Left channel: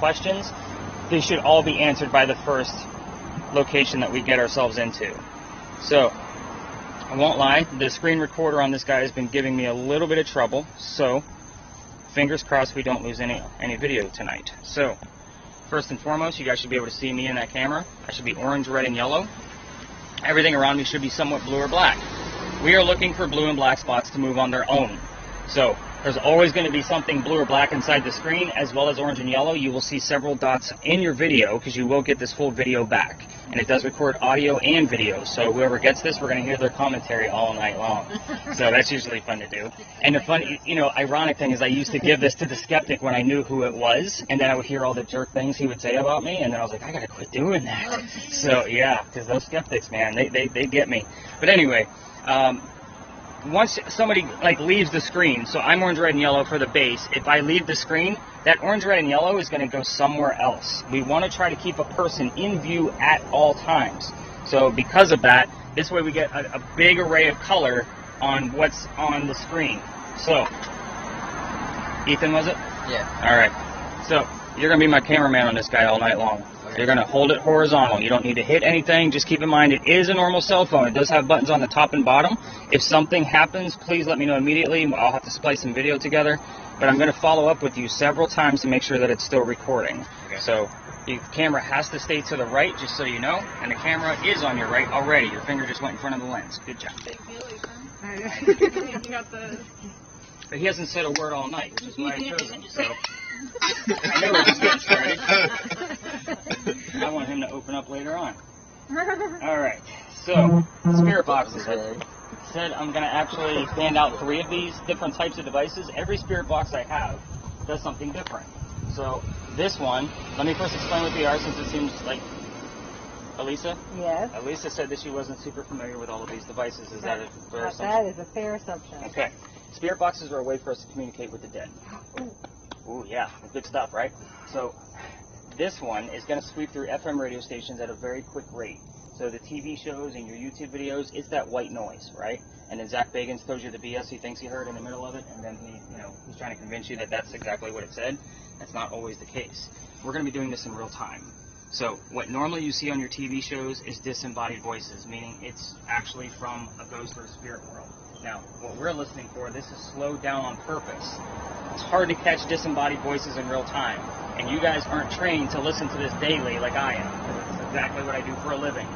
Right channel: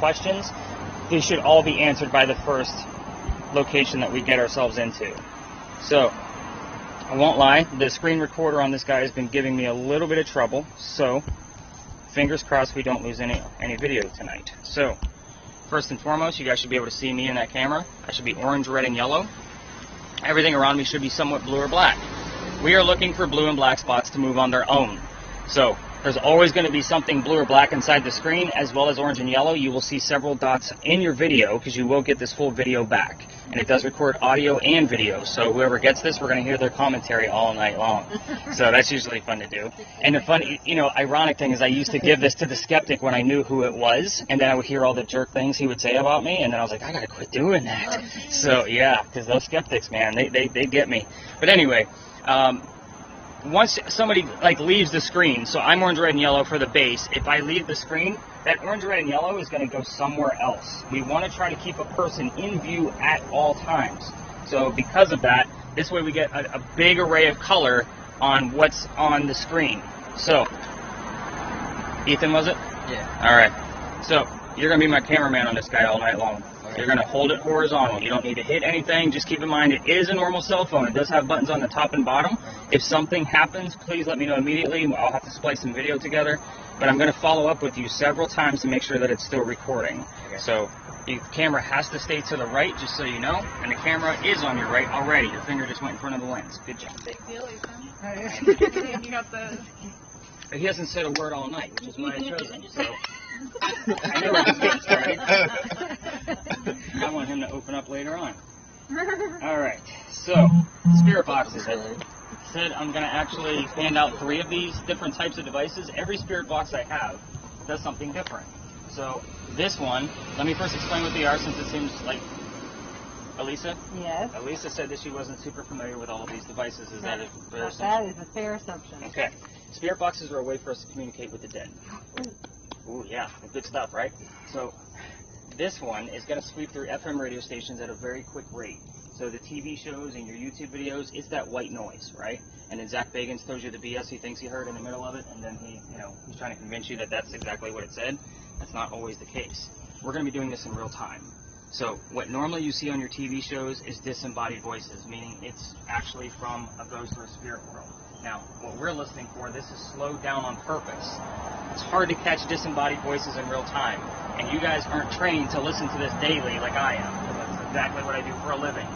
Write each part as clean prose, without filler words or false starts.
questions, they should all be answered by the first location that we get ourselves into. So, I won't lie, the screen recorder on this guy has been giving me a little bit of trouble, so fingers crossed we don't lose any video tonight. So, first and foremost, you guys should be able to see me in that camera. I should be orange, red, and yellow. Everything around me should be somewhat blue or black. We are looking for blue and black spots to move on their own. So, there's always going to be something blue or black inside the screen, as well as orange and yellow. You will see several dots in your video, because you will get this full video back. And it does record audio and video, so whoever gets this, we're going to hear their commentary all night long. So that's usually fun to do. And the funny, ironic thing is I used to give this to the skeptic when I knew who it was, and then I would hear all the jerk things he would say about me, and then I was like, I got to quit doing that. So yeah, because those skeptics, man, they get me. But anyway, once somebody leaves the screen, so I'm orange, red, and yellow for the base. If I leave the screen, that orange, red, and yellow is going to go somewhere else. We want to try to keep a person in view at all times. So because of that, this way we get a big array of color on what's on the screen. So, Ethan, was it? Yeah. All right. So you're going to be my cameraman on this guy all night long. You're going to hold it horizontal. You don't need to hit anything. Just keep in mind it is a normal cell phone. It does have buttons on the top and bottom. If something happens, please let me know immediately. I'll have to splice some video together. But I'm going to follow up with you several times to make sure that it's still recording. Okay. So the camera has to stay to the right, just so you know. And the camera is on your right already. Your finger just went in front of the lens. Good job. But he hasn't said a word all night, which is why I chose him. So I know we're just getting started. I want him to open up later on. All right. So spirit boxes. I said I'm going to actually hand out 3 of these different types of devices. Every spirit box I have does something different. So this one, let me first explain what they are, since it seems like ALISA? Yes. ALISA said that she wasn't super familiar with all of these devices. Is that a fair assumption? That is a fair assumption. Okay. Spirit boxes are a way for us to communicate with the dead. Ooh, yeah. Good stuff, right? So this one is going to sweep through FM radio stations at a very quick rate. So the TV shows and your YouTube videos, it's that white noise, right? And then Zach Bagans tells you the BS he thinks he heard in the middle of it, and then he's trying to convince you that that's exactly what it said. That's not always the case. We're going to be doing this in real time. So what normally you see on your TV shows is disembodied voices, meaning it's actually from a ghost or a spirit world. Now, what we're listening for, this is slowed down on purpose. It's hard to catch disembodied voices in real time, and you guys aren't trained to listen to this daily like I am. That's exactly what I do for a living.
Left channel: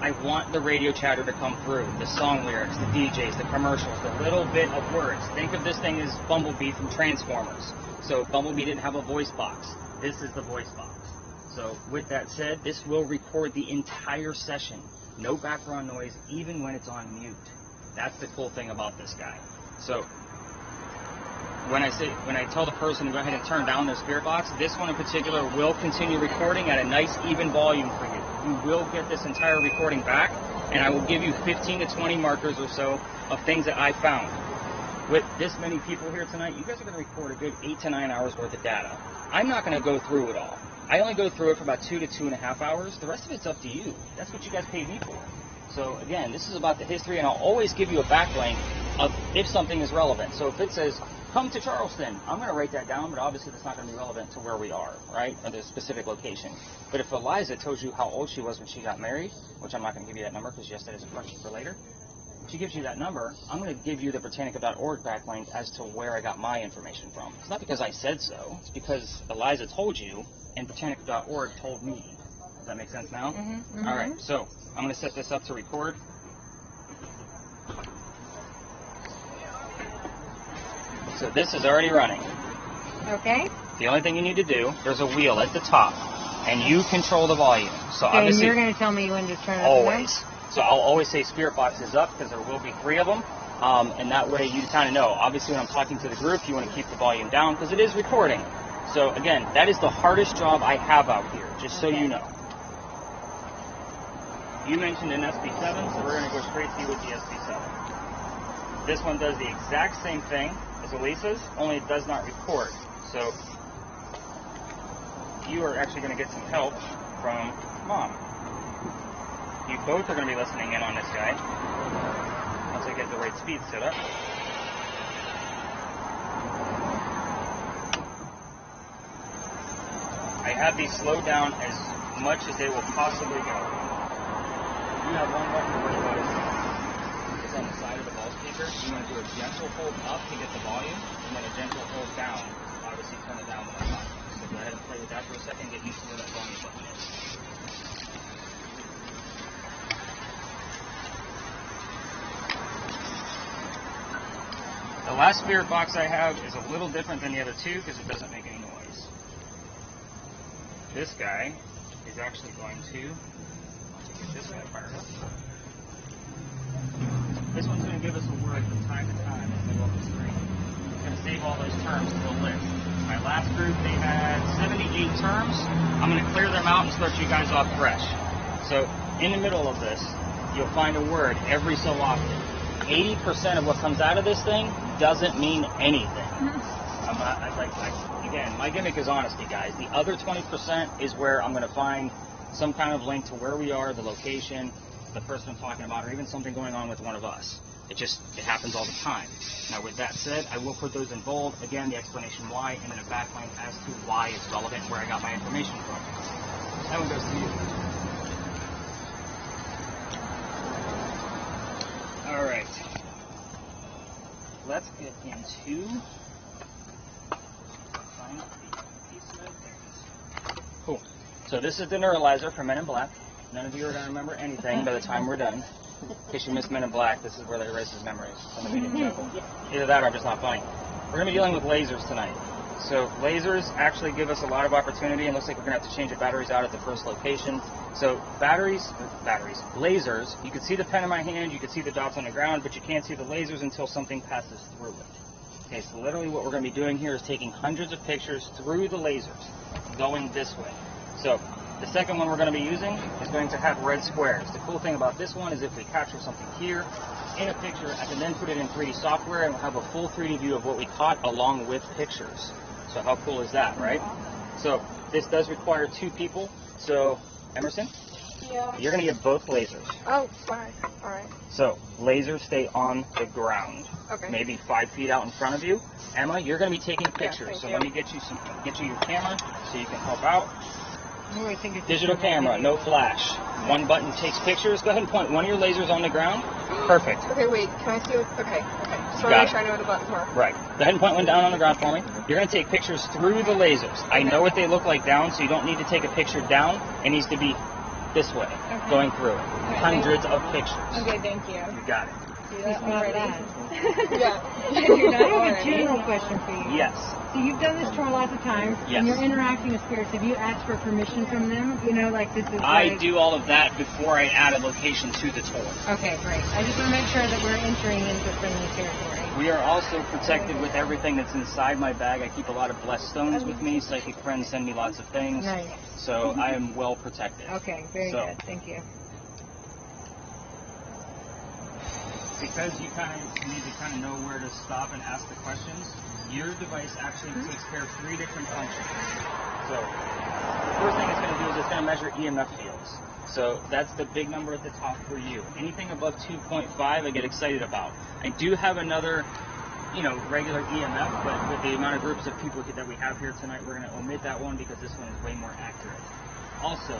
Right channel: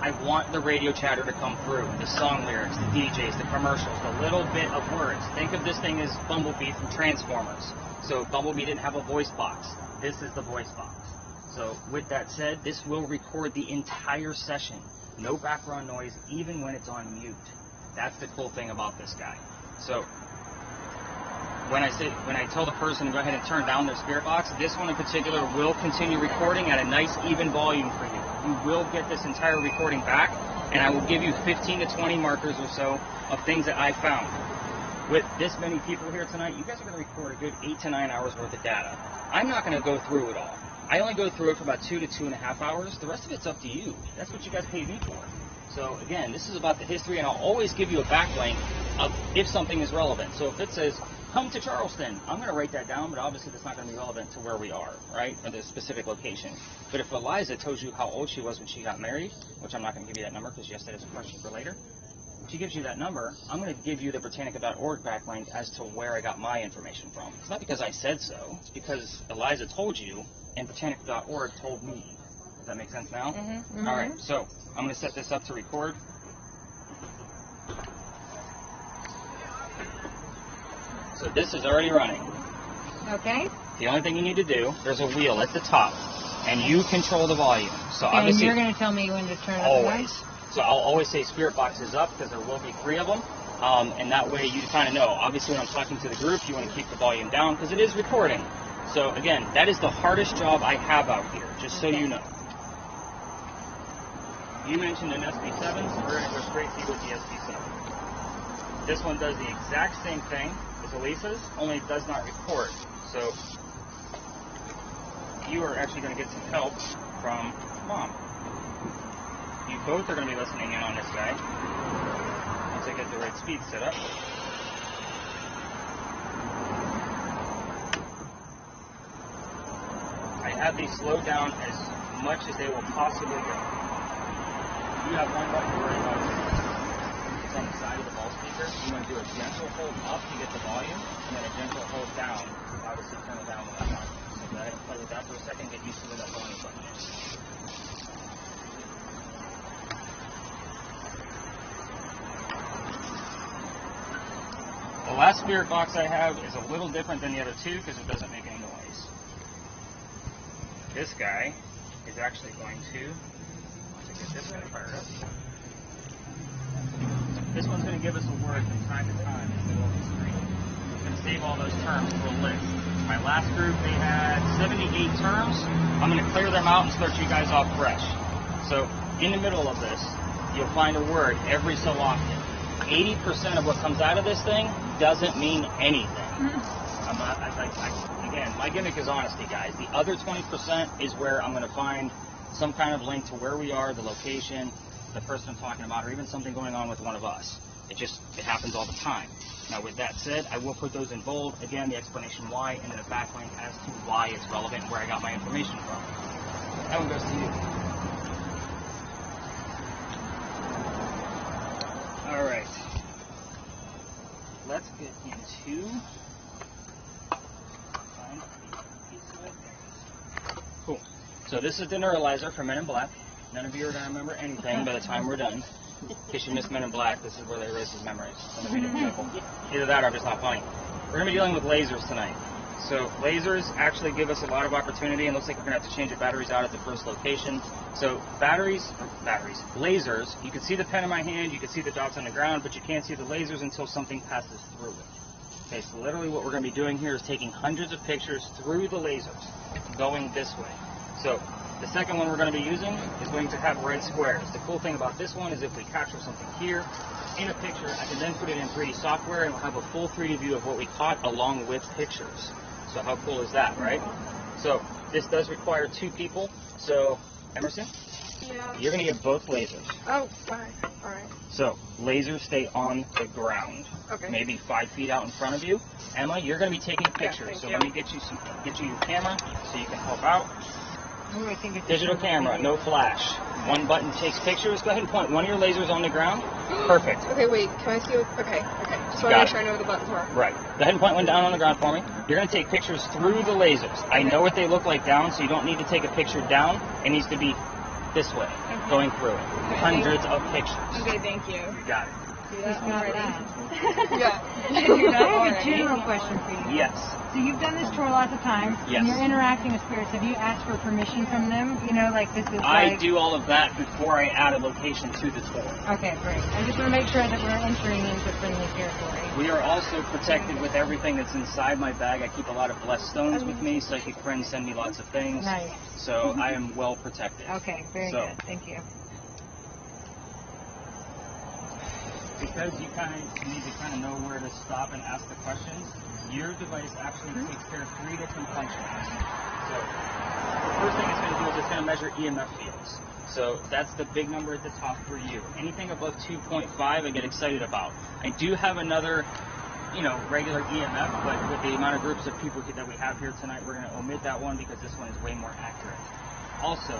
I want the radio chatter to come through, the song lyrics, the DJs, the commercials, the little bit of words. Think of this thing as Bumblebee from Transformers. So Bumblebee didn't have a voice box. This is the voice box. So with that said, this will record the entire session. No background noise, even when it's on mute. That's the cool thing about this guy. So when I tell the person to go ahead and turn down their spirit box, this one in particular will continue recording at a nice even volume for you. You will get this entire recording back, and I will give you 15 to 20 markers or so of things that I found. With this many people here tonight, you guys are going to record a good 8 to 9 hours worth of data. I'm not going to go through it all. I only go through it for about 2 to 2.5 hours. The rest of it's up to you. That's what you guys paid me for. So again, this is about the history, and I'll always give you a backlink of if something is relevant. So if it says, come to Charleston, I'm going to write that down, but obviously that's not going to be relevant to where we are, right, at the specific location. But if Eliza tells you how old she was when she got married, which I'm not going to give you that number because yes, that is a question for later. If she gives you that number, I'm going to give you the Britannica.org backlink as to where I got my information from. It's not because I said so. It's because Eliza told you, and Britannica.org told me. Does that make sense now? Mm-hmm. All right, so I'm going to set this up to record. So this is already running. Okay. The only thing you need to do, there's a wheel at the top, and you control the volume. So okay, obviously, you're going to tell me when to turn it always. So I'll always say spirit box is up because there will be 3 of them, and that way you kind of know. Obviously, when I'm talking to the group, you want to keep the volume down because it is recording. So again, that is the hardest job I have out here, just so you know. You mentioned an SB7, so we're going to go straight through with the SB7. This one does the exact same thing as ALISA's, only it does not record. So you are actually going to get some help from Mom. You both are going to be listening in on this guy once we get the right speed set up. have these slowed down as much as they will possibly go. You have one button to worry about. It's on the side of the ball speaker. You want to do a gentle hold up to get the volume, and then a gentle hold down, obviously turn it down with that button. So go ahead and play with that for a second, get used to where that volume button is. The last spirit box I have is a little different than the other two because it doesn't make any noise. This guy is actually going to get this one fired up. This one's going to give us a word from time to time in the middle of the screen. We can save all those terms to a list. My last group, they had 78 terms. I'm going to clear them out and start you guys off fresh. So in the middle of this, you'll find a word every so often. 80% of what comes out of this thing doesn't mean anything. Again, my gimmick is honesty, guys. The other 20% is where I'm going to find some kind of link to where we are, the location, the person I'm talking about, or even something going on with one of us. It happens all the time. Now, with that said, I will put those in bold. Again, the explanation why, and then a backlink as to why it's relevant, where I got my information from. That one goes to you. All right. Let's get into cool. So this is the neuralizer for Men in Black. None of you are going to remember anything by the time we're done. In case you missed Men in Black, this is where they erase his memories. Either that or have to talk funny. We're going to be dealing with lasers tonight. So lasers actually give us a lot of opportunity, and looks like we're going to have to change the batteries out at the first location. So lasers, you can see the pen in my hand, you can see the dots on the ground, but you can't see the lasers until something passes through it. Okay, so literally what we're going to be doing here is taking hundreds of pictures through the lasers, going this way. So the second one we're going to be using is going to have red squares. The cool thing about this one is if we capture something here in a picture, I can then put it in 3D software and we'll have a full 3D view of what we caught along with pictures. So how cool is that, right? So this does require 2 people. So Emerson? Yeah. You're going to get both lasers. Oh, sorry. So lasers stay on the ground, Okay. maybe 5 feet out in front of you. Emma, you're going to be taking pictures. Okay, So let me get you your camera so you can help out. Oh, I think it's Digital camera, no flash. One button takes pictures. Go ahead and point one of your lasers on the ground. Perfect. Okay, wait, can I see it? Okay. Just want to make sure I know where the buttons were. Right. Go ahead and point one down on the ground for me. You're going to take pictures through the lasers. I know what they look like down, so you don't need to take a picture down. It needs to be this way, going through. Hundreds of pictures. Okay, thank you. You got it. It's not bad. Yeah. I have a general question for you. Yes. So you've done this tour lots of times, Yes. and you're interacting with spirits. Have you asked for permission from them? You know, like this is I like... do all of that before I add a location to the tour. Okay, great. I just want to make sure that we're entering into friendly territory. We are also protected with everything that's inside my bag. I keep a lot of blessed stones with me. Psychic friends send me lots of things. Nice. So I am well protected. Okay, very So, good. Thank you. Because you need to know where to stop and ask the questions, your device actually takes care of 3 different functions. So the first thing it's going to do is it's going to measure EMF fields. So that's the big number at the top for you. Anything above 2.5 I get excited about. I do have another, regular EMF, but with the amount of groups of people that we have here tonight, we're going to omit that one because this one is way more accurate. Also,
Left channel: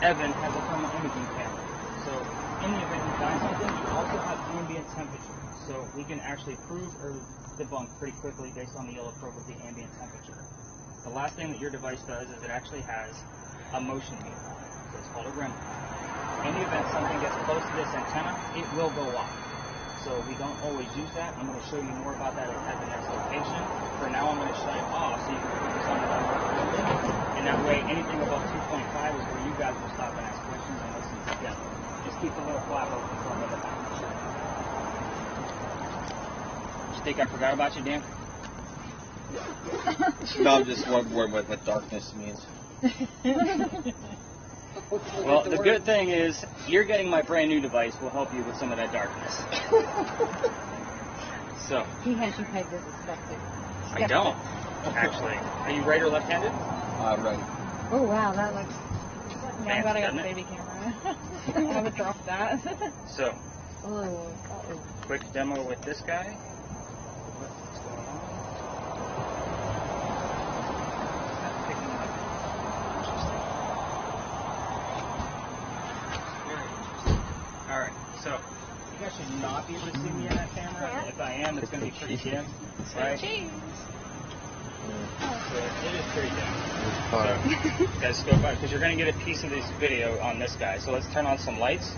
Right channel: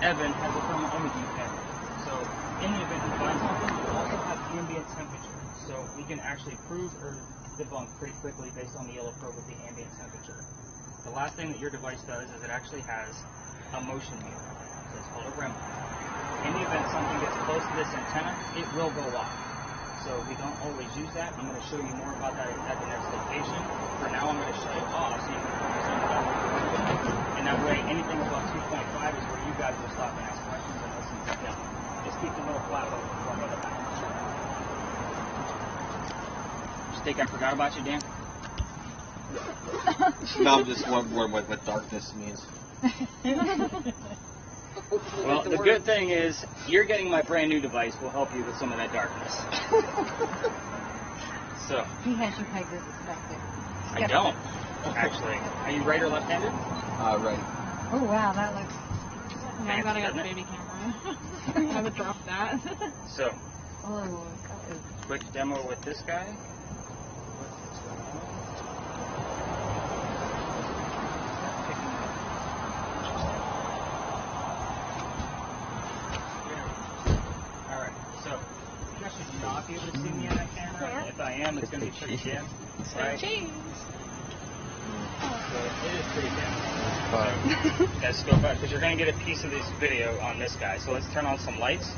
Evan has a thermal imaging camera. So in the event you find something, you also have ambient temperature. So we can actually prove or debunk pretty quickly based on the yellow probe with the ambient temperature. The last thing that your device does is it actually has a motion meter. So it's called a REM. In the event something gets close to this antenna, it will go off. So we don't always use that. I'm going to show you more about that at the next location. For now, I'm going to shut it off so you can focus on the limit. And that way, anything above 2.5 is where you guys will stop and ask questions and listen to them. Just keep the little flap open from the back. You think I forgot about you, Dan? Not just one word like what darkness means. Well, the good thing is, you're getting my brand new device will help you with some of that darkness. So. He has you pegged with perspective. I don't, actually. Are you right or left-handed? Right. Oh, wow, that looks... Yeah, I'm glad I got the baby camera. I never dropped that. So. Oh, that is... Quick demo with this guy. What's going on? not be able to see me on that camera. If I am, it's going to be pretty dim. Right? Cheese. So it is pretty dim. That's still fun because you're going to get a piece of this video on this guy. So let's turn on some lights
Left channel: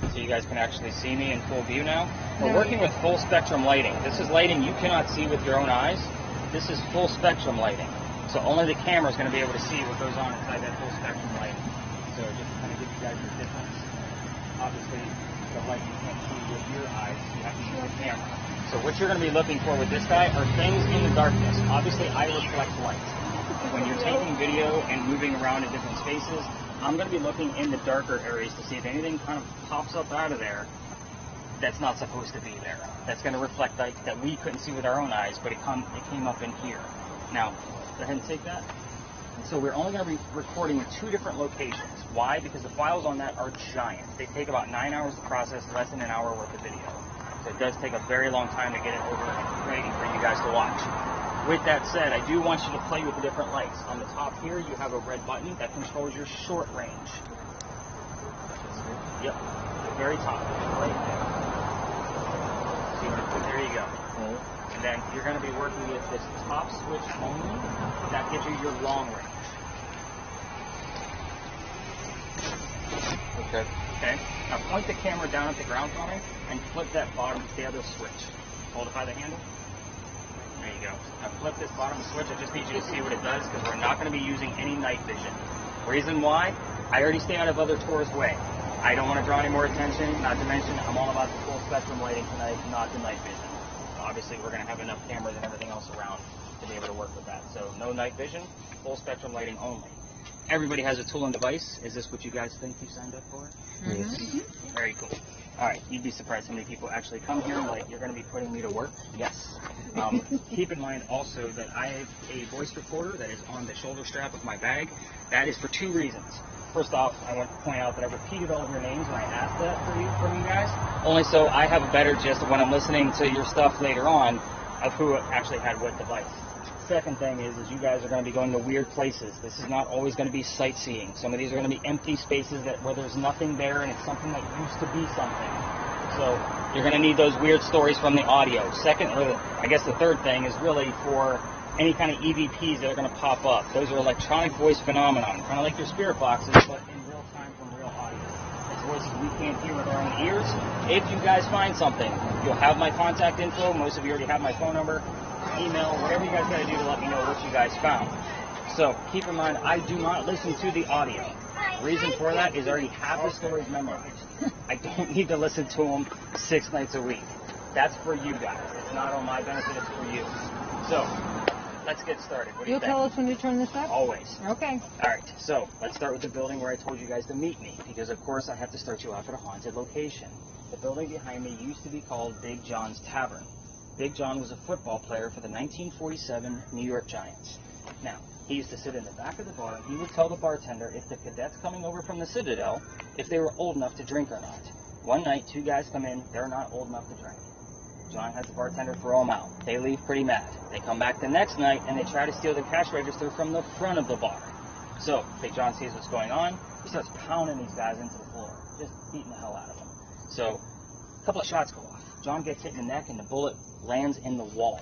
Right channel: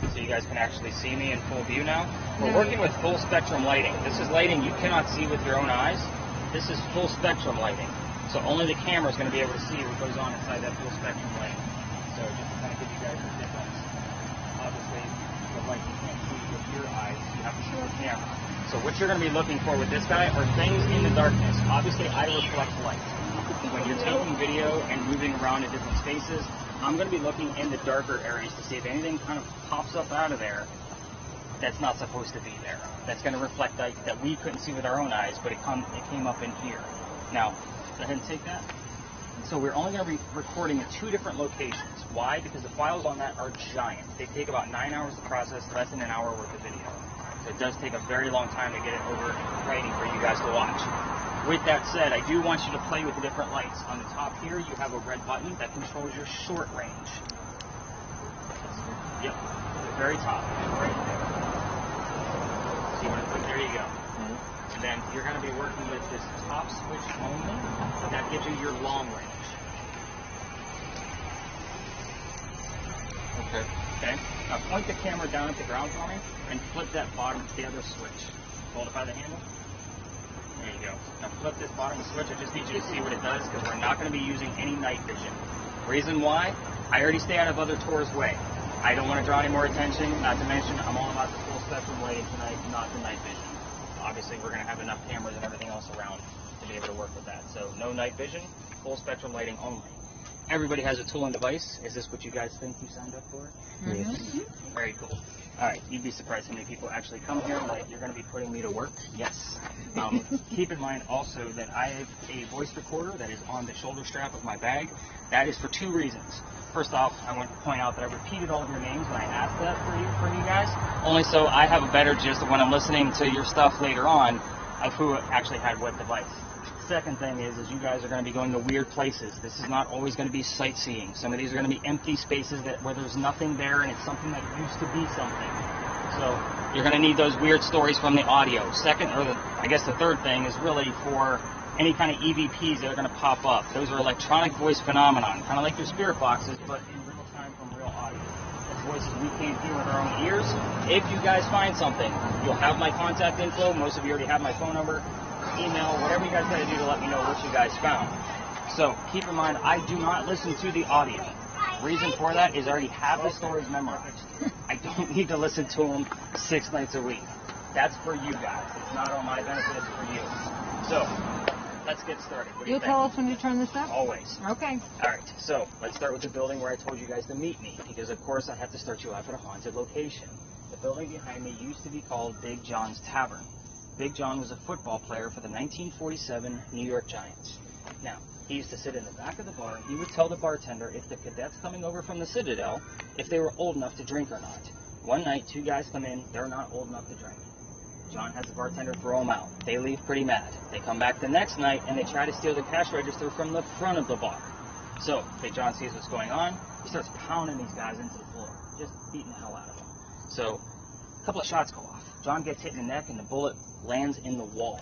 so you guys can actually see me in full view now. We're working with full spectrum lighting. This is lighting you cannot see with your own eyes. This is full spectrum lighting. So only the camera is going to be able to see what goes on inside that full spectrum lighting. So just to kind of give you guys the difference. Obviously, the light you can't see with your eyes, you have to use the camera. So what you're going to be looking for with this guy are things in the darkness. Obviously, I reflect light. When you're taking video and moving around in different spaces, I'm going to be looking in the darker areas to see if anything kind of pops up out of there that's not supposed to be there. That's going to reflect light that we couldn't see with our own eyes, but it came up in here. Now, go ahead and take that. So we're only going to be recording in 2 different locations. Why? Because the files on that are giant. They take about 9 hours to process, less than an hour worth of video. So it does take a very long time to get it over writing for you guys to watch. With that said, I do want you to play with the different lights. On the top here, you have a red button that controls your short range. Yep, the very top. Right there. There you go. And then you're going to be working with this top switch only. That gives you your long range. Okay. Now point the camera down at the ground for me and flip that bottom the other switch. Hold it by the handle. There you go. Now flip this bottom switch. I just need you to see what it does because we're not going to be using any night vision. Reason why? I already stay out of other tours' way. I don't want to draw any more attention. Not to mention, I'm all about the full spectrum lighting tonight, not the night vision. Obviously, we're going to have enough cameras and everything else around to be able to work with that. So no night vision, full spectrum lighting only. Everybody has a tool and device. Is this what you guys think you signed up for? Yes. Very cool. All right, you'd be surprised how many people actually come here like you're going to be putting me to work. Yes. Keep in mind also that I have a voice recorder that is on the shoulder strap of my bag. That is for 2 reasons. First off, I want to point out that I repeated all of your names when I asked that for you guys, only so I have a better gist of when I'm listening to your stuff later on of who actually had what device. Second thing is you guys are going to be going to weird places. This is not always going to be sightseeing. Some of these are going to be empty spaces where there's nothing there and it's something that needs to be something. So you're going to need those weird stories from the audio. Second, or I guess the third thing is really for any kind of EVPs that are going to pop up. Those are electronic voice phenomenon, kind of like your spirit boxes, but in real time from real audio. It's voices we can't hear with our own ears. If you guys find something, you'll have my contact info. Most of you already have my phone number, email, whatever you guys got to do to let me know what you guys found. So keep in mind, I do not listen to the audio. Reason for that is I already have the stories memorized. I don't need to listen to them 6 nights a week. That's for you guys. It's not on my benefit, it's for you. So let's get started. You'll tell us when you turn this up? Always. Okay. All right, so let's start with the building where I told you guys to meet me, because of course I have to start you off at a haunted location. The building behind me used to be called Big John's Tavern. Big John was a football player for the 1947 New York Giants. Now, he used to sit in the back of the bar and he would tell the bartender if the cadets coming over from the Citadel, if they were old enough to drink or not. One night, 2 guys come in, they're not old enough to drink. John has the bartender throw them out. They leave pretty mad. They come back the next night and they try to steal the cash register from the front of the bar. So, Big John sees what's going on. He starts pounding these guys into the floor, just beating the hell out of them. So, a couple of shots go off. John gets hit in the neck and the bullet lands in the wall.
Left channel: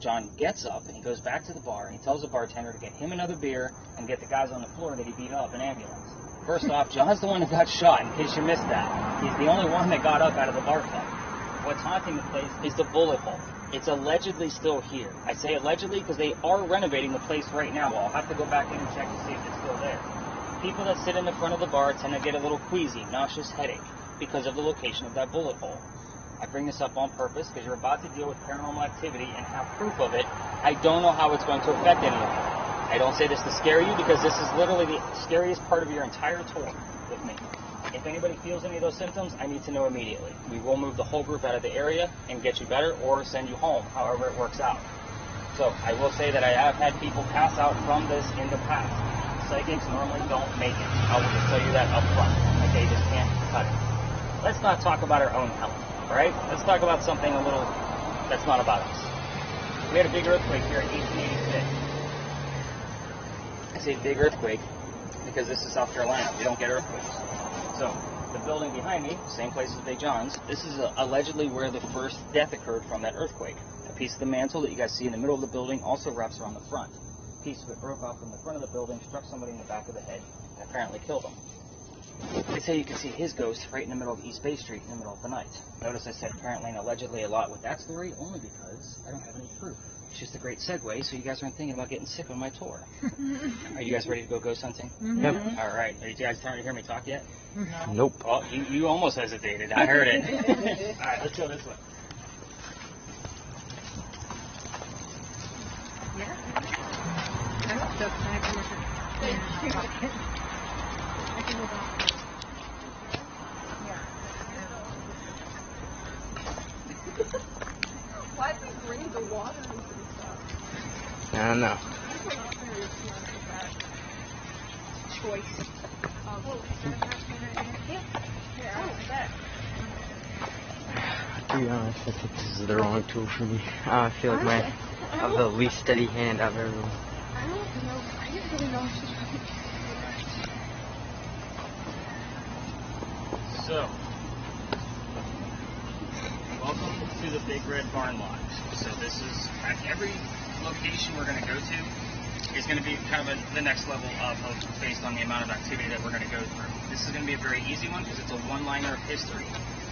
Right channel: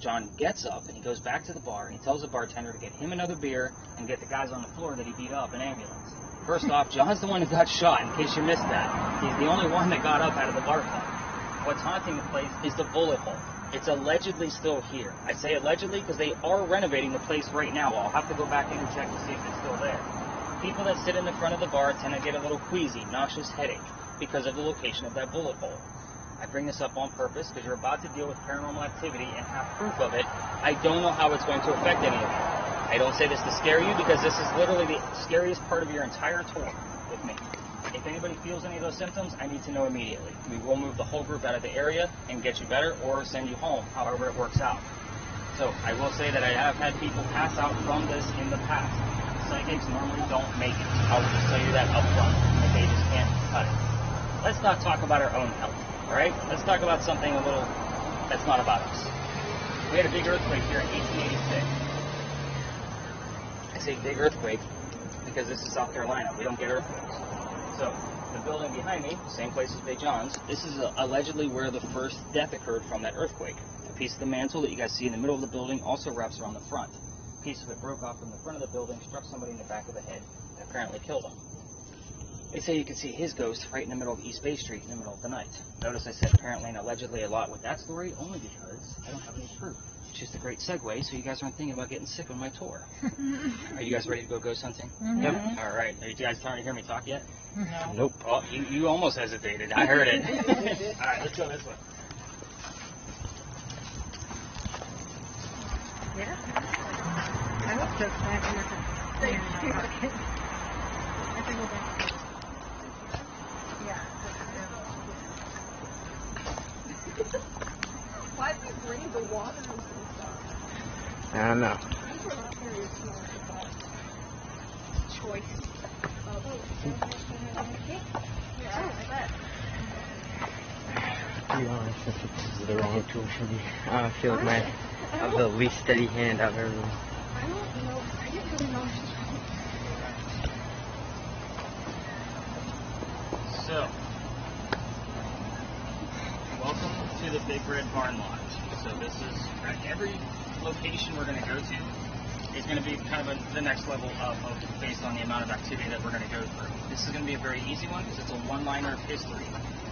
John gets up and he goes back to the bar and he tells the bartender to get him another beer and get the guys on the floor that he beat up an ambulance. First off, John's the one that got shot, in case you missed that. He's the only one that got up out of the bar fight. What's haunting the place is the bullet hole. It's allegedly still here. I say allegedly because they are renovating the place right now. I'll have to go back in and check to see if it's still there. People that sit in the front of the bar tend to get a little queasy, nauseous headache because of the location of that bullet hole. I bring this up on purpose because you're about to deal with paranormal activity and have proof of it. I don't know how it's going to affect any of you. I don't say this to scare you because this is literally the scariest part of your entire tour with me. If anybody feels any of those symptoms, I need to know immediately. We will move the whole group out of the area and get you better or send you home, however it works out. So I will say that I have had people pass out from this in the past. Psychics normally don't make it. I will just tell you that up front. Okay, you just can't cut it. Let's not talk about our own health, all right? Let's talk about something a little that's not about us. We had a big earthquake here in 1886. I say big earthquake because this is South Carolina. We don't get earthquakes. So the building behind me, same place as Big John's, this is allegedly where the first death occurred from that earthquake. A piece of the mantle that you guys see in the middle of the building also wraps around the front. A piece of it broke off from the front of the building, struck somebody in the back of the head, and apparently killed them. They say you can see his ghost right in the middle of East Bay Street in the middle of the night. Notice I said apparently and allegedly a lot with that story, only because I don't have any proof. It's just a great segue, so you guys aren't thinking about getting sick on my tour. Are you guys ready to go ghost hunting? Mm-hmm. All right. Are you guys trying to hear me talk yet? No. Nope. Oh, you almost hesitated. I heard it. All right, let's go this way. Yeah. I want to I can go back. Yeah. Why do you bring the water into the I don't know. We're not very smart with that choice. To be honest, I think this is the wrong tool for me. I feel like I have the least steady hand out of everyone. So, welcome to the Big Red Barn Lodge. So this is, at every location we're going to go to is going to be kind of the next level of based on the amount of activity that we're going to go through. This is going to be a very easy one because it's a one-liner of history.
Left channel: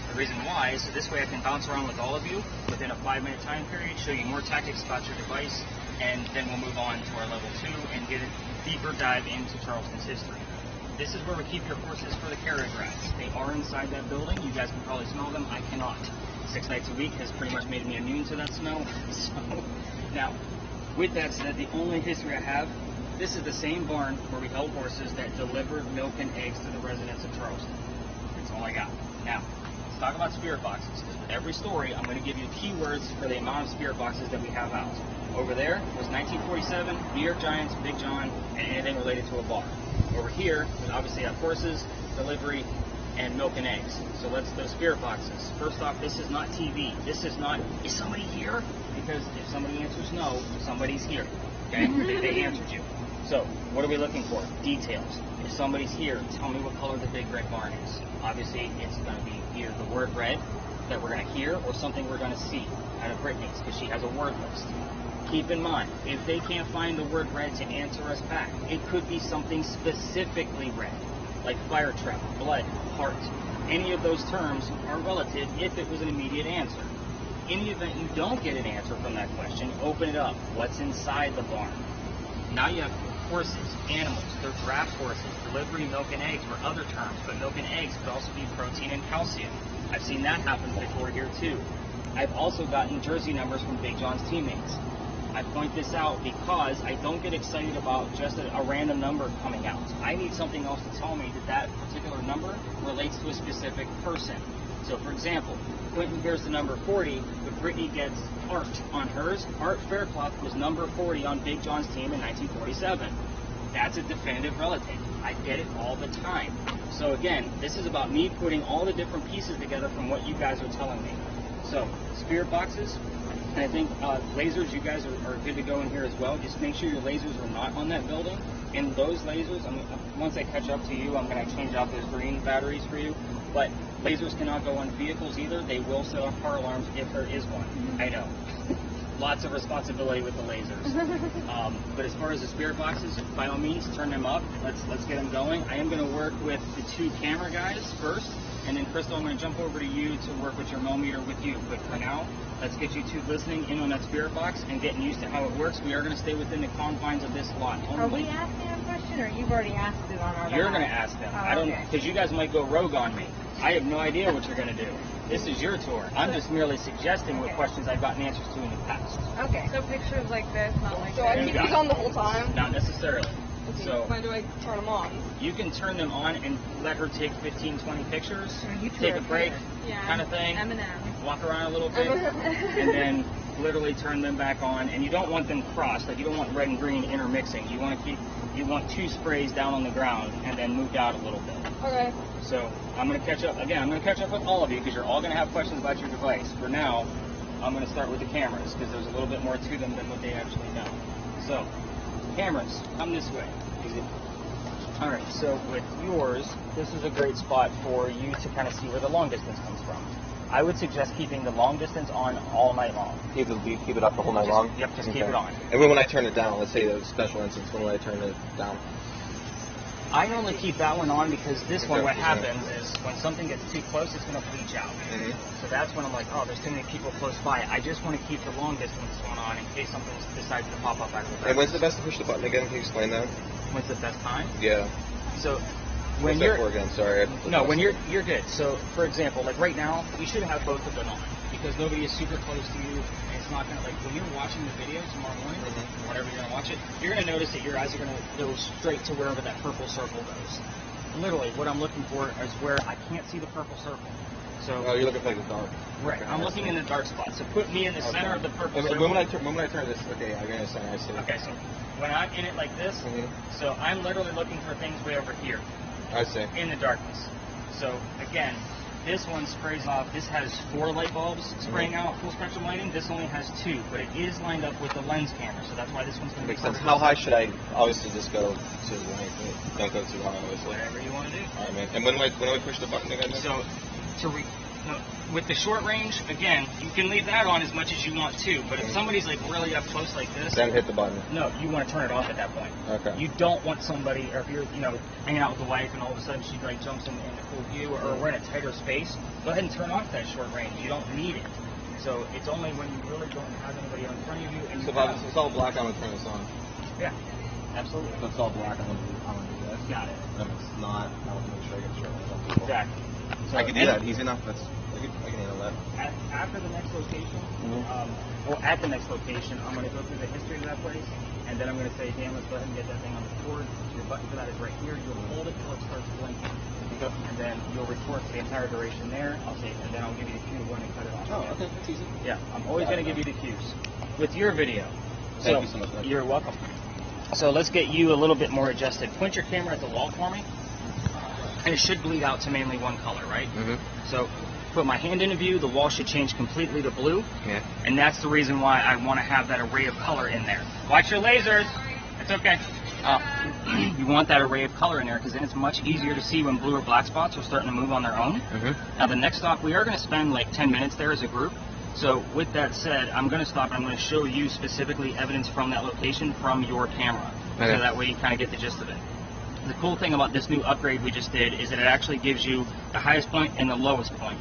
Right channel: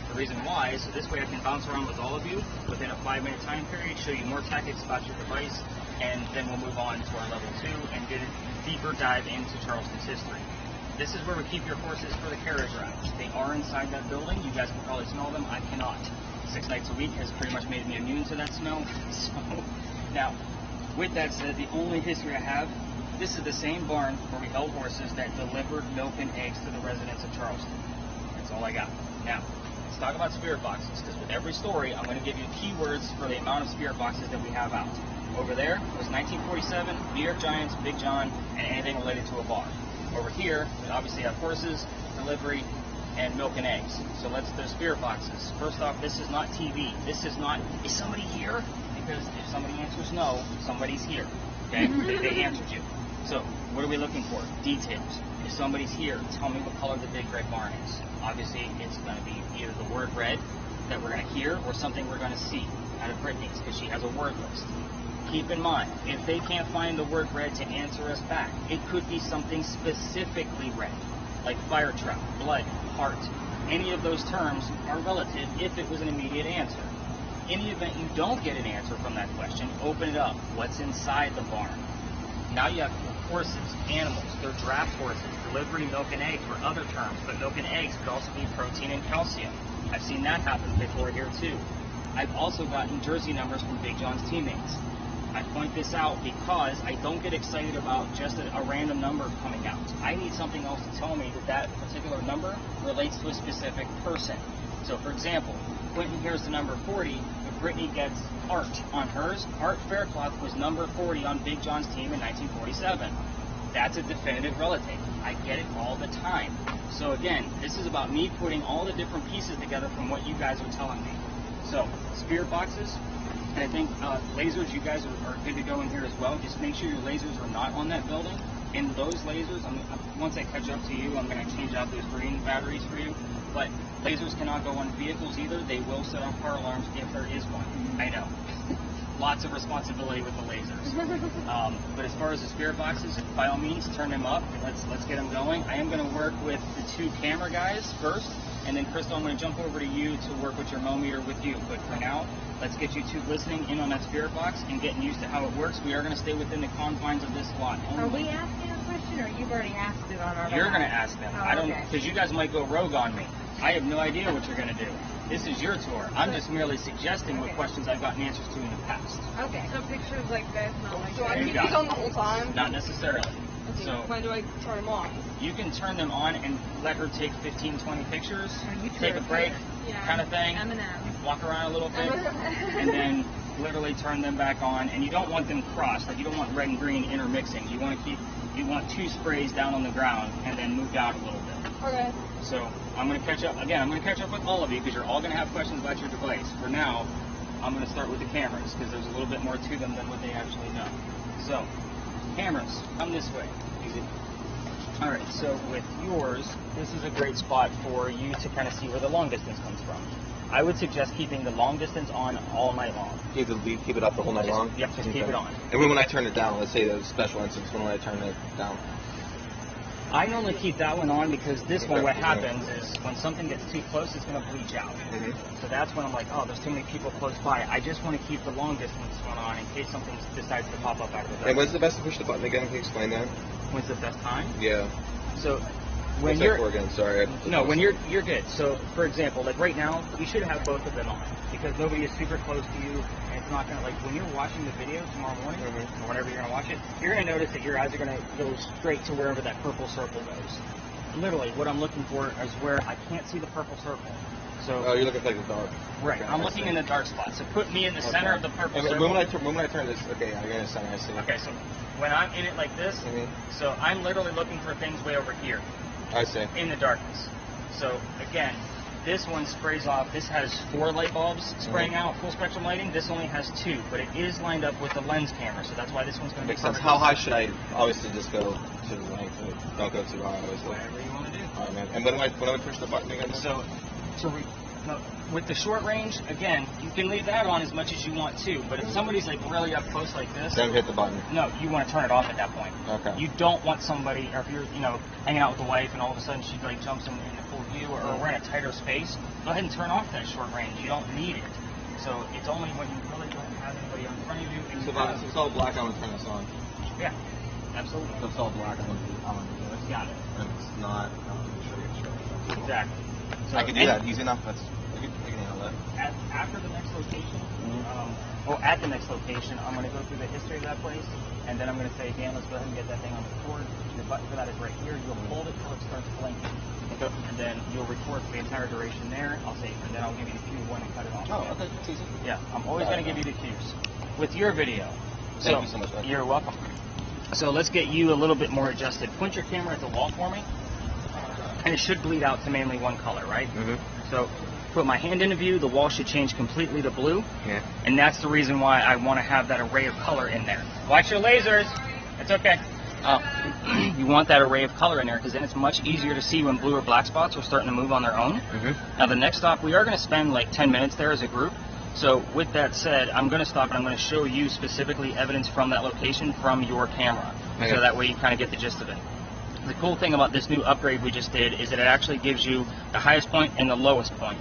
The reason why is so this way I can bounce around with all of you within a 5-minute time period, show you more tactics about your device, and then we'll move on to our level 2 and get a deeper dive into Charleston's history. This is where we keep your horses for the carriage ride. They are inside that building. You guys can probably smell them. I cannot. 6 nights a week has pretty much made me immune to that smell. So, now, with that said, the only history I have, this is the same barn where we held horses that delivered milk and eggs to the residents of Charleston. That's all I got. Now, let's talk about spirit boxes, because with every story, I'm going to give you keywords for the amount of spirit boxes that we have out. Over there was 1947, New York Giants, Big John, and anything related to a bar. Over here, we obviously have horses, delivery, and milk and eggs. So there's spirit boxes. First off, this is not TV. This is not, is somebody here? Because if somebody answers no, somebody's here. And they answered you. So, what are we looking for? Details. If somebody's here, tell me what color the big red barn is. Obviously, it's going to be either the word red that we're going to hear or something we're going to see. And if Brittany's, because she has a word list. Keep in mind, if they can't find the word red to answer us back, it could be something specifically red, like fire truck, blood, heart. Any of those terms are relative if it was an immediate answer. Any event you don't get an answer from that question, open it up. What's inside the barn? Now you have horses, animals, they're draft horses, delivery, milk and eggs were other terms, but milk and eggs could also be protein and calcium. I've seen that happen before there too. I've also gotten jersey numbers from Big John's teammates. I point this out because I don't get excited about just a random number coming out. I need something else to tell me that that particular number relates to a specific person. So for example, Quentin hears the number 40, but Brittany gets Art on hers. Art Faircloth was number 40 on Big John's team in 1947. That's a definitive relative. I get it all the time. So again, this is about me putting all the different pieces together from what you guys are telling me. So, spirit boxes, and I think lasers, you guys are good to go in here as well. Just make sure your lasers are not on that building. And those lasers, once I catch up to you, I'm going to change out those green batteries for you. But lasers cannot go on vehicles either. They will set off car alarms if there is one. I know. Lots of responsibility with the lasers. But as far as the spirit boxes, by all means, turn them up. Let's get them going. I am going to work with the 2 camera guys first. And then, Crystal, I'm going to jump over to you to work with your millimeter with you. But for now, let's get you 2 listening in on that spirit box and getting used to how it works. We are going to stay within the confines of this lot only. Are we asking a question, or you've already asked it on our You're going to ask it. okay. Because you guys might go rogue on me. I have no idea what you're going to do. This is your tour. I'm just merely suggesting the questions I've gotten answers to in the past. Okay. So pictures like this, not like So I this. keep these on the whole time? Not necessarily. So When do I turn them on? you can turn them on and let her take 15, 20 pictures, take a break, kind of thing, I'm an walk around a little bit, and then literally turn them back on. And you don't want them crossed, like you don't want red and green intermixing. You want 2 sprays down on the ground and then moved out a little bit. Okay. So I'm going to catch up, again, I'm going to catch up with all of you because you're all going to have questions about your device. For now, I'm going to start with the cameras because there's a little bit more to them than what they actually know. So, cameras, come this way. Alright, so with yours, this is a great spot for you to kind of see where the long distance comes from. I would suggest keeping the long distance on all night long. Keep it up the whole night long? Yep, just keep it on. And when I turn it down, let's say the special instance, when I turn it down? I normally keep that one on because this one, what happens is when something gets too close, it's going to bleach out. So that's when I'm like, oh, there's too many people close by. I just want to keep the long distance one on in case something decides to pop up after that. And when's the best to push the button again? Can you explain that? When's the best time? Yeah. So when you're again, sorry. No, when you're good. So for example, like right now, you should have both of them on because nobody is super close to you, and it's not gonna like when you're watching the video tomorrow morning or whatever you're gonna watch it, you're gonna notice that your eyes are gonna go straight to wherever that purple circle is. Literally, what I'm looking for is where I can't see the purple circle. So you're looking for the dark. Right, I'm looking in the dark spot. So put me in the center of the purple circle. When I turn this, okay, I got center. I see. Okay, so when I'm in it like this, so I'm literally looking for things way over here. I see. In the darkness. So again, this one sprays off. This has 4 light bulbs spraying out full spectrum lighting. This only has 2, but it is lined up with the lens camera, so that's why this one's going to be perfect. How high should I obviously just go to? Don't go too high, obviously. Whatever you want to do. All right, man. And when I push the button again? So with the short range, again, you can leave that on as much as you want to, but if somebody's like really up close like this, then hit the button. No, you want to turn it off at that point. Okay. You don't want somebody, or if you're, hanging out with the wife and all of a sudden she like jumps in a cool view, or we're in a tighter space, go ahead and turn off that short range. You don't need it. So it's only when you really don't have anybody in front of you. And So it's all black on the turn this on. Yeah, absolutely. So it's all black on the Got it. And if it's not, I don't think it's show. Exactly. So I can do that easy enough. After the next location, at the next location, I'm going to go through the history of that place, and then I'm going to say, Dan, let's go ahead and get that thing on record. Your button get out of right here, you'll hold it until it starts blinking. And then you'll record the entire duration there, and then I'll give you the cue when you cut it on. Okay. Yeah, I'm always going to give you the cues. With your video. So, you're welcome. So let's get you a little bit more adjusted. Point your camera at the wall for me. And it should bleed out to mainly one color, right? So put my hand into view, the wall should change completely to blue. Yeah. And that's the reason why I want to have that array of color in there. Watch your lasers. It's okay. You want that array of color in there because then it's much easier to see when blue or black spots are starting to move on their own. Now the next stop, we are going to spend like 10 minutes there as a group. So with that said, I'm going to stop and I'm going to show you specifically evidence from that location from your camera. So that way you kind of get the gist of it. The cool thing about this new upgrade we just did is that it actually gives you the highest point and the lowest point.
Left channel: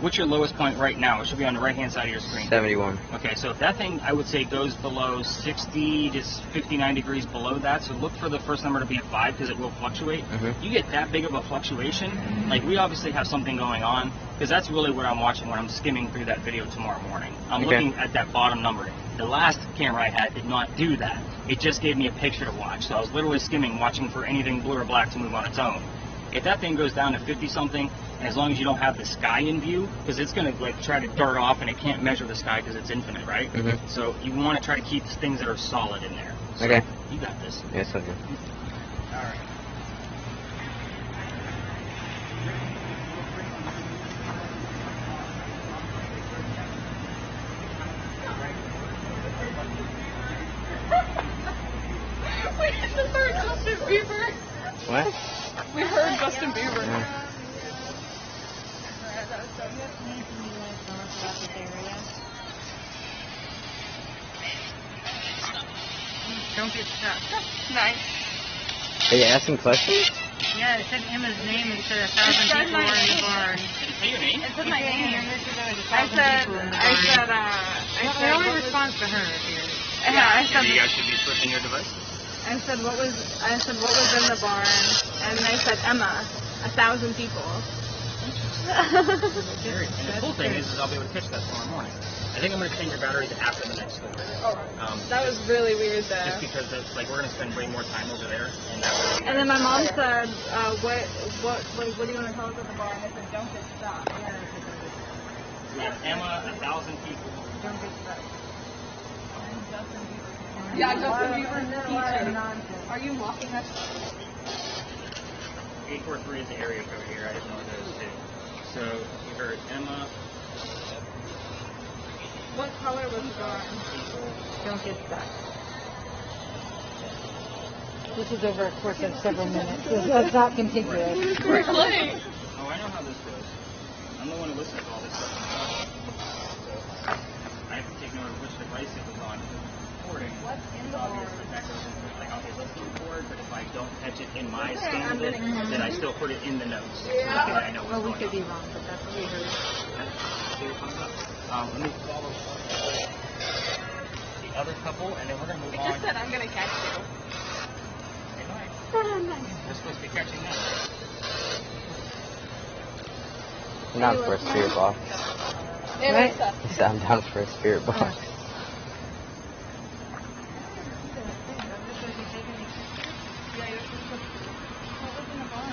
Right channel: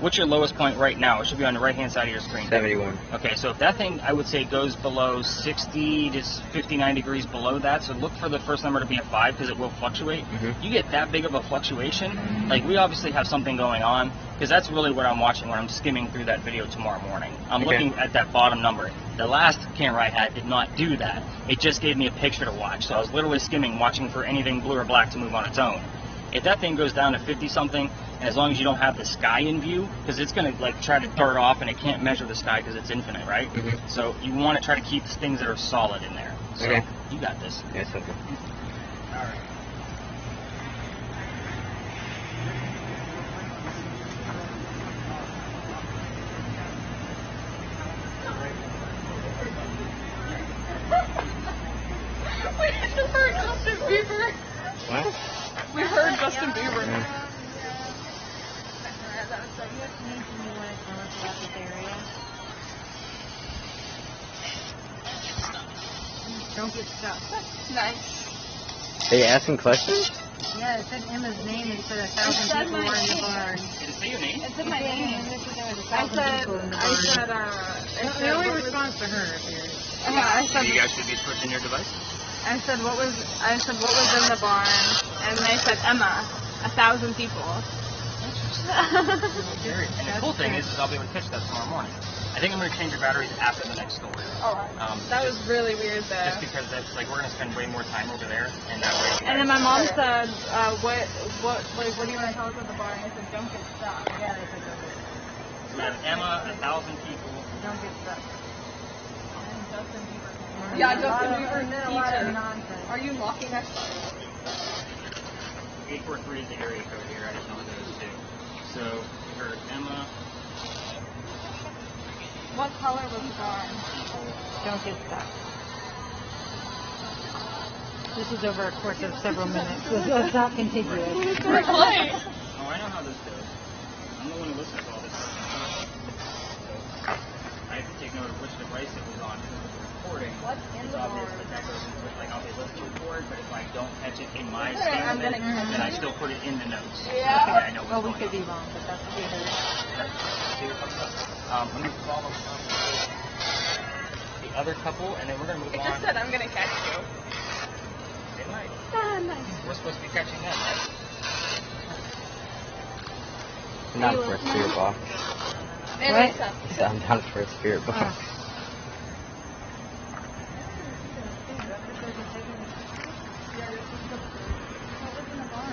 What's your lowest point right now? It should be on the right-hand side of your screen. 71. Okay, so if that thing, I would say, goes below 60 to 59 degrees below that, so look for the first number to be a 5 because it will fluctuate. You get that big of a fluctuation, like we obviously have something going on, because that's really what I'm watching when I'm skimming through that video tomorrow morning. I'm looking at that bottom number. The last camera I had did not do that. It just gave me a picture to watch, so I was literally skimming, watching for anything blue or black to move on its own. If that thing goes down to 50-something, and as long as you don't have the sky in view, because it's going to like try to dart off and it can't measure the sky because it's infinite, right? So you want to try to keep things that are solid in there. So you got this. Yes, I do. All right. We just heard Justin Bieber. What? We heard Justin Bieber. Don't get stuck. Nice. Are you asking questions? Yeah, it said Emma's name and said 1,000 people were in the barn. Did it say your name? It said my name. The only response to her appears. Yeah, You guys should be switching your device. I said what was in the barn, and I said Emma, 1,000 people. And the cool thing is I'll be able to pitch those tomorrow morning. I think I'm going to change your batteries after the next store. That was really weird though. Just because that's like we're going to spend way more time over there. And then my mom said, what do you want to tell us about the barn? I said, don't get stuck. Yeah, I said, don't get stuck. We have Emma, 1,000 people. Don't get stuck. Yeah, And then a lot of nonsense. Are you locking us? 843 is the area code here. I don't know what that is too. So we heard Emma. What color was the barn? Don't get stuck. This is over a course of several minutes, so it's not contiguous. Right. Oh, I know how this goes. I'm the one who listens to all this stuff. I have to take note of which device it was on for recording. It's obvious that that person was like, okay, let's do record, but if I don't catch it in my standard, then I still put it in the notes. I know Well, we could be wrong, but that's what we heard. Let me follow the other couple, and then we're going to move on. Just said I'm gonna catch you. They might. We're supposed to be catching them, right? I'm down for a spirit box. What? I'm down for a spirit box. What was in the barn?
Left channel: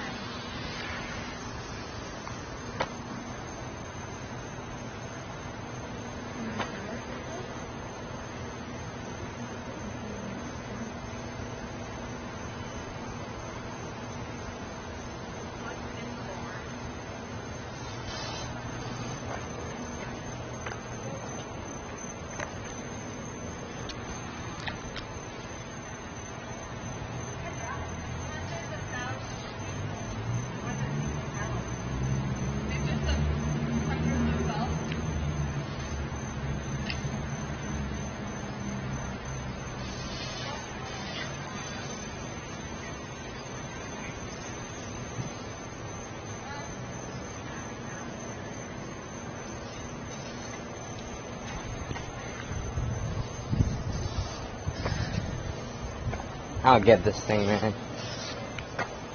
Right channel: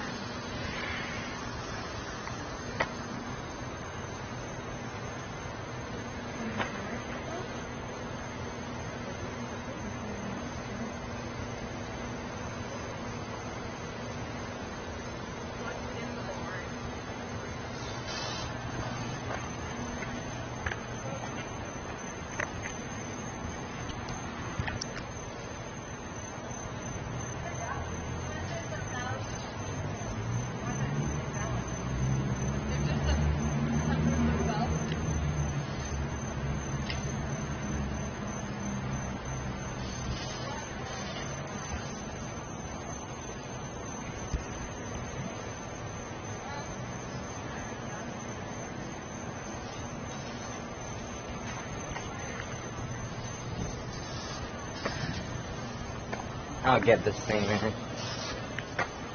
I'll get this thing, man.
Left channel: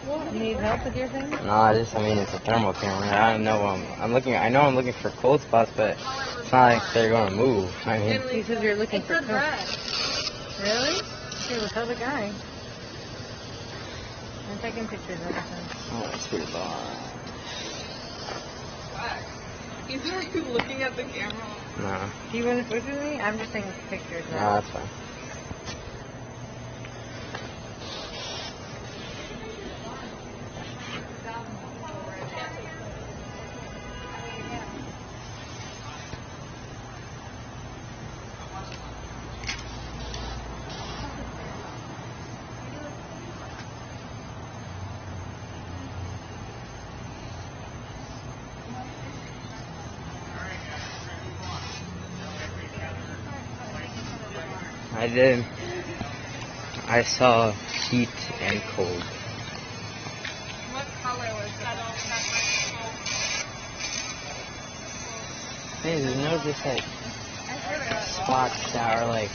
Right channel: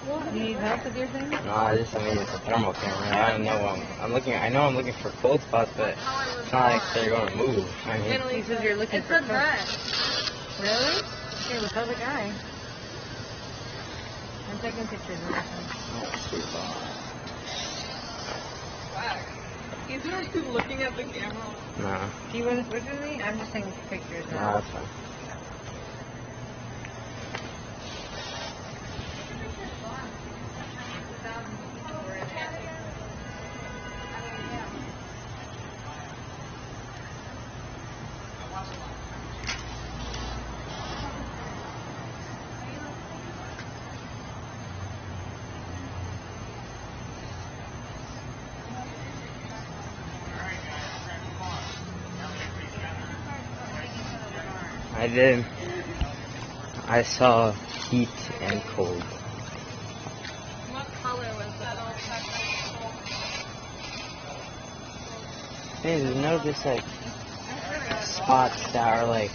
What? You need help with your thing? No, I just mean it's a thermal camera. I know I'm looking for cold spots, but it's not like they're gonna move. I mean, You said you're looking It's for for bread. Really? Okay, well, tell the guy. I'm taking pictures of everything. let's do that. He's just looking at the camera. Nah, Do you want to take me? I'm just taking pictures. no, that's fine. I did. I saw heat and cold. Hey, you know just like spots that are like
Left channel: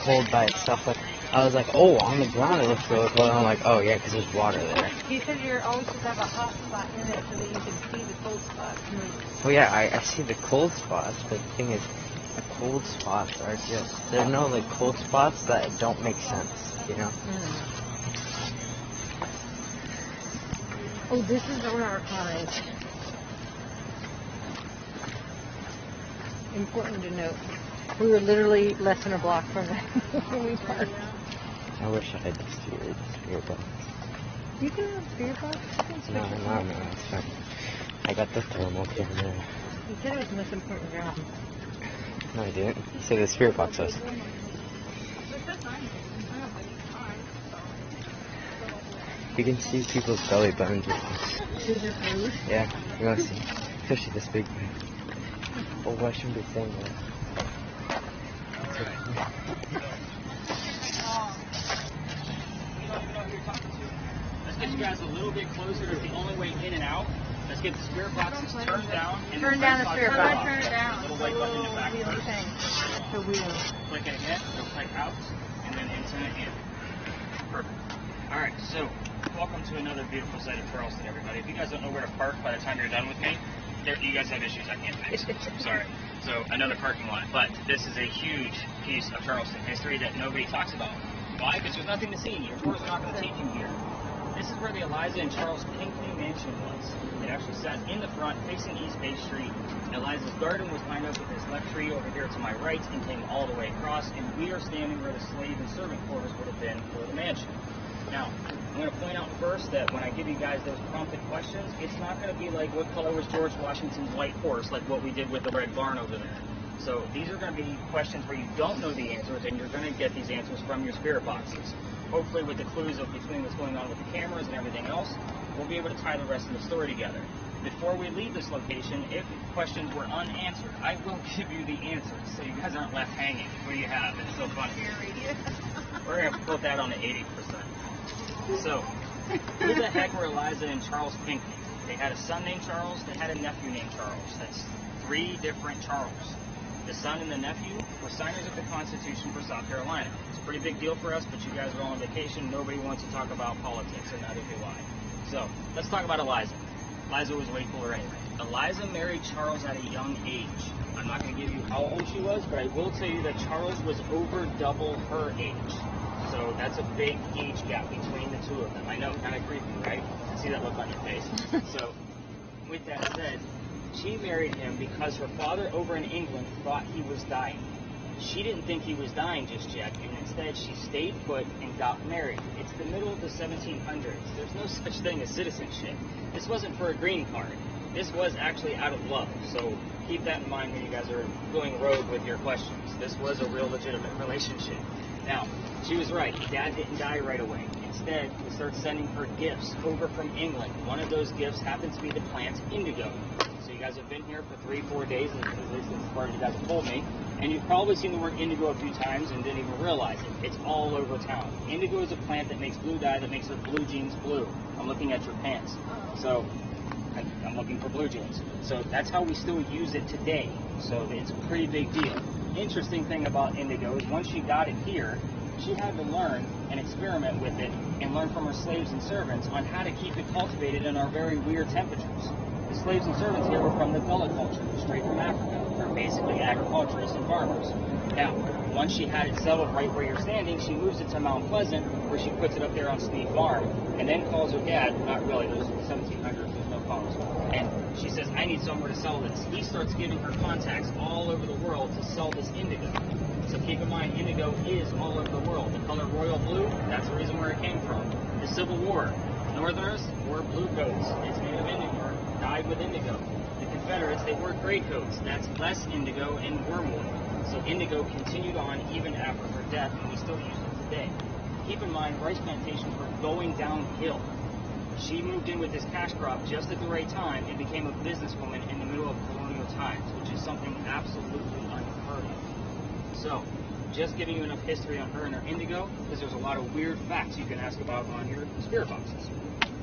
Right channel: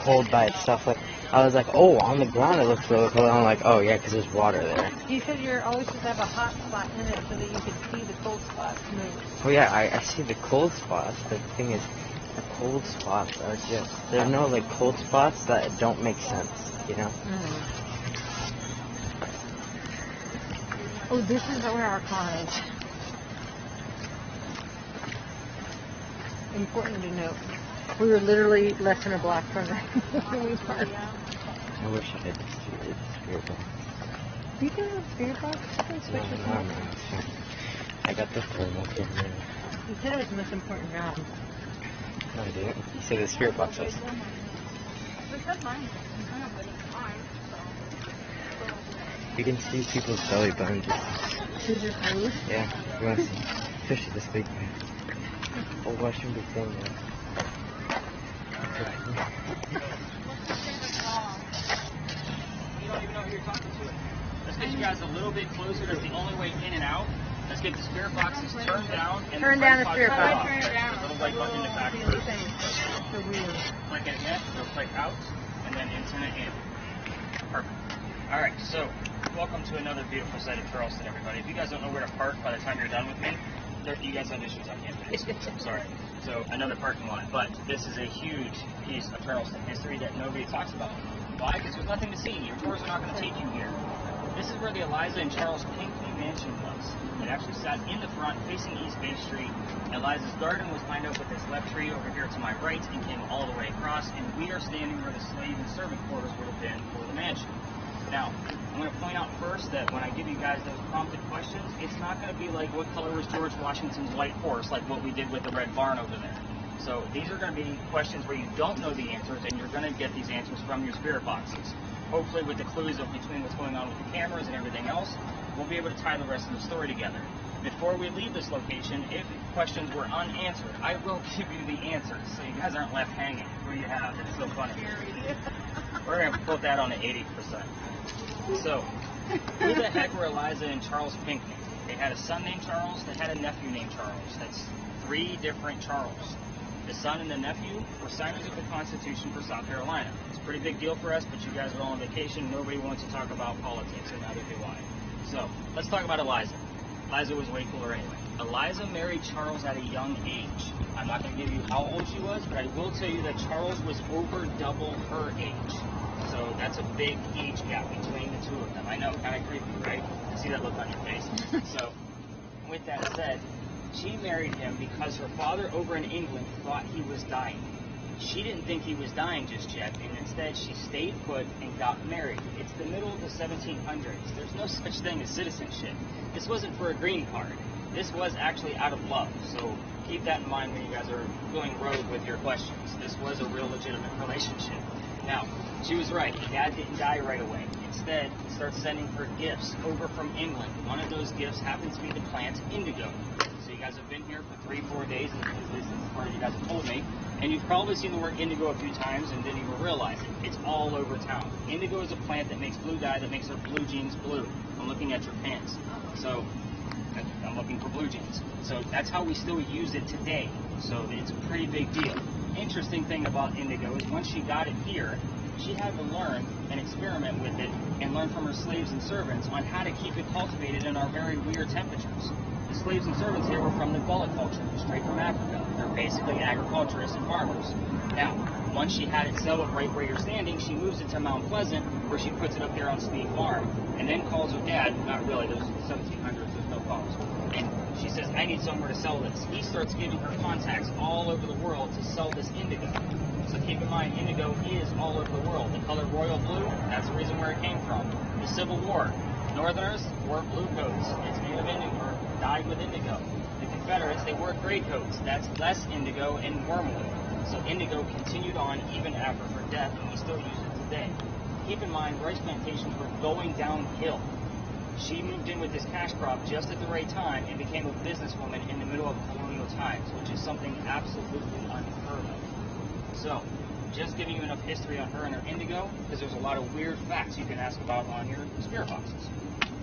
cold by itself. Like, I was like, oh, on the ground it looks really cold. I'm like, oh yeah, because there's water there. You said you're always supposed to have a hot spot in it so that you can see the cold spot. Oh yeah, I see the cold spots, but the thing is, the cold spots are just, there's no like cold spots that don't make sense, you know? Oh, this is where our con is. Important to note. We were literally less than a block from it. I wish I had the spirit box. You can spirit box? No, it's fine. I got the thermal camera. You said it was the most important round. No, I didn't. So the spirit box is. You can see people's belly burns. Yeah, yes. Especially this big one. Oh, I shouldn't be saying that. Let's get you guys a little bit closer. That's the only way in and out. Let's get the spirit boxes turned down. And Turn down the spirit box. Turn it down. Little white button in the back. What do you think? Click it in, go right out, and then turn it in. Perfect. Alright, so welcome to another beautiful set of Charleston, everybody. If you guys don't know where to park by the time you're done with me, you guys have issues I can't fix. Sorry. So another parking lot. But this is a huge piece of Charleston history that nobody talks about. Why? Because there's nothing to see. Your tours are not going to take you here. This is where the ALISA and Charles Kingston Mansion was. It actually sat in the front, facing East Bay Street. ALISA's garden was lined up with this left tree over here to my right and came all the way across, and we are standing where the slave and servant quarters would have been for the mansion. Now, I'm going to point out first that when I give you guys those prompted questions, it's not going to be like what color was George Washington's white horse, like what we did with the red barn over there. So these are going to be questions where you don't know the answers, and you're going to get these answers from your spirit boxes. hopefully with the clues of between what's going on with the cameras and everything else, we'll be able to tie the rest of the story together. Before we leave this location, if questions were unanswered, I will give you the answers so you guys aren't left hanging. What do you have? It's so funny. We're going to put that on to 80%. So, who the heck were Eliza and Charles Pinckney? They had a son named Charles, they had a nephew named Charles. That's 3 different Charles. The son and the nephew were signers of the Constitution for South Carolina. It's a pretty big deal for us, but you guys are all on vacation. Nobody wants to talk about politics, and neither do I. So, let's talk about Eliza. Eliza was way cooler anyway. Eliza married Charles at a young age. I'm not going to give you how old she was, but I will tell you that Charles was over double her age. So that's a big age gap between the two of them. I know, kind of creepy, right? I see that look on your face. So, with that said, she married him because her father over in England thought he was dying. She didn't think he was dying just yet, and instead she stayed put and got married. It's the middle of the 1700s. There's no such thing as citizenship. This wasn't for a green card. This was actually out of love. So keep that in mind when you guys are going rogue with your questions. This was a real legitimate relationship. Now, she was right. Dad didn't die right away. Instead sending her gifts over from England. One of those gifts happened to be the plant indigo. So you guys have been here for 3-4 days, as far as you guys have told me, and you've probably seen the word indigo a few times and didn't even realize it. It's all over town. Indigo is a plant that makes blue dye that makes your blue jeans blue. I'm looking at your pants. So I'm looking for blue jeans. So that's how we still use it today. So it's a pretty big deal. Interesting thing about indigo is once she got it here, she had to learn and experiment with it and learn from her slaves and servants on how to keep it cultivated in our very weird temperatures. The slaves and servants here were from the Gullah culture, straight from Africa. They're basically agriculturists and farmers. Now, once she had it settled right where you're standing, she moves it to Mount Pleasant, where she puts it up there on State Farm, and then calls her dad, not really, this was the 1700s, there's no farms. And she says, I need somewhere to sell this. He starts giving her contacts all over the world to sell this indigo. So keep in mind, indigo is all over the world. The color royal blue, that's the reason where it came from. The Civil War, Northerners wore blue coats. It's made of indigo, dyed with indigo. The Confederates, they wore gray coats. That's less indigo and wormwood. So indigo continued on even after her death, and we still use it today. Keep in mind, rice plantations were going downhill. She moved in with this cash crop just at the right time and became a businesswoman in the middle of colonial times, which is something absolutely unheard of. So, just giving you enough history on her and her indigo, because there's a lot of weird facts you can ask about on your spirit boxes.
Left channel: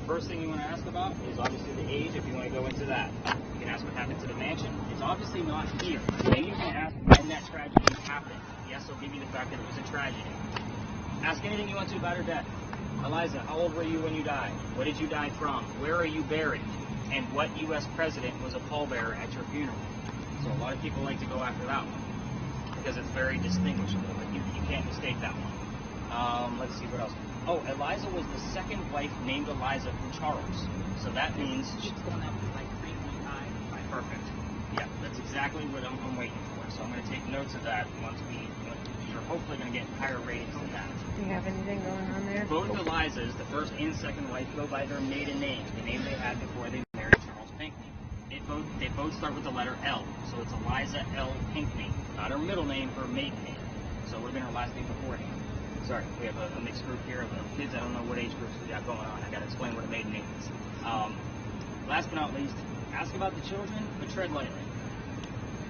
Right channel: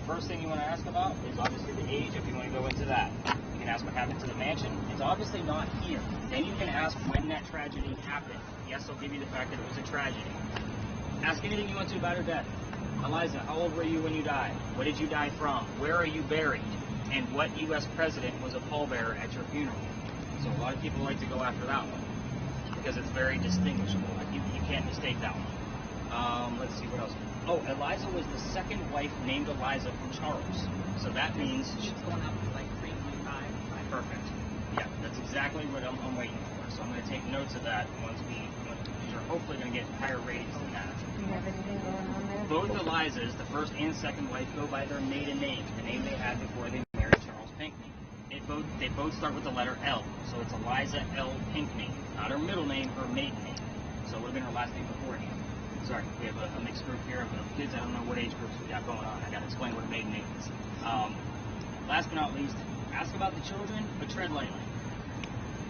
First thing you want to ask about is obviously the age, if you want to go into that. You can ask what happened to the mansion. It's obviously not here. Then you can ask when that tragedy happened. Yes, they'll give you the fact that it was a tragedy. Ask anything you want to about her death. Eliza, how old were you when you died? What did you die from? Where are you buried? And what U.S. president was a pallbearer at your funeral? So a lot of people like to go after that one because it's very distinguishable. Like you can't mistake that one. Let's see what else. Oh, Eliza was the second wife named Eliza from Charles. So that means perfect. Yeah, that's exactly what I'm waiting for. So I'm going to take notes of that once you're hopefully going to get higher ratings than that. Do you have anything going on there? Both Elizas, the first and second wife, go by their maiden name, the name they had before they married Charles Pinckney. They both start with the letter L. So it's Eliza L. Pinckney. Not her middle name, her maiden name. So it would have been her last name beforehand. Sorry, we have a mixed group here of kids. I don't know what age groups we got going on. I got to explain what a maiden name is. Last but not least, ask about the children, but tread lightly.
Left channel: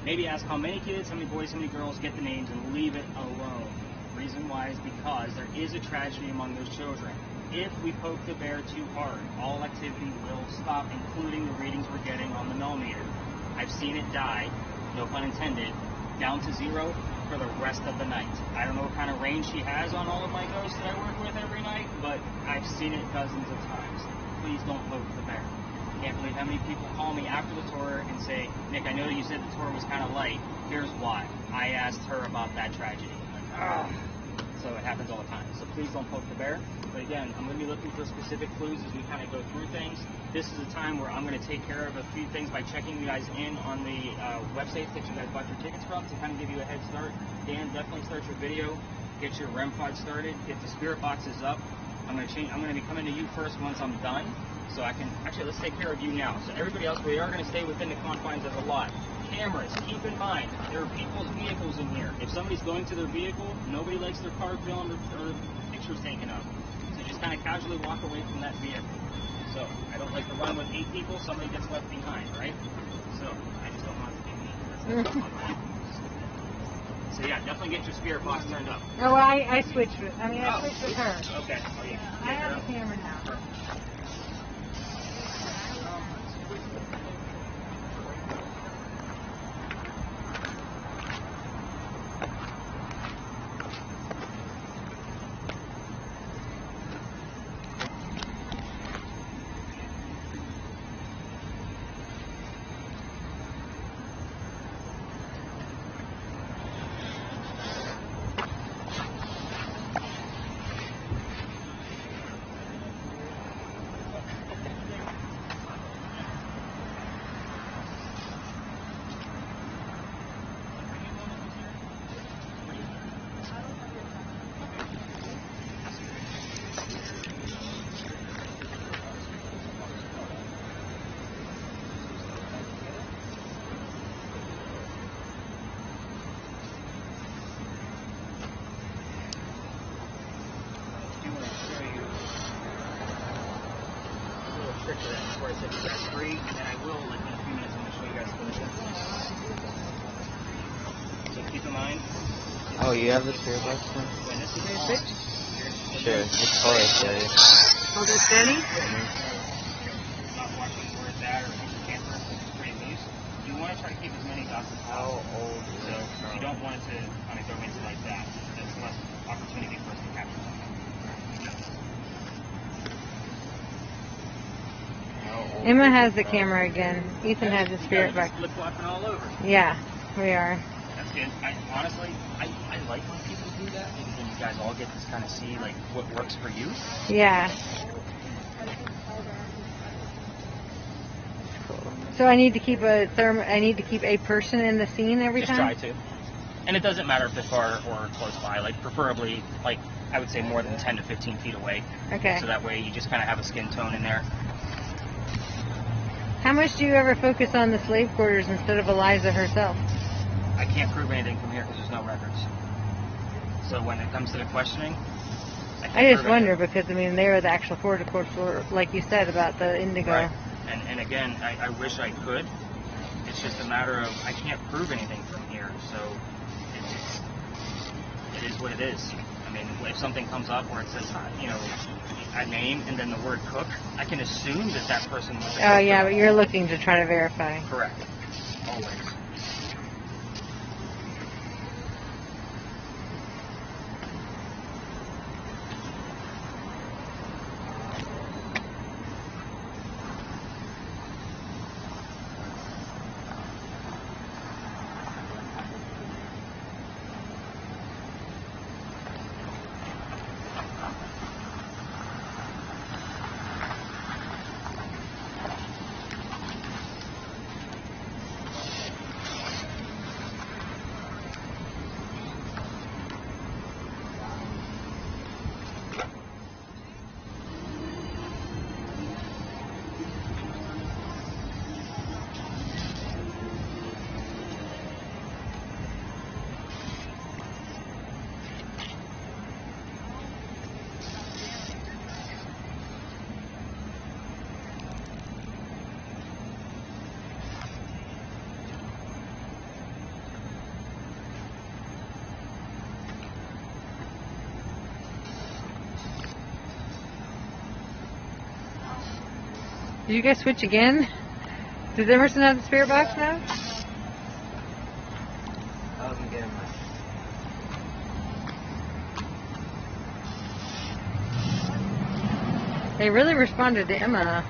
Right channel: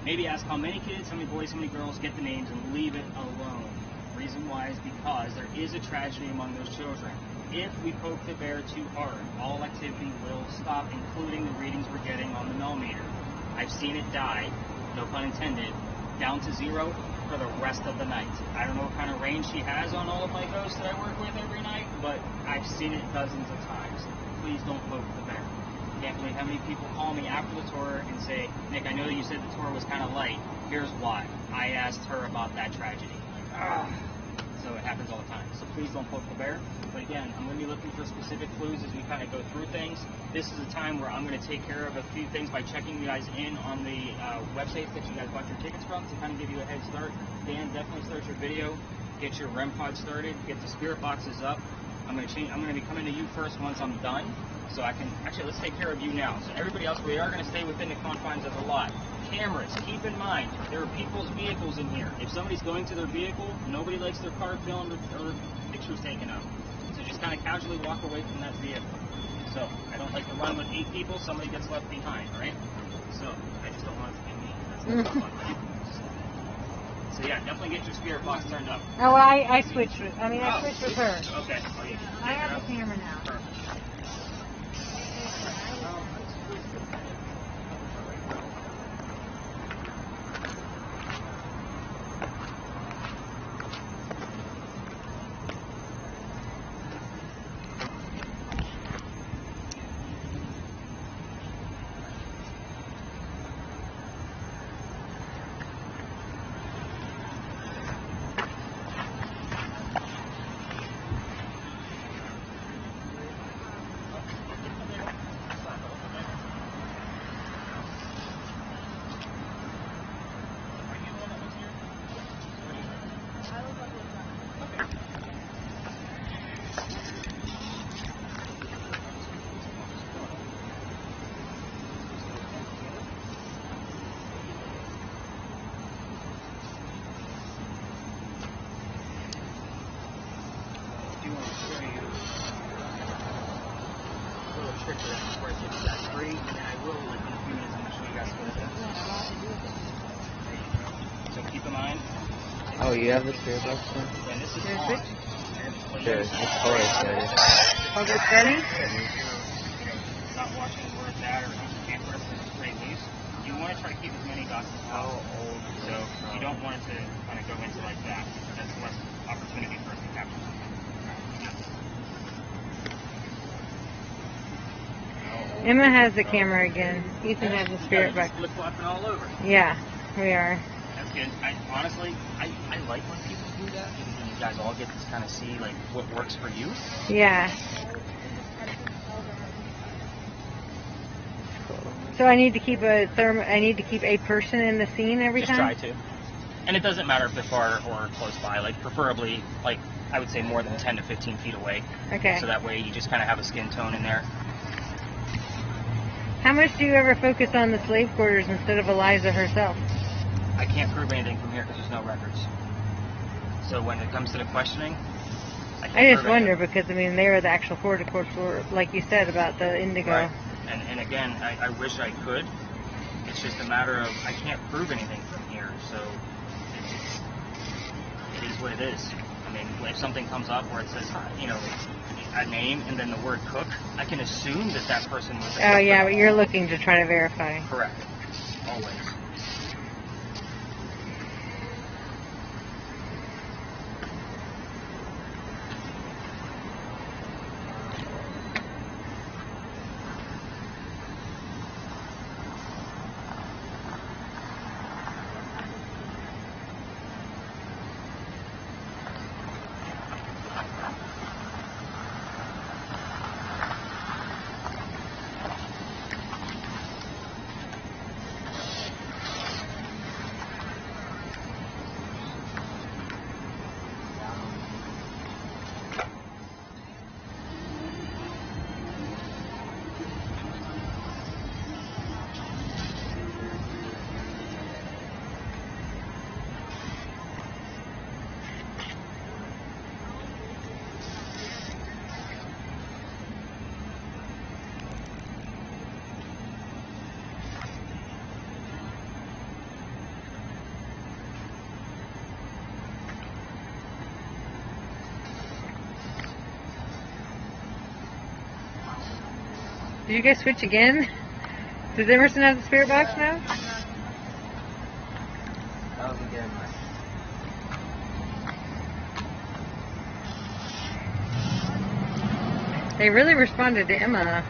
Maybe ask how many kids, how many boys, how many girls, get the names, and leave it alone. Reason why is because there is a tragedy among those children. If we poke the bear too hard, all activity will stop, including the readings we're getting on the millimeter. I've seen it die, no pun intended, down to 0 for the rest of the night. I don't know what kind of range she has on all of my ghosts that I work with every night, but I've seen it dozens of times. Please don't poke the bear. Can't believe how many people call me after the tour and say, Nick, I know that you said the tour was kind of light. Here's why. I asked her about that tragedy. So it happens all the time. So please don't poke the bear. But again, I'm going to be looking for specific clues as we kind of go through things. This is a time where I'm going to take care of a few things by checking you guys in on the websites that you guys bought your tickets from to kind of give you a head start. Dan, definitely start your video. Get your REM pod started. Get the spirit boxes up. I'm going to be coming to you first once I'm done. So I can, actually, let's take care of you now. So everybody else, we are going to stay within the confines of the lot. Cameras, keep in mind, there are people's vehicles in here. If somebody's going to their vehicle, nobody likes their car thrown, or actually taken up. So just kind of casually walk away from that vehicle. So I don't like the one with 8 people, somebody gets left behind, right? So I don't want to. So yeah, definitely get your spirit box turned up. Oh, I switched with. I mean, I switched with her. Okay. I have the camera now. Free, and then I will, like, in a few minutes, I'm going to show you guys what. So keep in mind. Oh, you have the spirit box one? Sure, it's color steady. Like it's steady? Not watching where it's at or how you can't rest in straight loose. You want to try to keep as many dots as possible. So you don't want it to kind of go into like that. That's less opportunity for it to happen. Emma has the camera again. Ethan has the spirit box. Flip flopping all over. Yeah, we are. That's good. Honestly, I like when people do that because then you guys all get to kind of see like what works for you. Yeah. So I need to keep a person in the scene every Just time? try to. And it doesn't matter if they're far or close by. Like preferably, like I would say more than 10 to 15 feet away. Okay. So that way you just kind of have a skin tone in there. How much do you ever focus on the slave quarters instead of ALISA herself? I can't prove anything from here because there's no records. So when it comes to the questioning, I just wonder because, I mean, they are the actual floor, like you said, about the indigo. Right. And again, I wish I could. It's just a matter of I can't prove anything from here. So it is what it is. I mean, if something comes up where it says, you know, a name and then the word cook, I can assume that that person was a cook. Oh, yeah, but you're looking to try to verify. Correct. Always. Did you guys switch again? Does Emerson have the spirit box now? They really responded to Emma.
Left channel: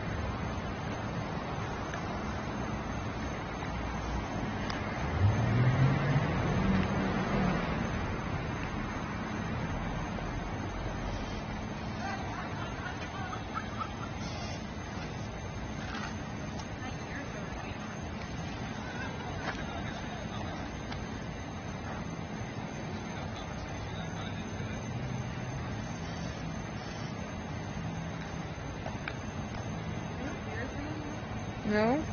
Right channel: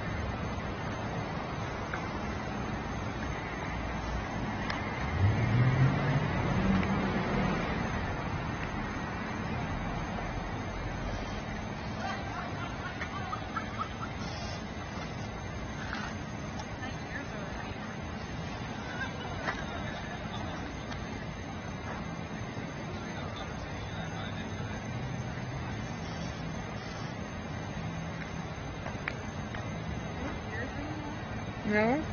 No?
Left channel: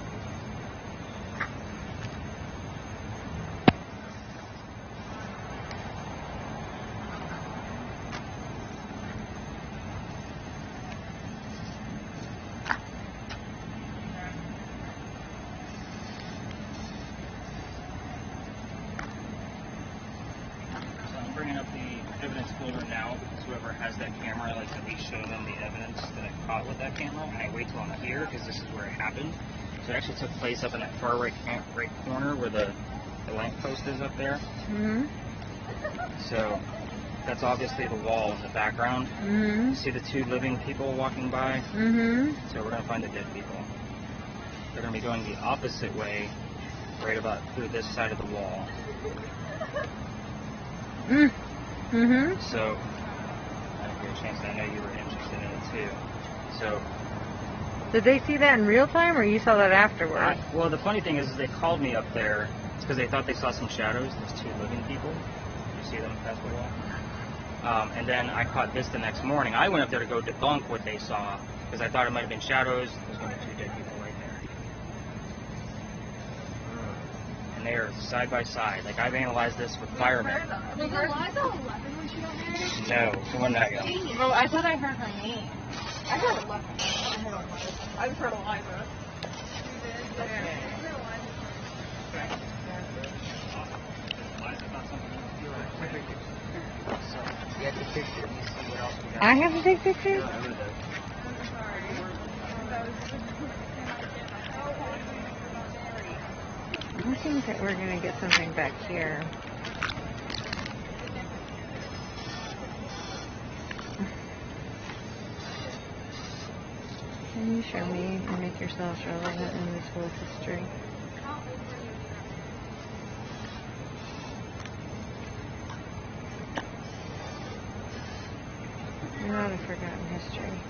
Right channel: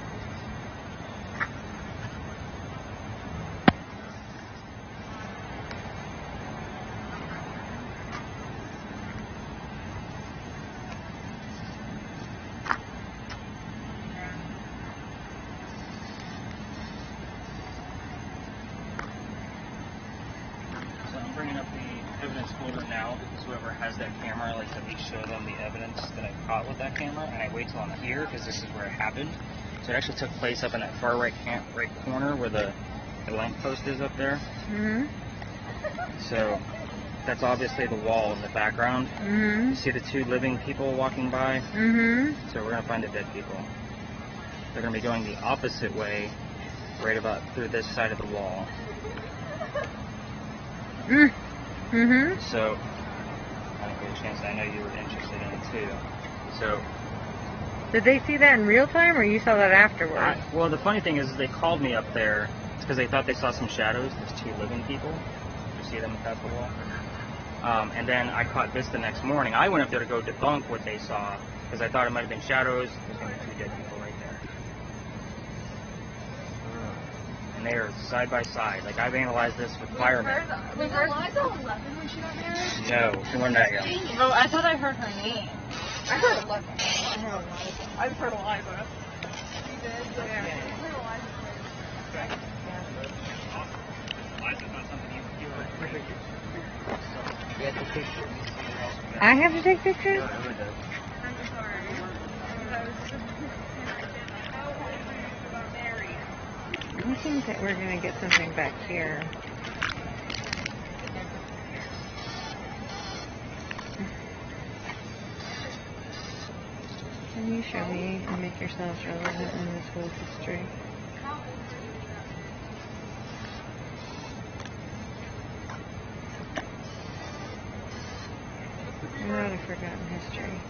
wait till I'm here because this is where it happened. So it actually took place up in that far right corner where the lamppost is up there. Mhm. So that's obviously the wall in the background. Mhm. See the two living people walking by? Mhm. So we're gonna find the dead people. They're gonna be going the opposite way, right about through this side of the wall. Mhm. So, I'll give you a chance. I know you were interested in it too. So, Did they see that in real time, or you saw that afterward? well, the funny thing is they called me up there. It's because they thought they saw some shadows. There's two living people. You see them pass by that? And then I caught this the next morning. I went up there to go debunk what they saw because I thought it might have been shadows. There's going to be two dead people. No, side by side. Like I analyzed this with firemen. Was there lots of 11 when she got married? No, the one that Oh, I thought I heard her name. I heard 11. I've heard ALISA. I have to take pictures? I'm sorry. I think that we're going to get something back here. Can you show me and make yourself relevant in this whole history? You're not a forgotten history.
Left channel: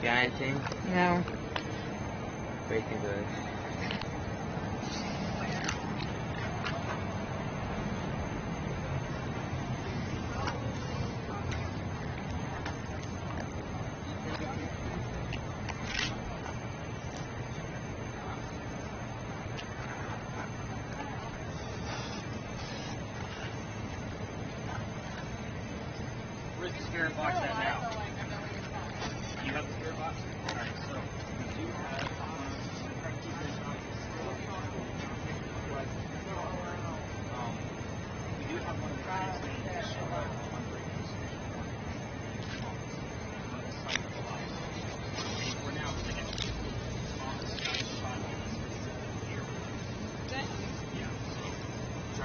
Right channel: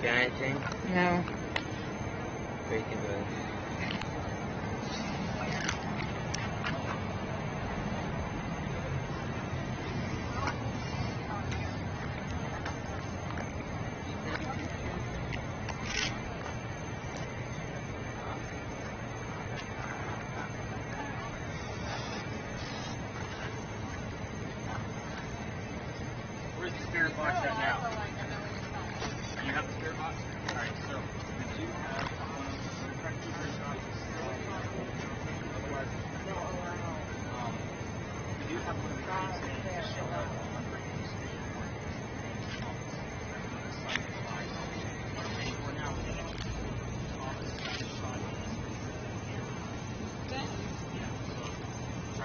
Got anything? No. Both of those. Where's the spirit box at now? You have the spirit box? Alright, so we do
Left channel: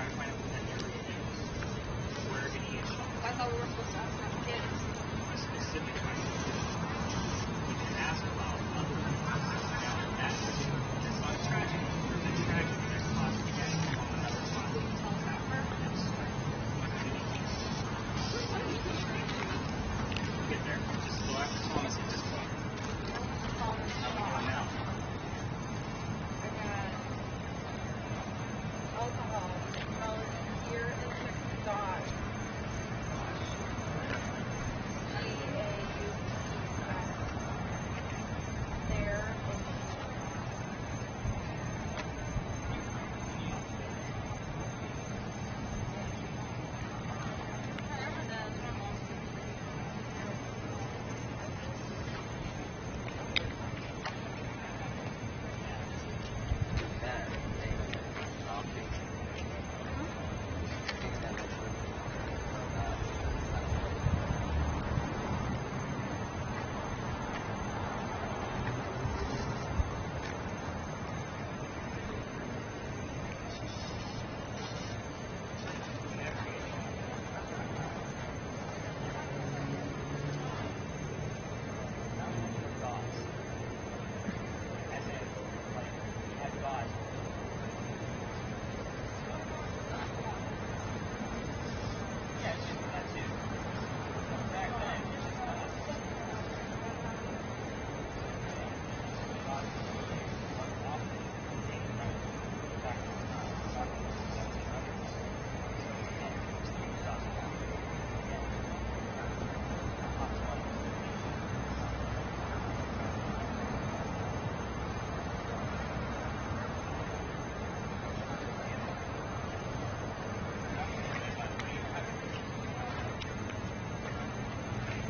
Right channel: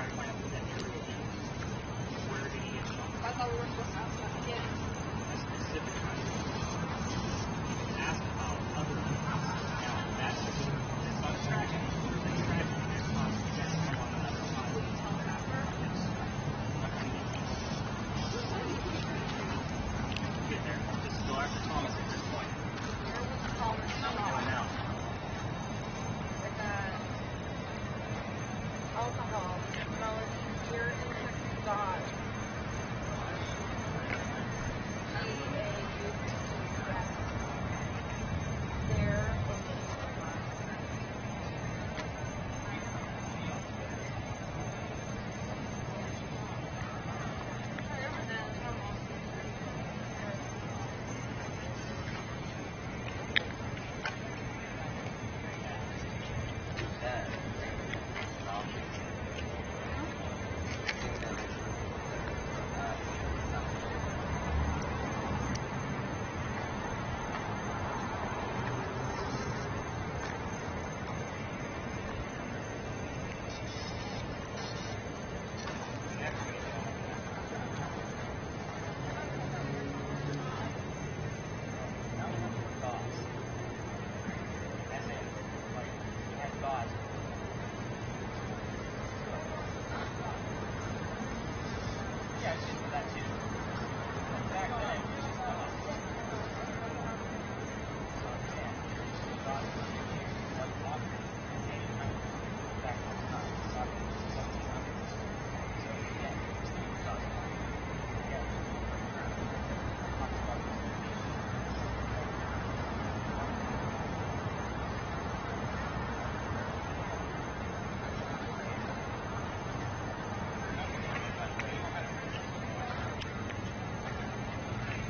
try to find out what that area is. Where the heat is coming. I thought we were supposed to ask about kids. A specific question. You can ask about other people. Now, that's not a tragedy. If it's a tragedy, that's possible. You guys come on another topic. Get there. Just go ask Thomas at this point. How are we doing now? Alcohol, melody, pure instant God. There.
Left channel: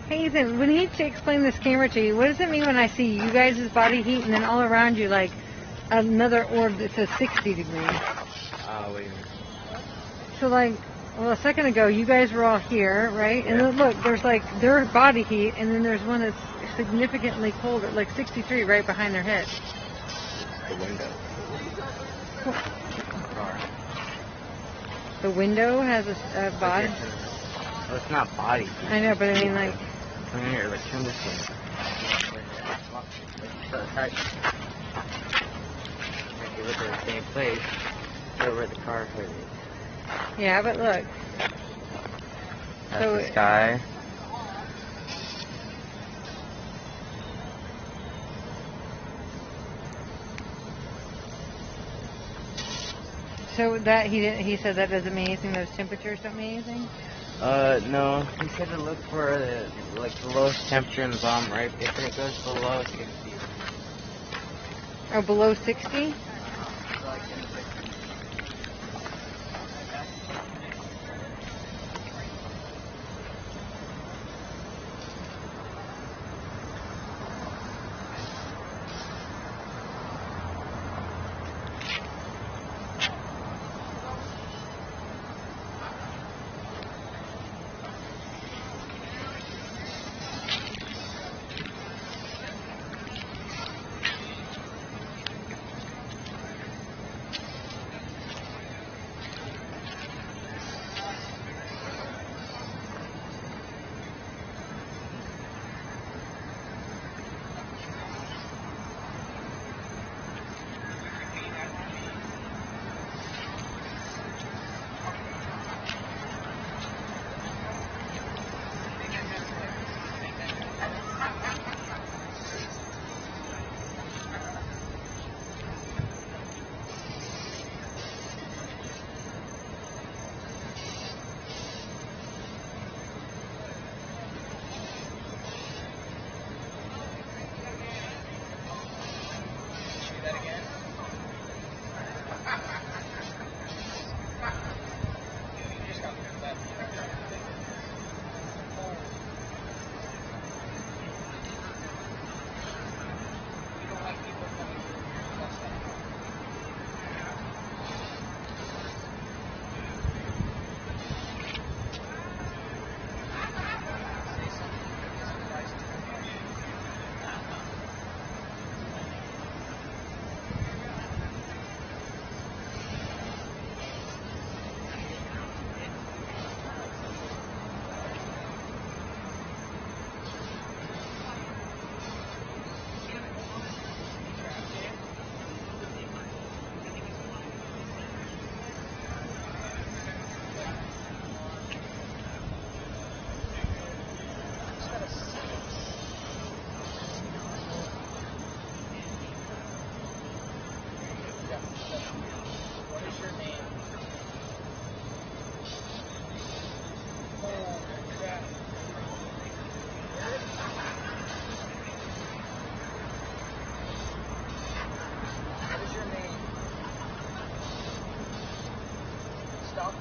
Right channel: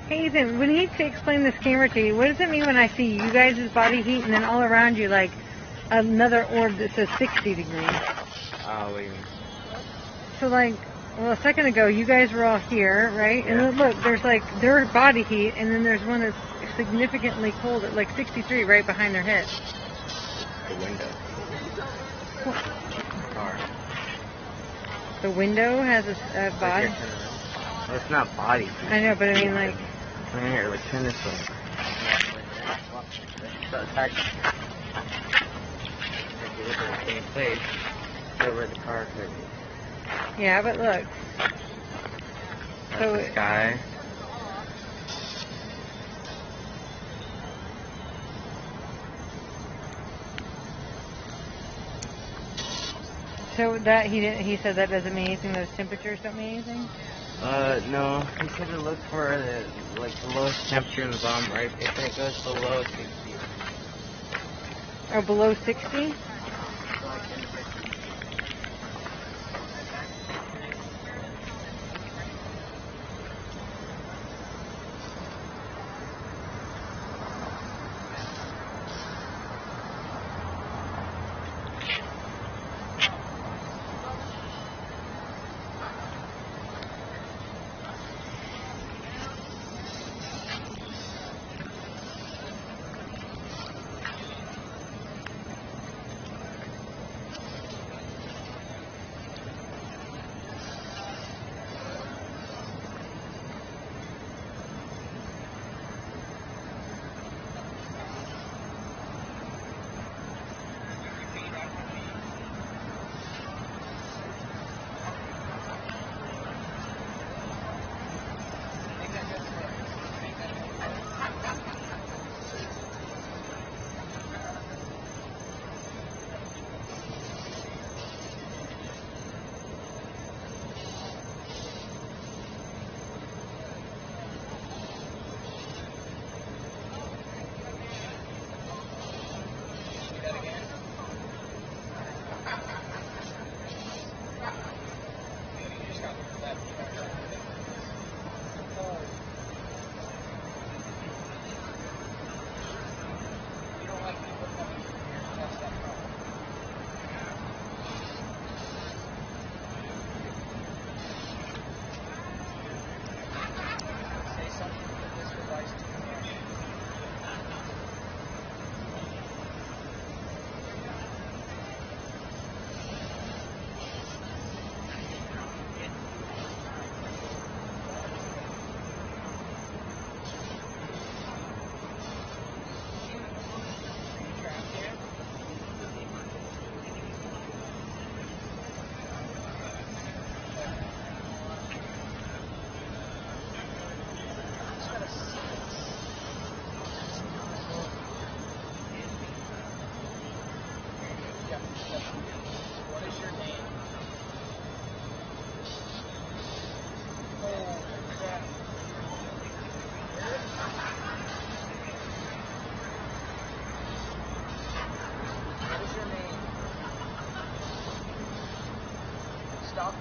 Hey Ethan, we need to explain this camera to you. What does it mean when I see you guys' body heat and then all around you like another orb that says 60 degrees? So like, well, a second ago you guys were all here, right? And then look, there's like their body heat and then there's one that's significantly colder, like 63 right behind their head. The window. The window has a body? It's not body heat. I know, but I mean like... It was Henderson. If you look at the same place, go where the car could be. Yeah, but look. That's So the sky. So that he said that doesn't mean anything. Those temperatures don't mean anything. No. He said to look for like the lowest temperature in the bottom. Like if it goes below 60. Oh, below 60?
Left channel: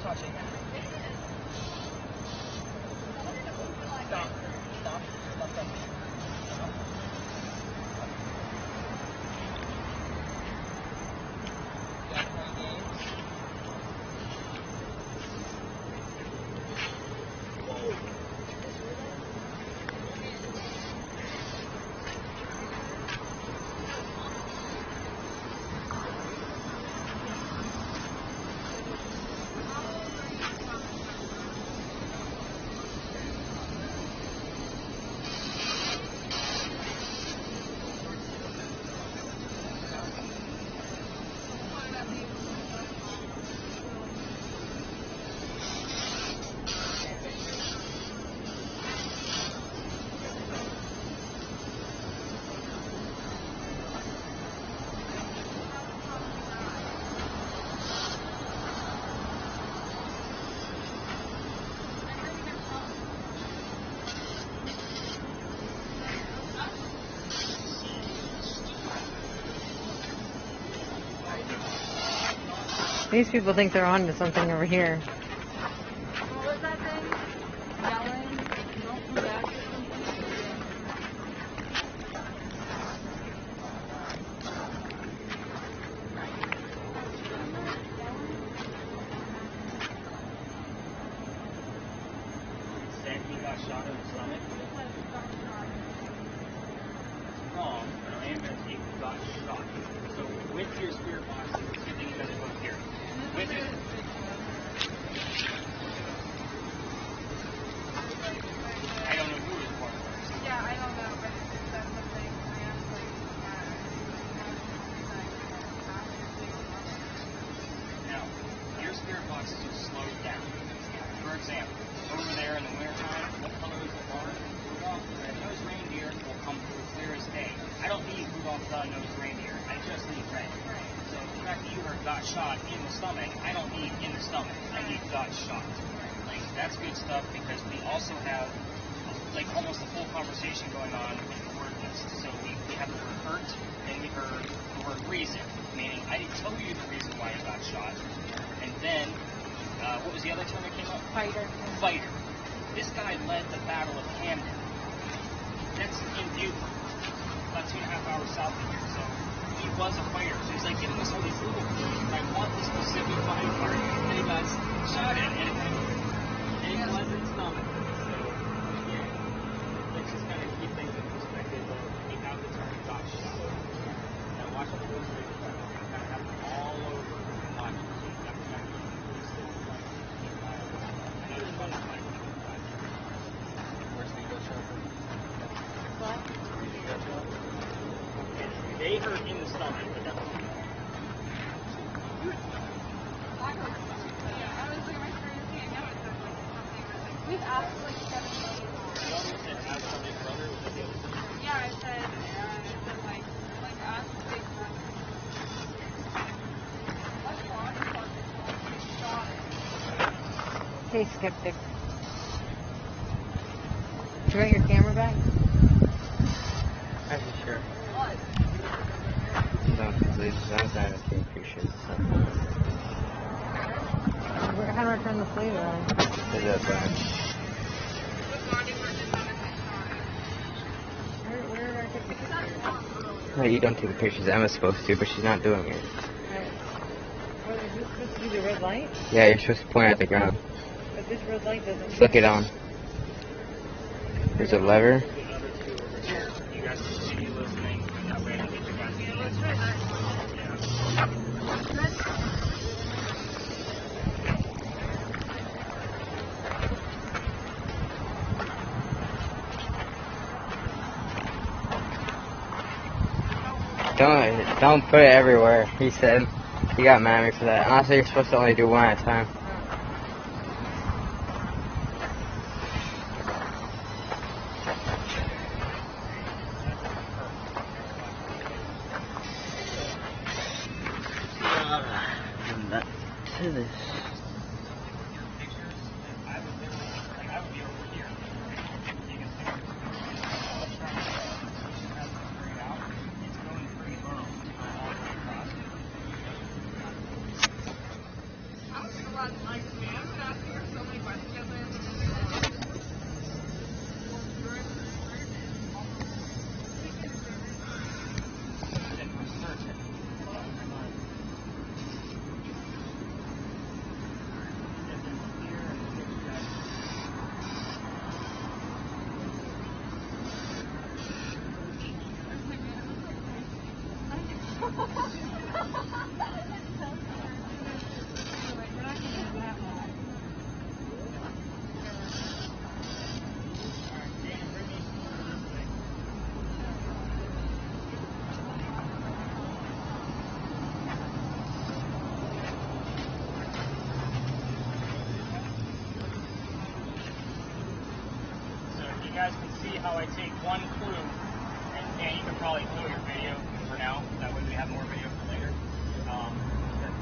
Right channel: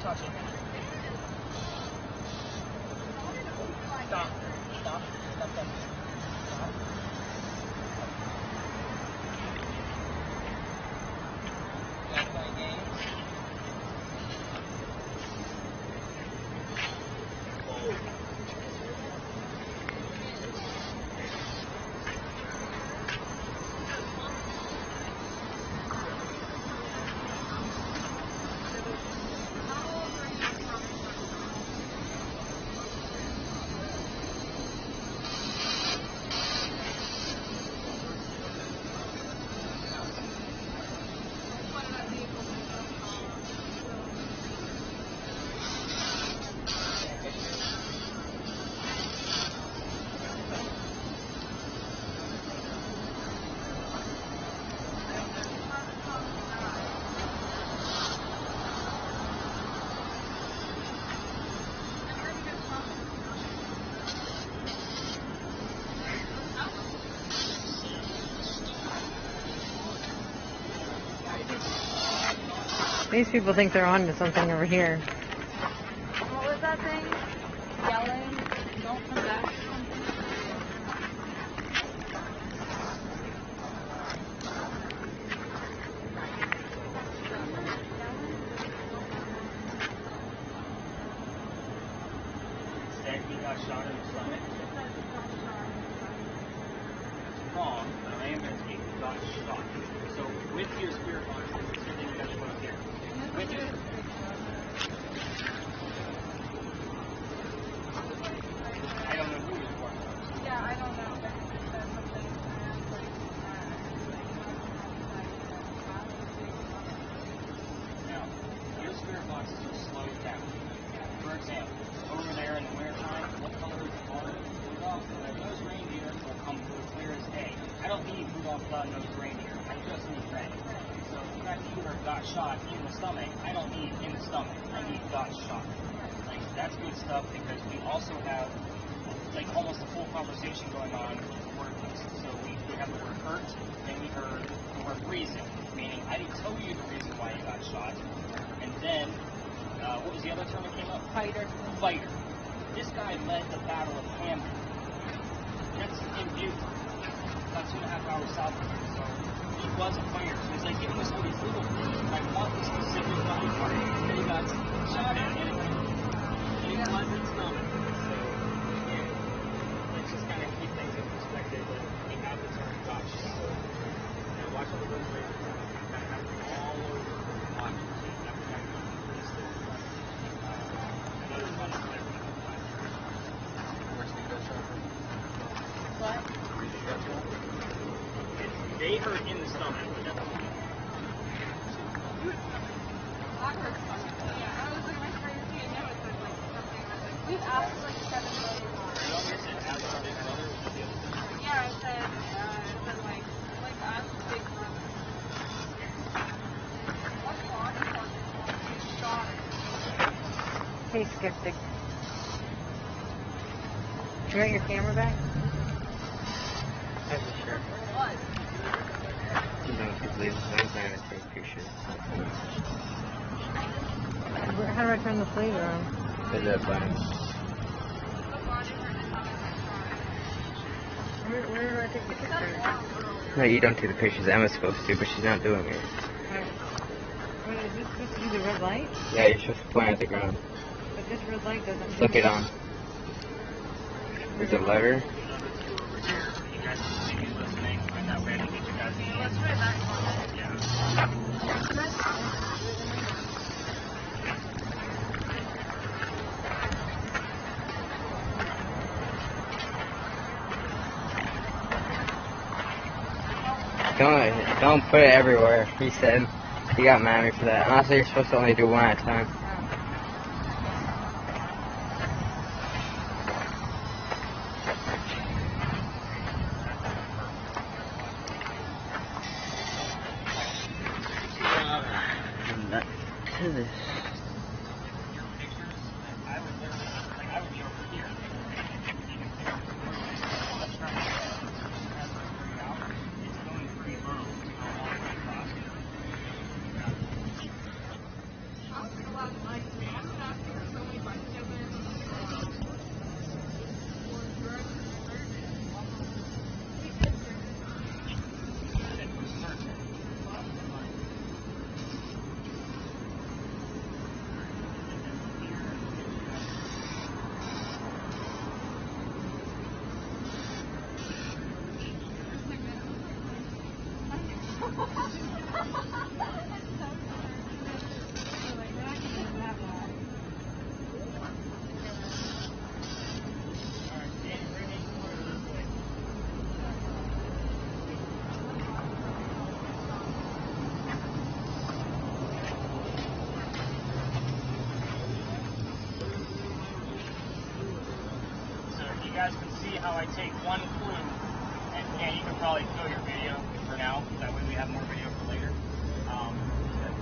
Stop touching it. Stop. Stop. Stop touching it. Stop. These people think they're on to something over here. What was that thing? Yelling? Won't come back or Said he got shot in the stomach. Wrong, but I am going to take got shot. So with your spirit box, you can see that book here. With your I don't know who this was. Yeah, I don't know, but it's just that something I asked Now, your spirit boxes are slowed down. For example, over there in the wintertime, what color is the barn? Rudolph the red-nosed reindeer will come through clear as day. I don't need Rudolph the red-nosed reindeer. I just need red. So the fact that you got shot in the stomach, I don't need in the stomach. I need got shot. Like, that's good stuff because we also have like almost a full conversation going on with the word list. So we have the word hurt, then we heard the word reason, meaning I didn't tell you the reason why you got shot. And then, what was the other term that came up? Fighter. Fighter. This guy led the Battle of Camden. That's in Buford, about 2.5 hours south of here. So he was a fighter. He was like, give me this whole approval, but I want the specific fucking part. And he got shot at. And he wasn't still. They hurt in the stomach. We've asked like 7 million times. Yeah, I said like ask big what's wrong? Shot. So sick. You got your camera back? What? No, because there's one time I think you should. How do I turn the save on? Is that bad? Where do I take the picture? No, you don't take the pictures. Emma's supposed to, but she's not doing it. Is this supposed to be the red light? Yeah, you're supposed to point at the ground. But this red light doesn't. Flick it on. Is it lever? Don't put it everywhere, he said. He got mad at me for that. And I said you're supposed to only do one at a time. I was like, I take one clue, and you can probably show your video for now, that way we have more video for later.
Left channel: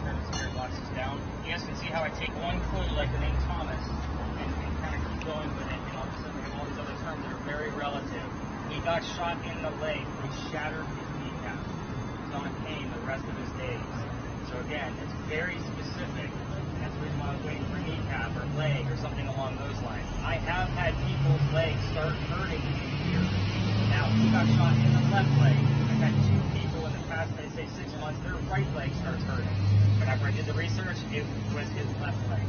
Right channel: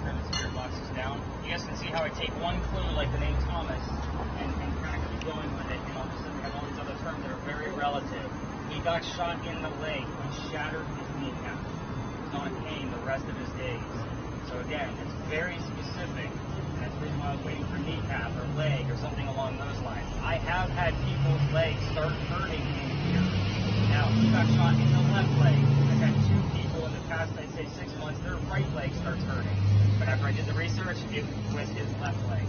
The spirit box is down. You guys can see how I take one clue, like the name Thomas, and kind of keep going with it. All of a sudden we have all these other terms that are very relative. He got shot in the leg, which shattered his kneecap. He's on pain the rest of his days. So again, it's very specific. That's the reason why I was waiting for kneecap or leg or something along those lines. I have had people's legs start hurting in here. Now, he got shot in the left leg. I've had 2 people in the past, I'd say 6 months, their right leg starts hurting. But after I did the research, it was his left leg.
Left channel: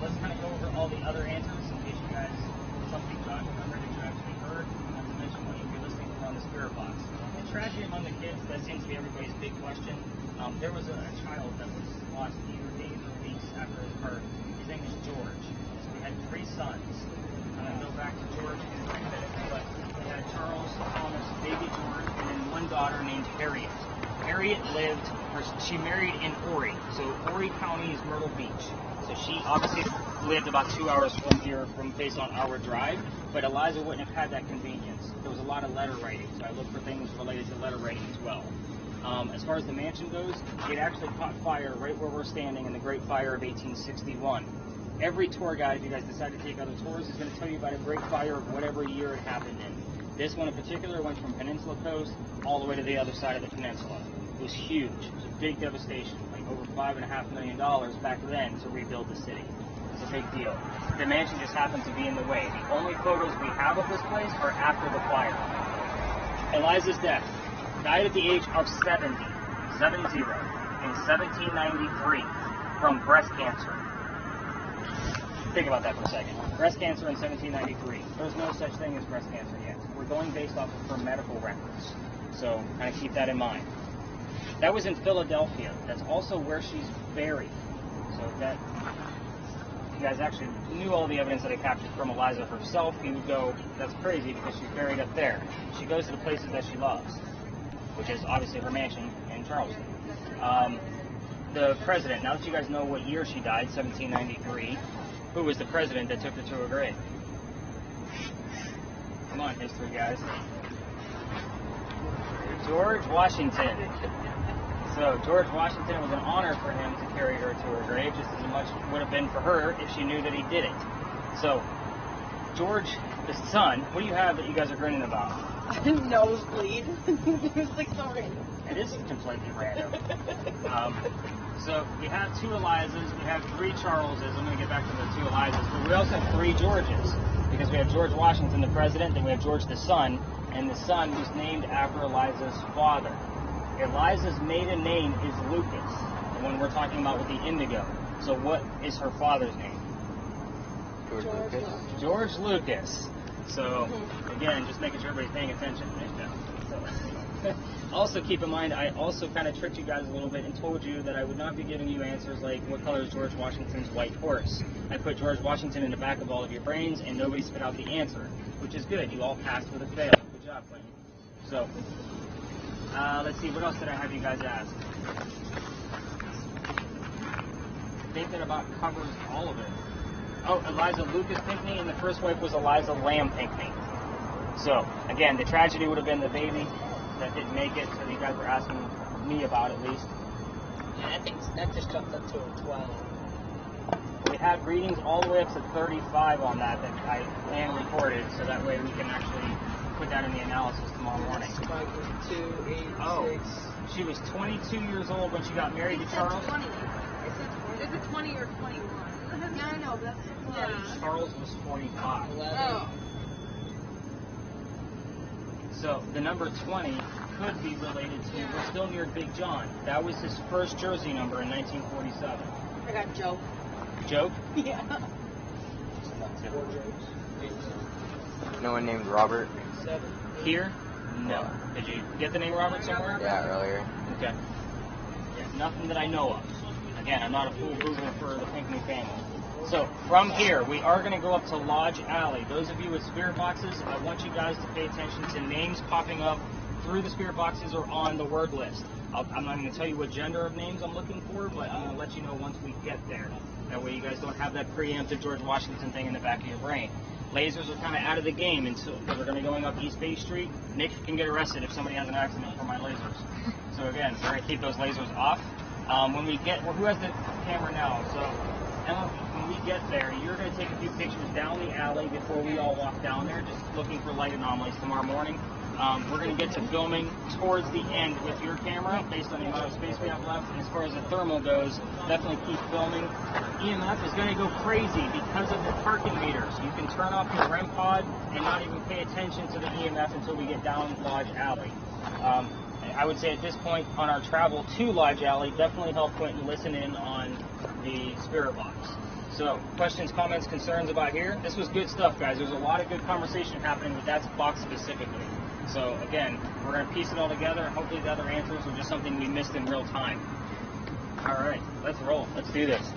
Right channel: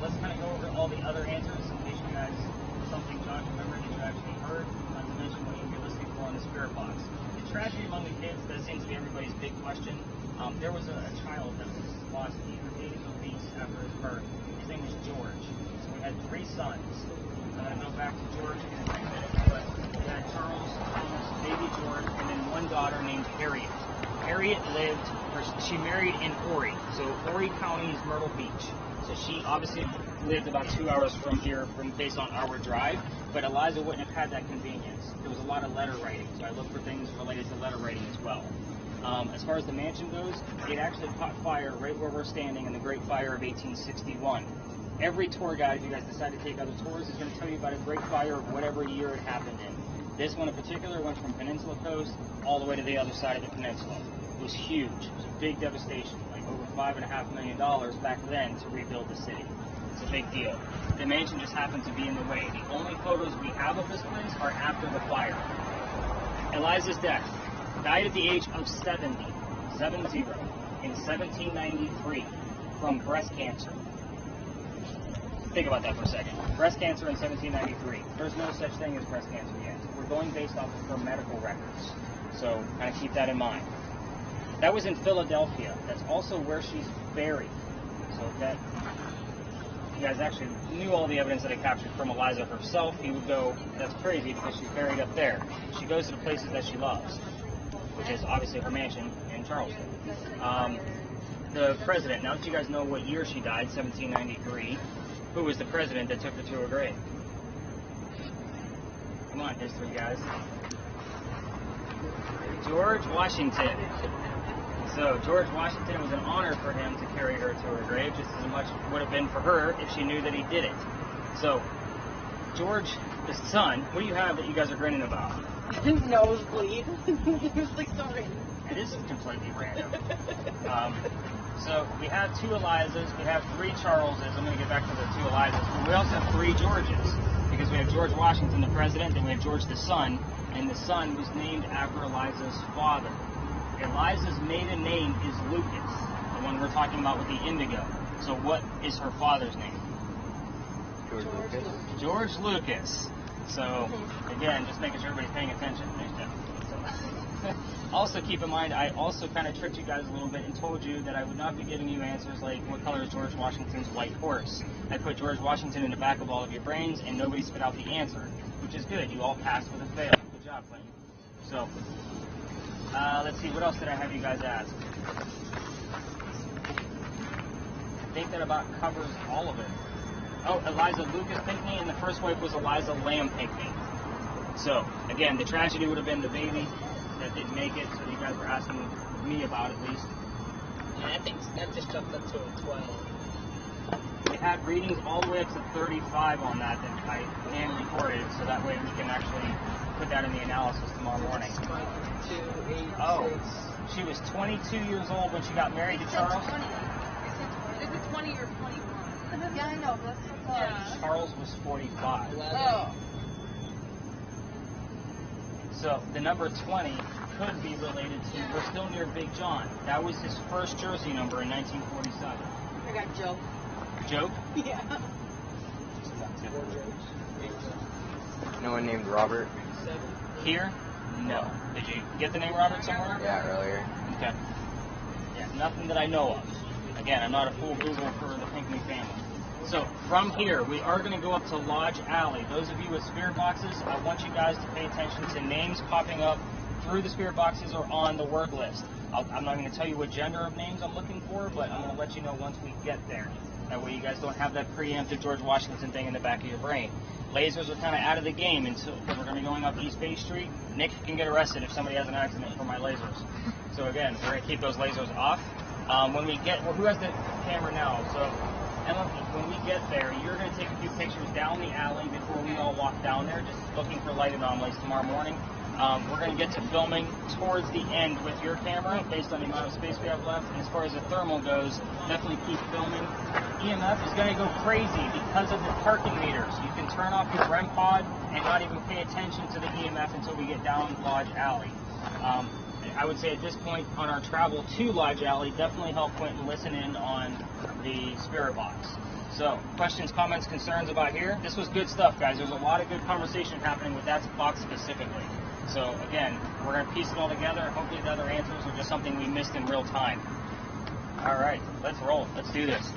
Let's kind of go over all the other answers in case you guys, something's not remembered that you actually heard. Not to mention what you'll be listening to on the spirit box. Tragedy among the kids, that seems to be everybody's big question. There was a child that was lost. He was 8 weeks after his birth. His name was George. We had 3 sons. I'm going to go back to George in a minute. But we had Charles, Thomas, baby George, and then one daughter named Harriet. Harriet she married in Horry. So Horry County is Myrtle Beach. So she obviously lived about 2 hours from here, based on our drive. But Eliza wouldn't have had that convenience. There was a lot of letter writing. I looked for things related to letter writing as well. As far as the mansion goes, it actually caught fire right where we're standing in the Great Fire of 1861. Every tour guide, if you guys decide to take other tours, is going to tell you about a Great Fire of whatever year it happened in. This one in particular went from Peninsula Coast all the way to the other side of the peninsula. It was huge, a big devastation, like over $5.5 million back then to rebuild the city. It's a big deal. The mansion just happened to be in the way. The only photos we have of this place are after the fire. Eliza's death. Died at the age of 70, in 1793, from breast cancer. Think about that for a second. Breast cancer in 1793. There's no such thing as breast cancer yet. We're going based off of her medical records. So kind of keep that in mind. That was in Philadelphia. That's also where she's buried. So that, you guys actually knew all the evidence that I captured from Eliza herself, and you go, that's crazy because she's buried up there. She goes to the places that she loves, which is obviously her mansion in Charleston. The president, now that you guys know what year she died, 1793, who was the president that took her to her grave? Come on, history guys. George Washington. So George Washington, was an honor for him to carry her to her grave, just as much would have been for her if she knew that he did it. So, George, the son, what do you have that you guys are grinning about? Nosebleed. It was like sorry. This is completely random. So we have 2 Elizas, we have 3 Charleses. I'm going to get back to the 2 Elizas. But we also have 3 Georges, because we have George Washington, the president, then we have George the son, and the son was named after Eliza's father. Eliza's maiden name is Lucas, the one we're talking about with the indigo. So what is her father's name? George Lucas. So, again, just making sure everybody's paying attention. Also, keep in mind, I also kind of tricked you guys a little bit and told you that I would not be giving you answers like, what color is George Washington's white horse? I put George Washington in the back of all of your brains, and nobody spit out the answer, which is good. You all passed with a fail. Good job, Clayton. So, let's see, what else did I have you guys ask? I think that about covers all of it. Oh, Eliza Lucas Pinckney, and the first wife was Eliza Lamb Pinckney. So, again, the tragedy would have been the baby that didn't make it, that you guys were asking me about at least. And I think that just jumped up to a 12. We had readings all the way up to 35 on that I hand reported, so that way we can actually put that in the analysis tomorrow morning. Oh, she was 22 years old when she got married to Charles? Is it 20 or 21? No, that's Charles was 45. 11. Oh. So the number 20 could be related to, we're still near Big John. That was his first jersey number in 1947. Okay, joke. Joke? Yeah. 4 jokes. No one named Robert? 7. Here? No. Did you get the name Robert somewhere? Yeah, earlier. Okay. Yeah, nothing that I know of. Again, I'm not a full Google for the Pinckney family. So, from here, we are going to go up to Lodge Alley. Those of you with spirit boxes, I want you guys to pay attention to names popping up through the spirit boxes or on the word list. I'm not going to tell you what gender of names I'm looking for, but I'm going to let you know once we get there. That way you guys don't have that preemptive George Washington thing in the back of your brain. lasers are kind of out of the game, and so we're going to be going up East Bay Street. Nick can get arrested if somebody has an accident for my lasers. So again, we're going to keep those lasers off. When we get, well, who has the camera now? So when we get there, you're going to take a few pictures down the alley before we all walk down there, just looking for light anomalies tomorrow morning. We're going to get to filming towards the end with your camera, based on the amount of space we have left. As far as the thermal goes, definitely keep filming. EMF is going to go crazy because of the parking meters. You can turn off your REM pod and not even pay attention to the EMF until we get down Lodge Alley. I would say at this point, on our travel to Lodge Alley, definitely help point and listen in on the spirit box. So, questions, comments, concerns about here? This was good stuff, guys. There's a lot of good conversation happening with that spot specifically. So, again, we're going to piece it all together. Hopefully the other answers are just something we missed in real time. All right, let's roll. Let's do this.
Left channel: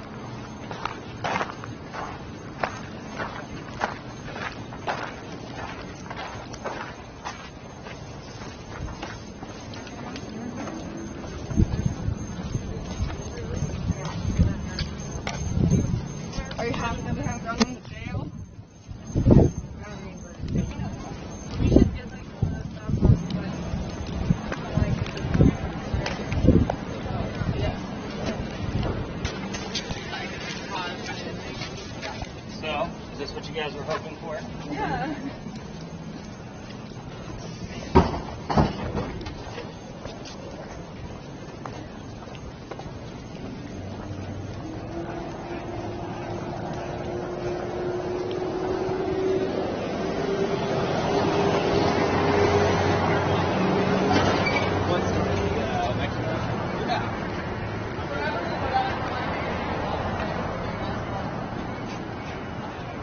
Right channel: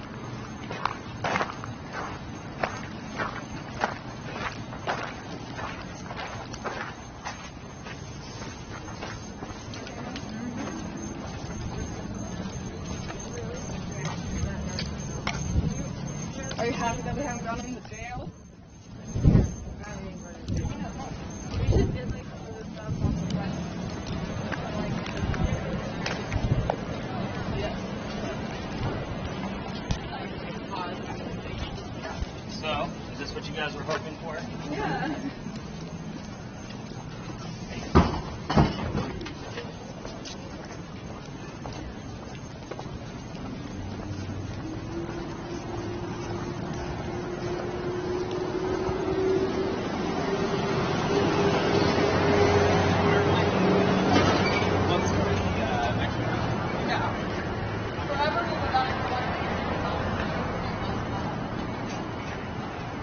Are you happy that they haven't gone in the jail? So, is this what you guys were hoping for? Yeah.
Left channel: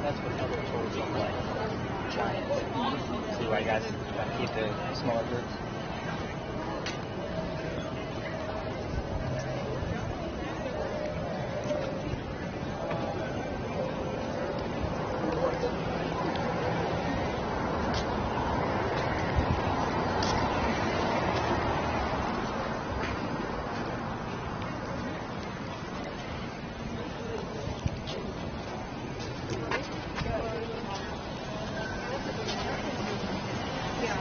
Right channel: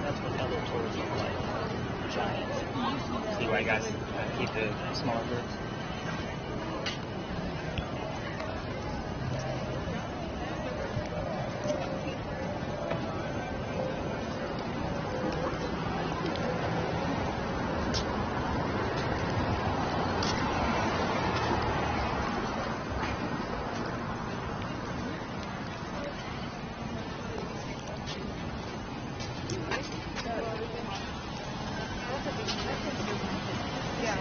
That's what other tools look like. Giant. See why I got to keep the small tools. Yeah.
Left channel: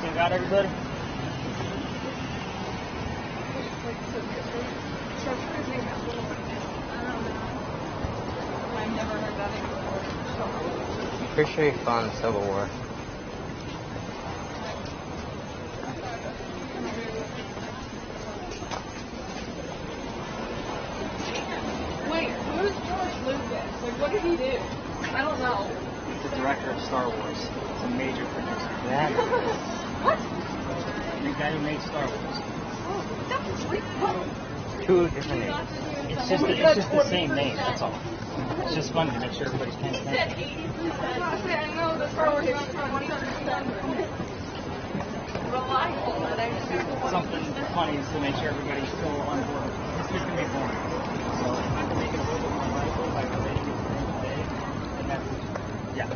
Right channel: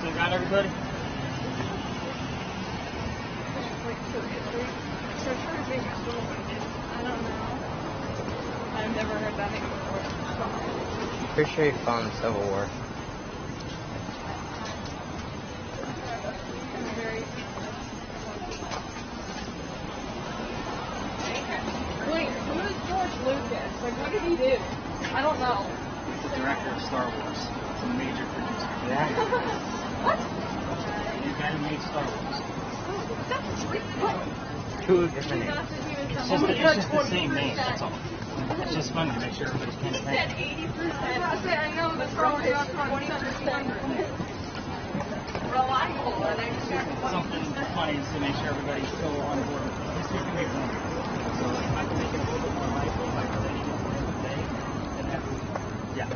Still got everybody? I don't know. I've never heard that before. Pretty sure he fought in the Civil War. Wait, who is George Lucas? Like, what did he do? I don't know. The director of Star Wars. He's a major producer. What? What? The guy who made Star Wars. Who is the thing? It's just the same name, that's all. It's just funny to make sure everybody's paying attention. Okay, I know the Star Wars is 20%. Reliable, but I just Something funny to make sure everybody's still on board. It's just going to be boring. So I'm going to make it a little bit more lively by relating it to the end of the day. And that's, yeah.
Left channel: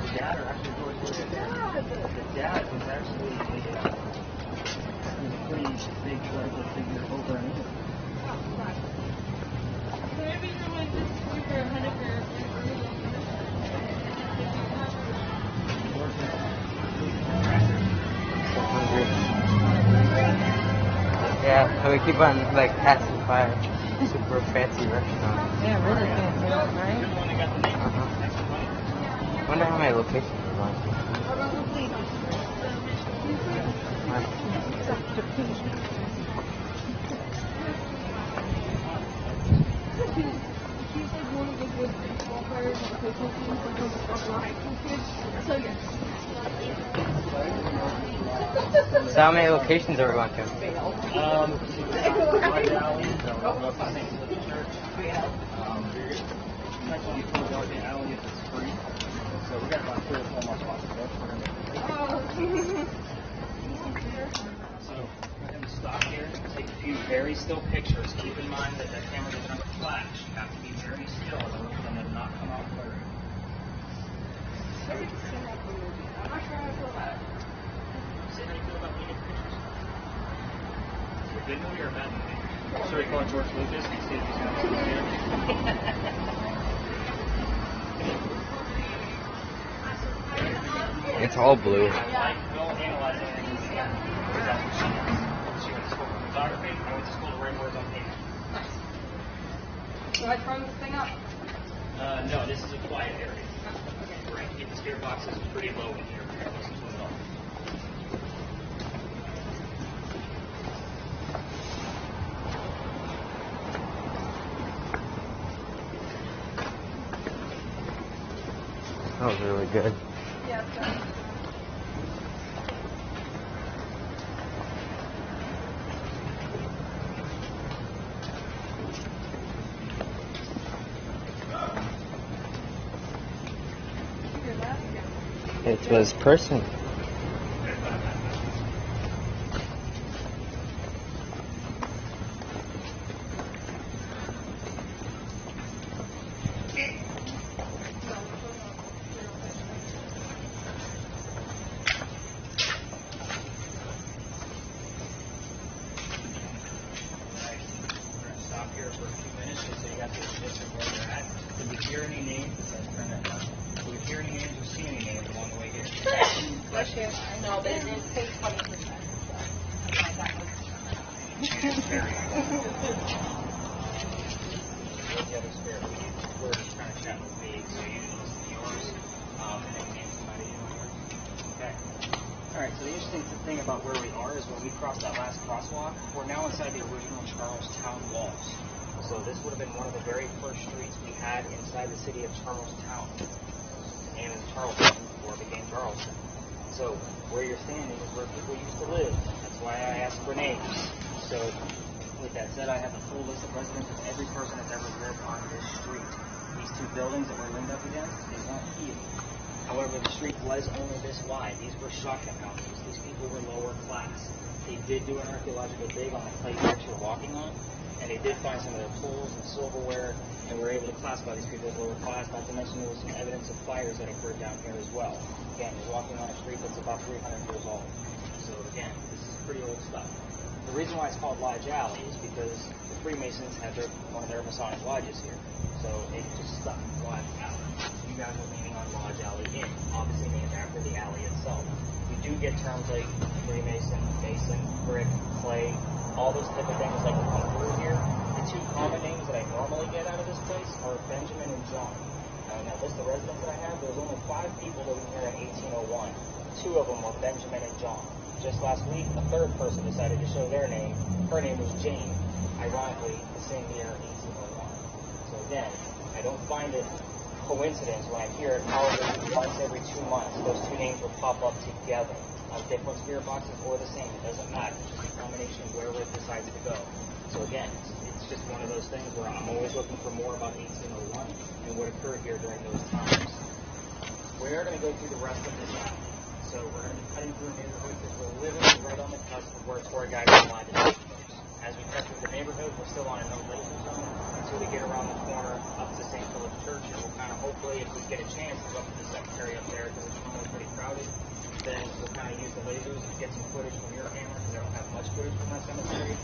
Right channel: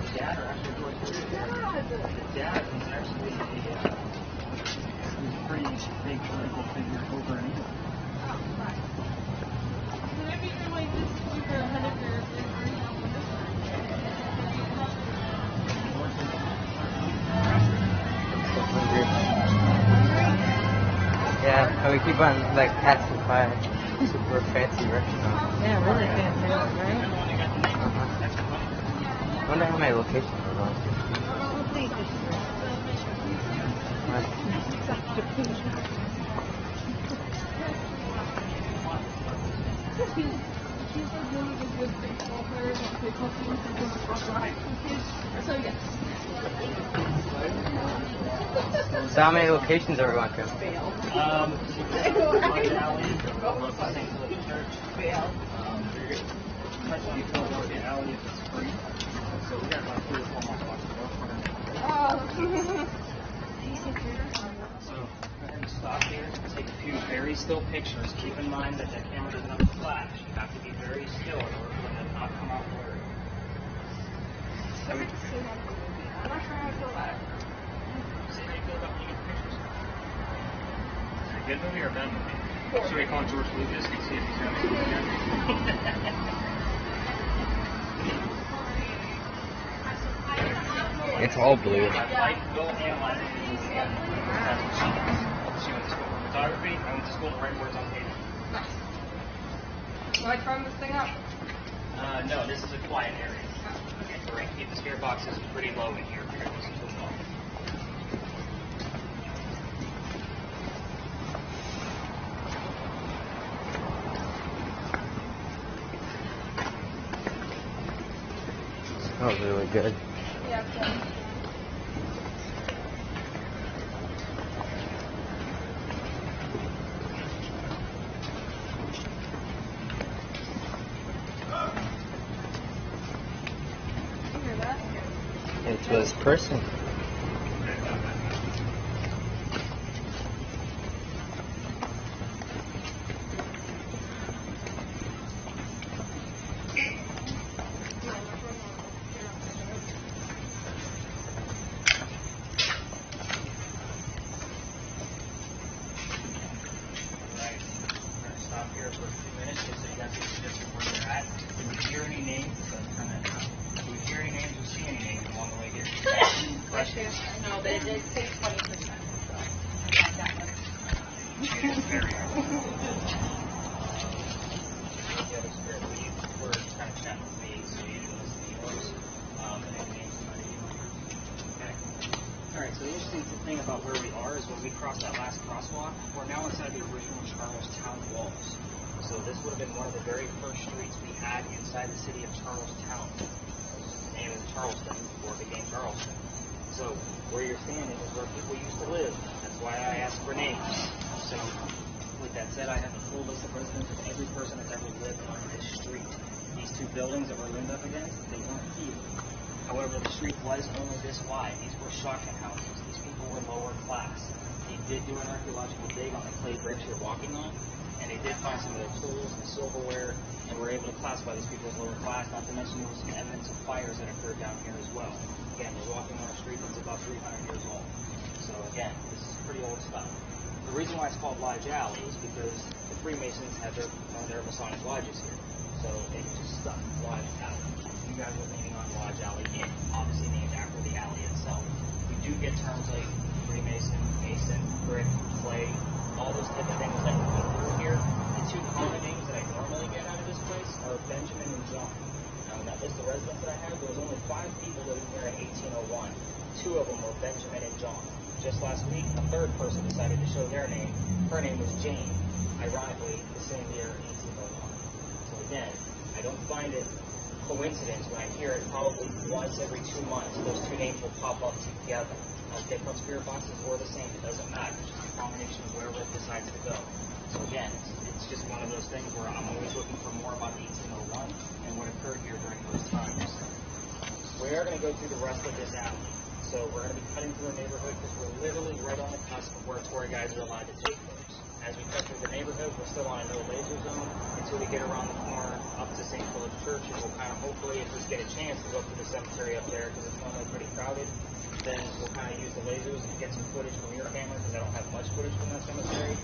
The dad or actually George Lucas? The dad was actually a pretty big political figure over in England. maybe you're like super ahead of your So hungry. Yeah, so we keep on like passing by super fancy restaurants. Yeah, really fancy, right? I wonder how my location is on. Well, let's see. So how many locations are we going to? Stop here, take a few very still pictures. Keep in mind that the cameras are on flash. You have to be very still and not come out blurry. See how you feel about looking at pictures? Is it a good movie or a bad movie? Should we call George Lucas and see if he's on it? It's all blue. We'll analyze it. Photography, I went to school to write words on paper. Am I trying this thing out? No, this is a quiet area. We're going to keep the steer boxes pretty low in here. That was really good. Yeah, sure. It was porcelain. Stop here for a few minutes just so you guys can get some where they're at. Can you hear any names? Can you hear any names or see any names along the way here? Questions? No, they did take Alright, so the interesting thing about where we are is when we crossed that last crosswalk, we're now inside the original Charlestown walls. So this would have been one of the very first streets we had inside the city of Charlestown. Named Charleston before it became Charleston. So where you're standing is where people used to live. That's why I asked for names. So with that said, I have a full list of residents of every person that's ever lived on this street. These two buildings that we're leaned up against, they weren't here. However, the street was only this wide. These were shotgun houses. These people were lower class. They did do an archaeological dig on the place that you're walking on, and they did find some of their tools and silverware, and were able to classify these people as lower class. Not to mention there was some evidence of fires that occurred down here as well. Again, you're walking on a street that's about 300 years old. So again, this is pretty old stuff. The reason why it's called Lodge Alley is because the Freemasons have one of their Masonic lodges here. So they just stuck Lodge Alley. You guys are leaning on Lodge Alley again. Obviously, the impact of the alley itself. We do get terms like Freemason, Mason, brick, clay, all those type of things that come through here. The two common names that I normally get out of this place are Benjamin and John. Now, list of residents that I have, there's only 5 people that were here in 1801. 2 of them were Benjamin and John. Just last week, a third person decided to show their name. Her name is Jane. Ironically, the same year, 1801. So again, I don't find it coincidence when I hear it probably once every 2 months. Those 2 names will pop up together. Different spirit boxes or the same. It doesn't matter. It's just a combination of where it decides to go. So again, it's just one of those things where I'm always looking for more about 1801 and what occurred here during those times. We are going to go through the rest of this now. So we're going to be cutting through a neighborhood because we're literally right on the cusp of where tour guides are allowed to take pictures. As we cut through the neighborhood, we're still on a no-laser zone until we get around the corner up to St. Philip Church. And we'll kind of hopefully, if we get a chance, to go to the cemetery up there because it's normally pretty crowded. Then we'll kind of use the lasers and get some footage from your camera because I don't have much footage from that cemetery.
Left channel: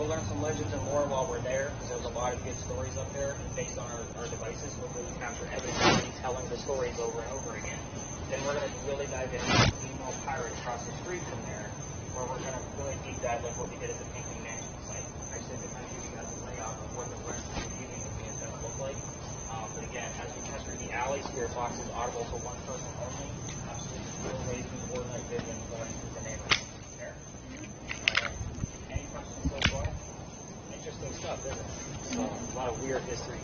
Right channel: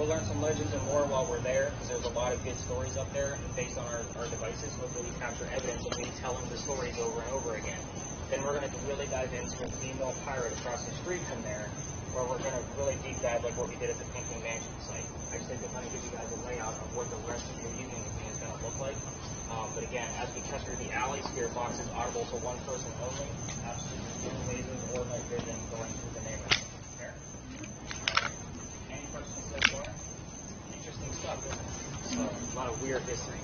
We'll learn some legends and more while we're there because there's a lot of good stories up there. And based on our devices, hopefully we capture evidence of me telling the stories over and over again. Then we're going to really dive into the female pirate across the street from there, where we're going to really deep dive like what we did at the Pinckney Mansion site. Actually, to kind of give you guys a layout of what the rest of the evening is going to look like. But again, as we come through the alley, spirit boxes are those for one person only. Absolutely no amazing or night vision going through the neighborhood there. we are hissing.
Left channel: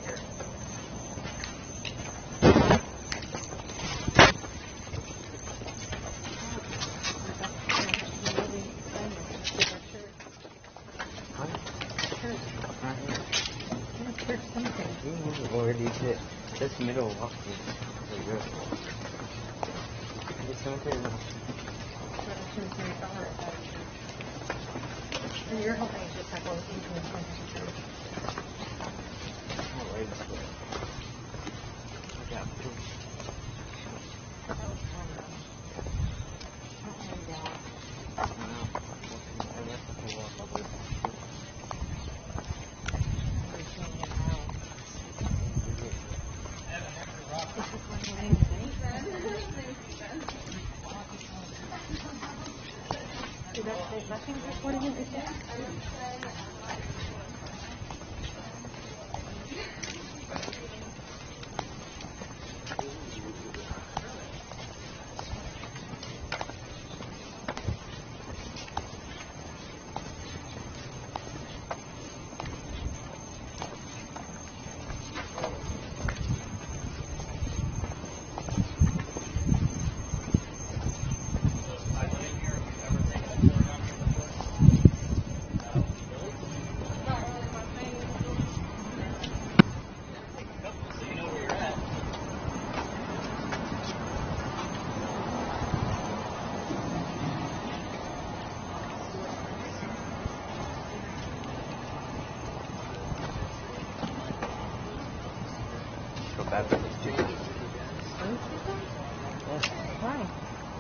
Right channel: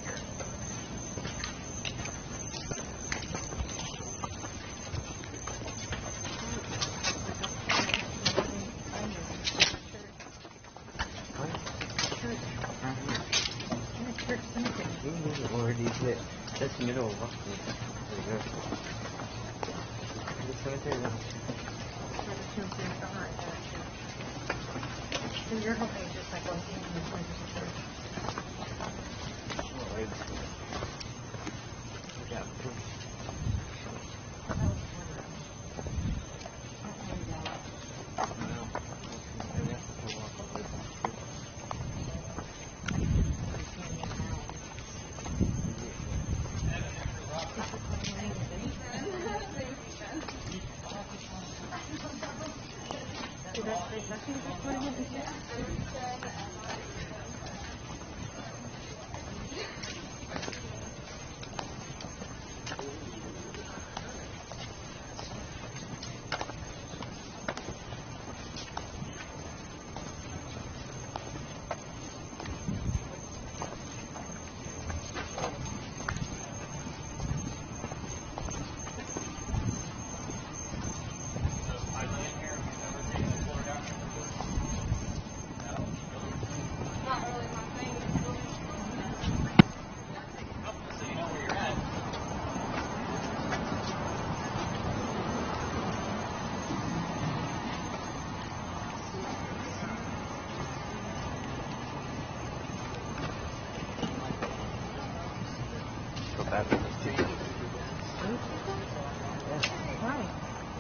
This middle of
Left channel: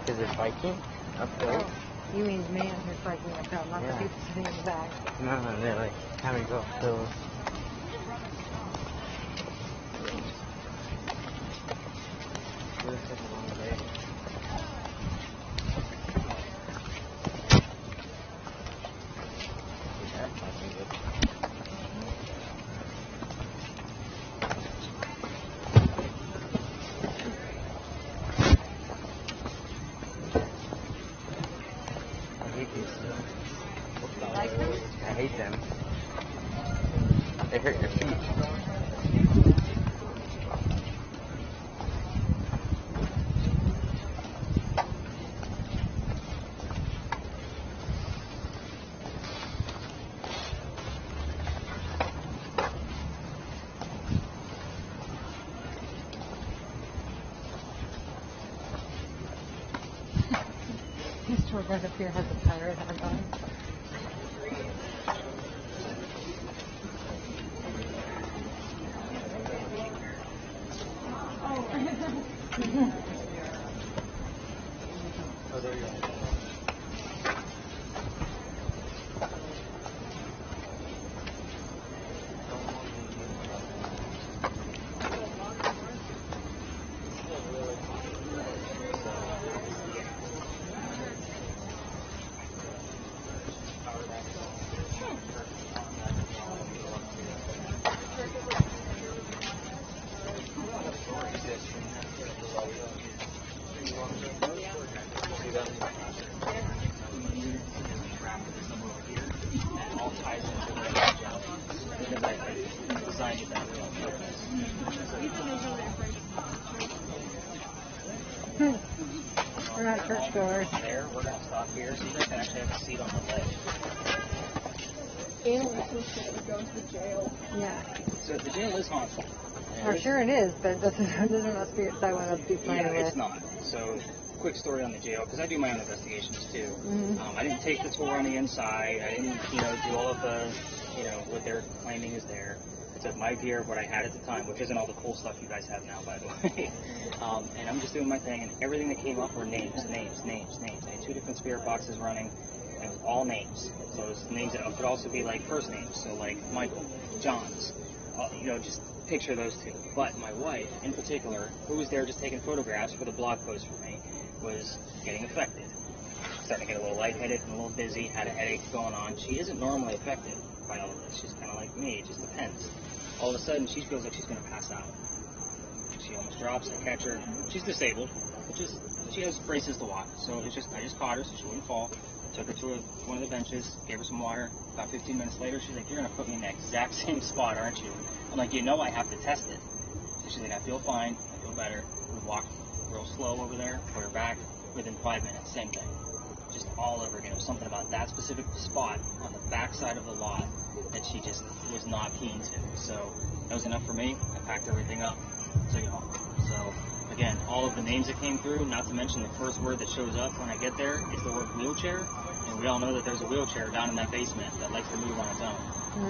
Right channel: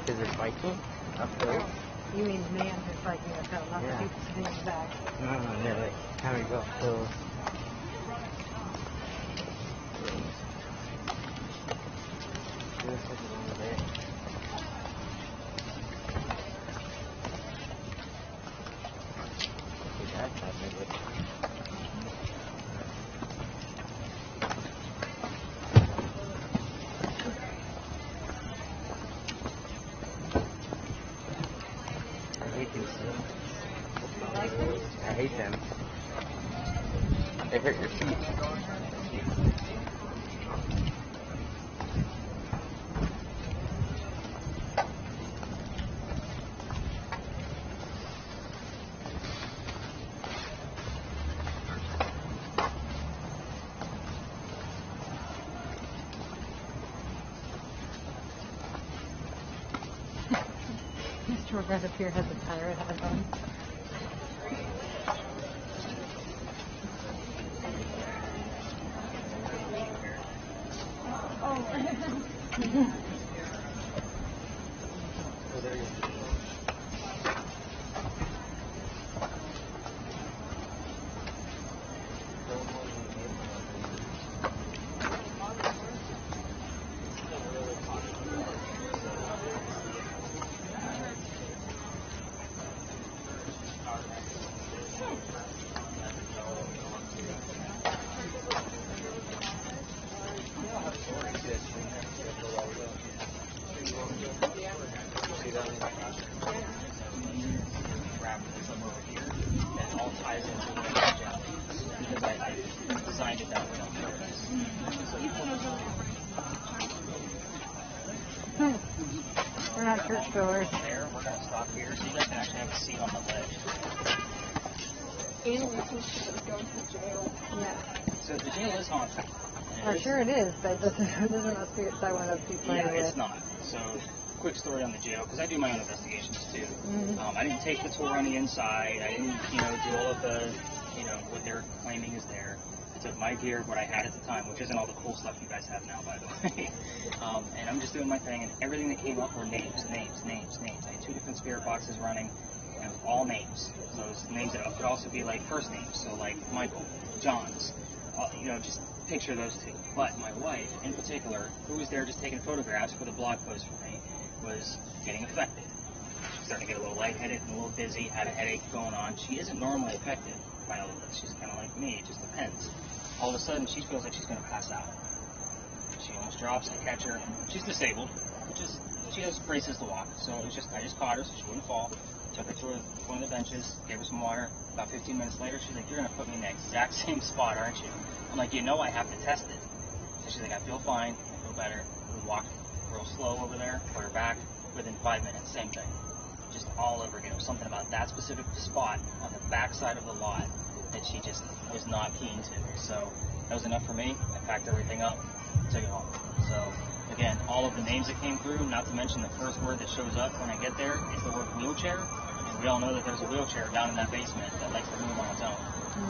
Is it biking? Up right? You mean man who's like me, I've got lots of people sitting in the back. No, like having to go up hills. It was such a long day. That's not good. I hate them. They hurt your feet. He's sure that if you had the tire all done. Oh, there you go. There, we're about 12 years, so you can actually have a seat on the ledge. And you're supposed to go to jail. yeah. So the jail is haunted. Well, sure it is, but it doesn't have to be a side one of those Yeah, it's not. So, quick story on the jail, because I do my own investigations too. Mm-hmm. I didn't take the tour on the inside. I didn't, do all of the, what they're claiming is there. I took my gear, what I had at the time, which isn't all the cool stuff you guys have now, by the way. And I'm just doing my thing, and everything that came up were names. I had 2 different spirit boxes running, and all names. So it's names that could also be like first names, so like Michael, John's, just picture those 2. But my wife, in particular, who was there just taking photographs for the blog post for me, was getting affected. Starting to get a little lightheaded and a little dizzy, had a headache going on. She isn't normally affected by all of this. She's kind of like me, it just depends. All of a sudden, she feels like she's going to pass out. She almost drops, I catch her. She's disabled. She has braces to walk, so I just caught her so she wouldn't fall. took her to one of the benches, gave her some water. About 15 minutes later, she's like, "You're going to put me in the exact same spot, aren't you?" I'm like, "You know I have to test it." So she's like, "I feel fine. I feel better." We walked real slow over there, put her back. Within 5 minutes, same thing. Just all over again. It was something about that specific spot on the back side of the lot that she just was not keen to. So that was enough for me. I packed everything up, took it home. So again, all of the names that came through, not to mention the first word that shows up when I get there is the word wheelchair. And we all know that there's a wheelchair down in that basement that likes to move on its own.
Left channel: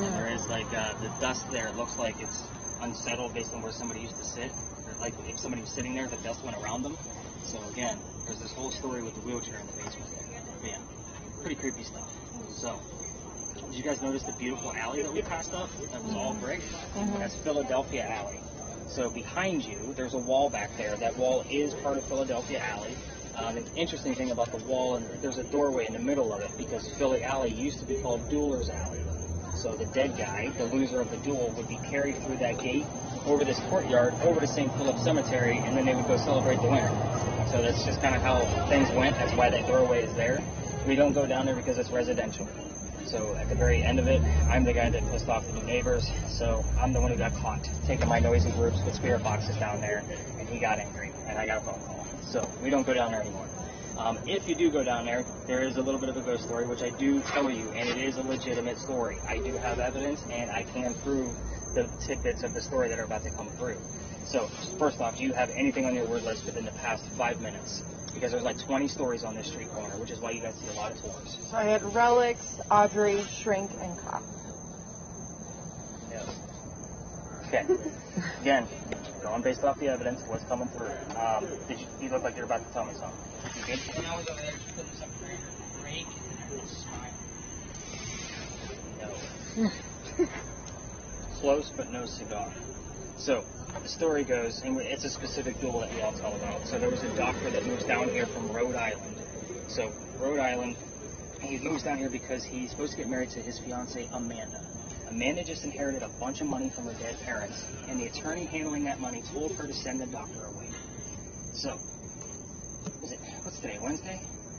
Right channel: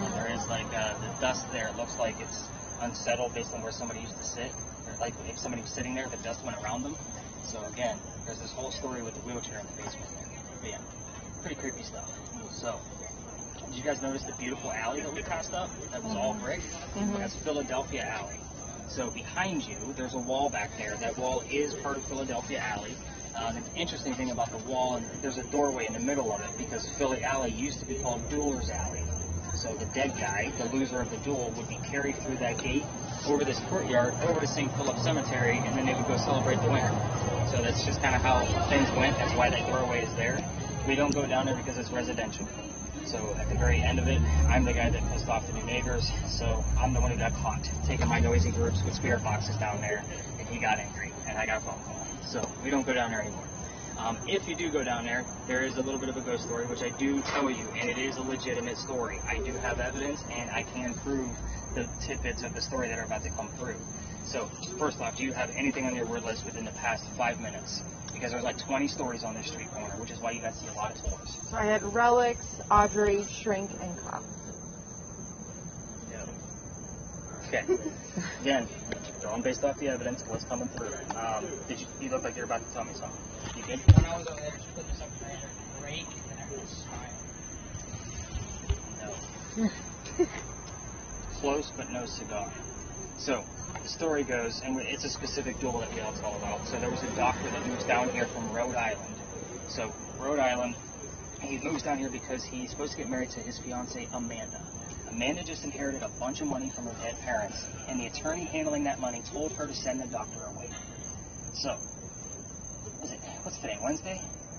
And there is like the dust there. It looks like it's unsettled based on where somebody used to sit. Like if somebody was sitting there, the dust went around them. So again, there's this whole story with the wheelchair in the basement there. But yeah, pretty creepy stuff. So, did you guys notice the beautiful alley that we passed up? That was all brick? That's Philadelphia Alley. So behind you, there's a wall back there. That wall is part of Philadelphia Alley. The interesting thing about the wall, there's a doorway in the middle of it because Philly Alley used to be called Dueler's Alley. So the dead guy, the loser of the duel, would be carried through that gate, over this courtyard, over to St. Philip Cemetery, and then they would go celebrate the winner. So that's just kind of how things went. That's why that doorway is there. We don't go down there because it's residential. So at the very end of it, I'm the guy that pissed off the neighbors. So I'm the one who got caught taking my noisy groups with spirit boxes down there, and he got angry, and I got a phone call. So we don't go down there anymore. If you do go down there, there is a little bit of a ghost story, which I do tell you, and it is a legitimate story. I do have evidence, and I can prove the tidbits of the story that are about to come through. So, first off, do you have anything on your word list within the past 5 minutes? Because there's like 20 stories on this street corner, which is why you guys see a lot of stories. I have relics, Audrey, shrink, and crack. Okay. Again, going based off the evidence, what's coming through. You look like you're about to tell me something. You good? When I was over there putting something around the break, and everyone was smiling. Close but no cigar. So, the story goes, and it's a specific duel that we all tell about. So there was a doctor that moved down here from Rhode Island. So, Rhode Island, he moves down here because he's supposed to get married to his fiancée, Amanda. Amanda just inherited a bunch of money from her dead parents, and the attorney handling that money told her to send the doctor away. So, what's today, Wednesday?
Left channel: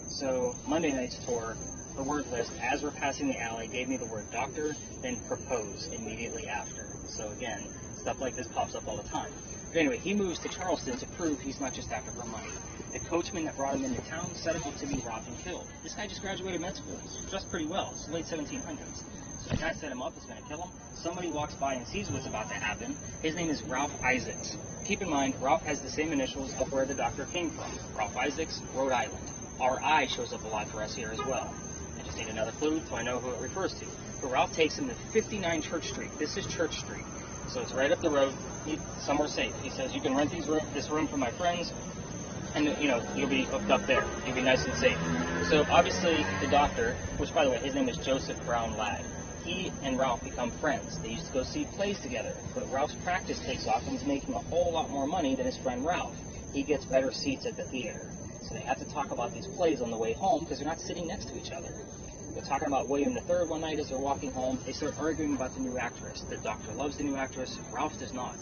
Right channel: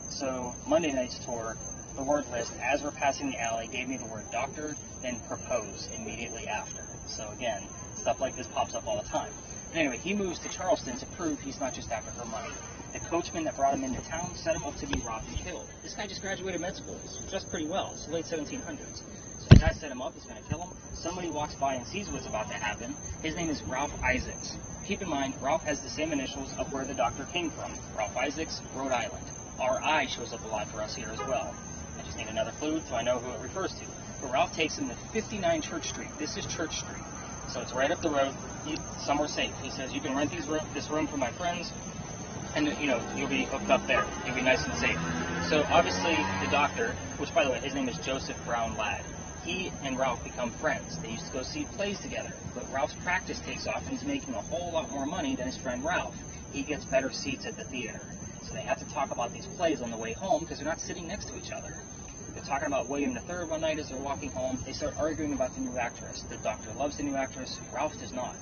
So, Monday night's tour, the word list, as we're passing the alley, gave me the word doctor, then propose immediately after. So again, stuff like this pops up all the time. Anyway, he moves to Charleston to prove he's not just after her money. The coachman that brought him into town set him up to be robbed and killed. This guy just graduated med school. He's dressed pretty well. It's the late 1700s. So the guy set him up. He's going to kill him. Somebody walks by and sees what's about to happen. His name is Ralph Isaacs. Keep in mind, Ralph has the same initials of where the doctor came from. Ralph Isaacs, Rhode Island. RI shows up a lot for us here as well. I just need another clue so I know who it refers to. But Ralph takes him to 59 Church Street. This is Church Street. So it's right up the road, somewhere safe. He says, you can rent this room for my friends, and you'll be hooked up there. You'll be nice and safe. So obviously the doctor, which by the way, his name is Joseph Brown Ladd, he and Ralph become friends. They used to go see plays together. But Ralph's practice takes off and he's making a whole lot more money than his friend Ralph. He gets better seats at the theater. So they have to talk about these plays on the way home because they're not sitting next to each other. They're talking about William III one night as they're walking home. They start arguing about the new actress. The doctor loves the new actress. Ralph does not.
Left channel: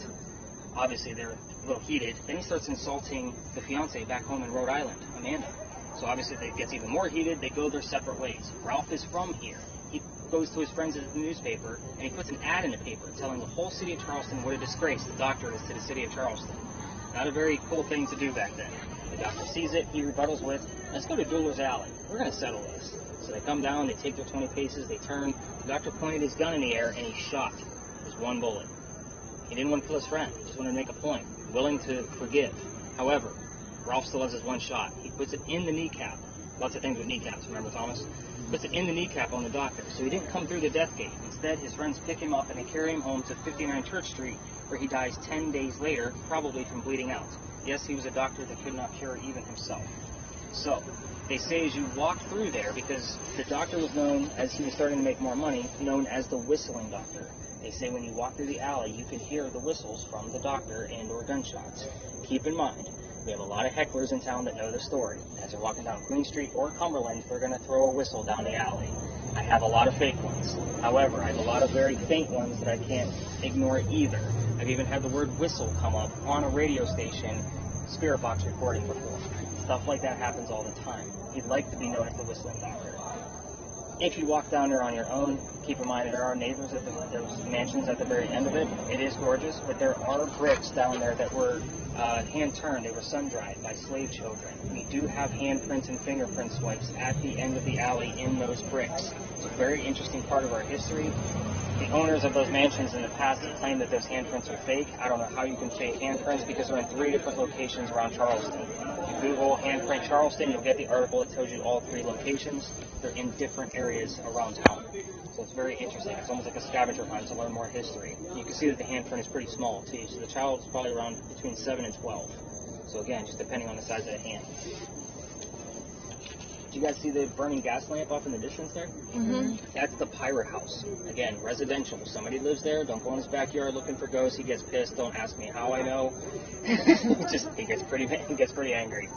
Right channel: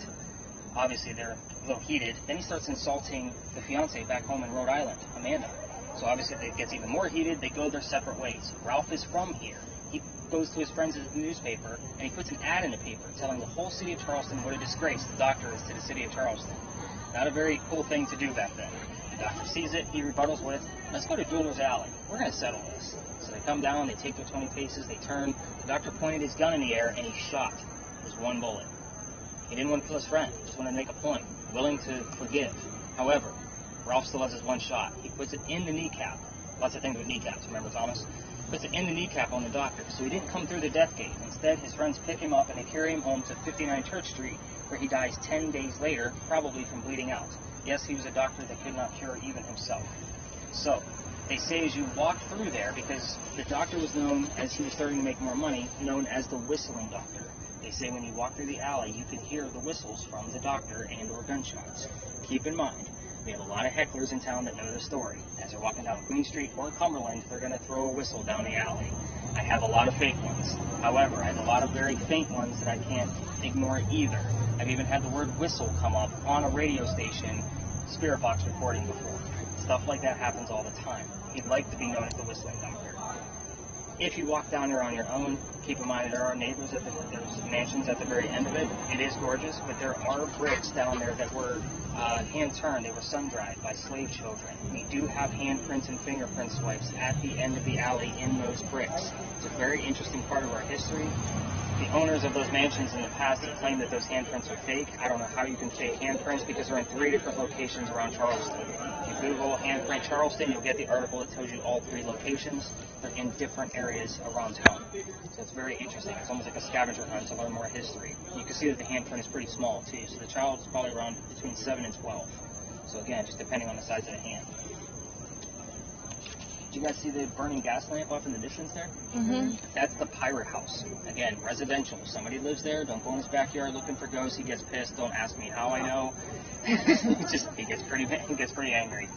Obviously, they're a little heated. Then he starts insulting the fiancée back home in Rhode Island, Amanda. So obviously, it gets even more heated. They go their separate ways. Ralph is from here. He goes to his friends at the newspaper, and he puts an ad in the paper telling the whole city of Charleston what a disgrace the doctor is to the city of Charleston. Not a very cool thing to do back then. The doctor sees it. He rebuttals with, let's go to Dueler's Alley. We're going to settle this. So they come down, they take their 20 paces, they turn. The doctor pointed his gun in the air, and he shot. There's one bullet. He didn't want to kill his friend. He just wanted to make a point. Willing to forgive. However, Ralph still has his one shot. He puts it in the kneecap. Lots of things with kneecaps, remember, Thomas? Puts it in the kneecap on the doctor. So he didn't come through the death gate. Instead, his friends pick him up and they carry him home to 59 Church Street, where he dies 10 days later, probably from bleeding out. Yes, he was a doctor that could not cure even himself. So, they say as you walk through there, because the doctor was known, as he was starting to make more money, known as the whistling doctor. They say when you walk through the alley, you can hear the whistles from the doctor and or gunshots. Keep in mind, we have a lot of hecklers in town that know the story. As they're walking down Queen Street or Cumberland, they're going to throw a whistle down the alley. I have a lot of fake ones. However, I have a lot of very faint ones that I can't ignore either. I've even had the word whistle come up on a radio station, spirit box recording before. Stuff like that happens all the time. He'd like to be known as the whistling doctor. If you walk down there on your own, keep in mind there are neighbors at those mansions at the very end of it. It is gorgeous, but there are bricks down there that were hand turned. They were sun dried by slave children. We do have handprints and fingerprint swipes at the end of the alley in those bricks. It's a very interesting part of our history. The owners of those mansions in the past have claimed that those handprints are fake. I don't know how you can fake handprints because they're in 3 different locations around Charleston. If you Google handprint Charleston, you'll get the article. It tells you all 3 locations. They're in different areas around town. So it's very interesting. It's almost like a scavenger hunt to learn more history. You can see that the handprint is pretty small too. So the child is probably around between 7 and 12. So again, just depending on the size of the hand. Do you guys see the burning gas lamp off in the distance there? Mm-hmm. That's the pirate house. Again, residential. Somebody lives there. Don't go in his backyard looking for ghosts. He gets pissed. Don't ask me how I know. Just he gets pretty angry.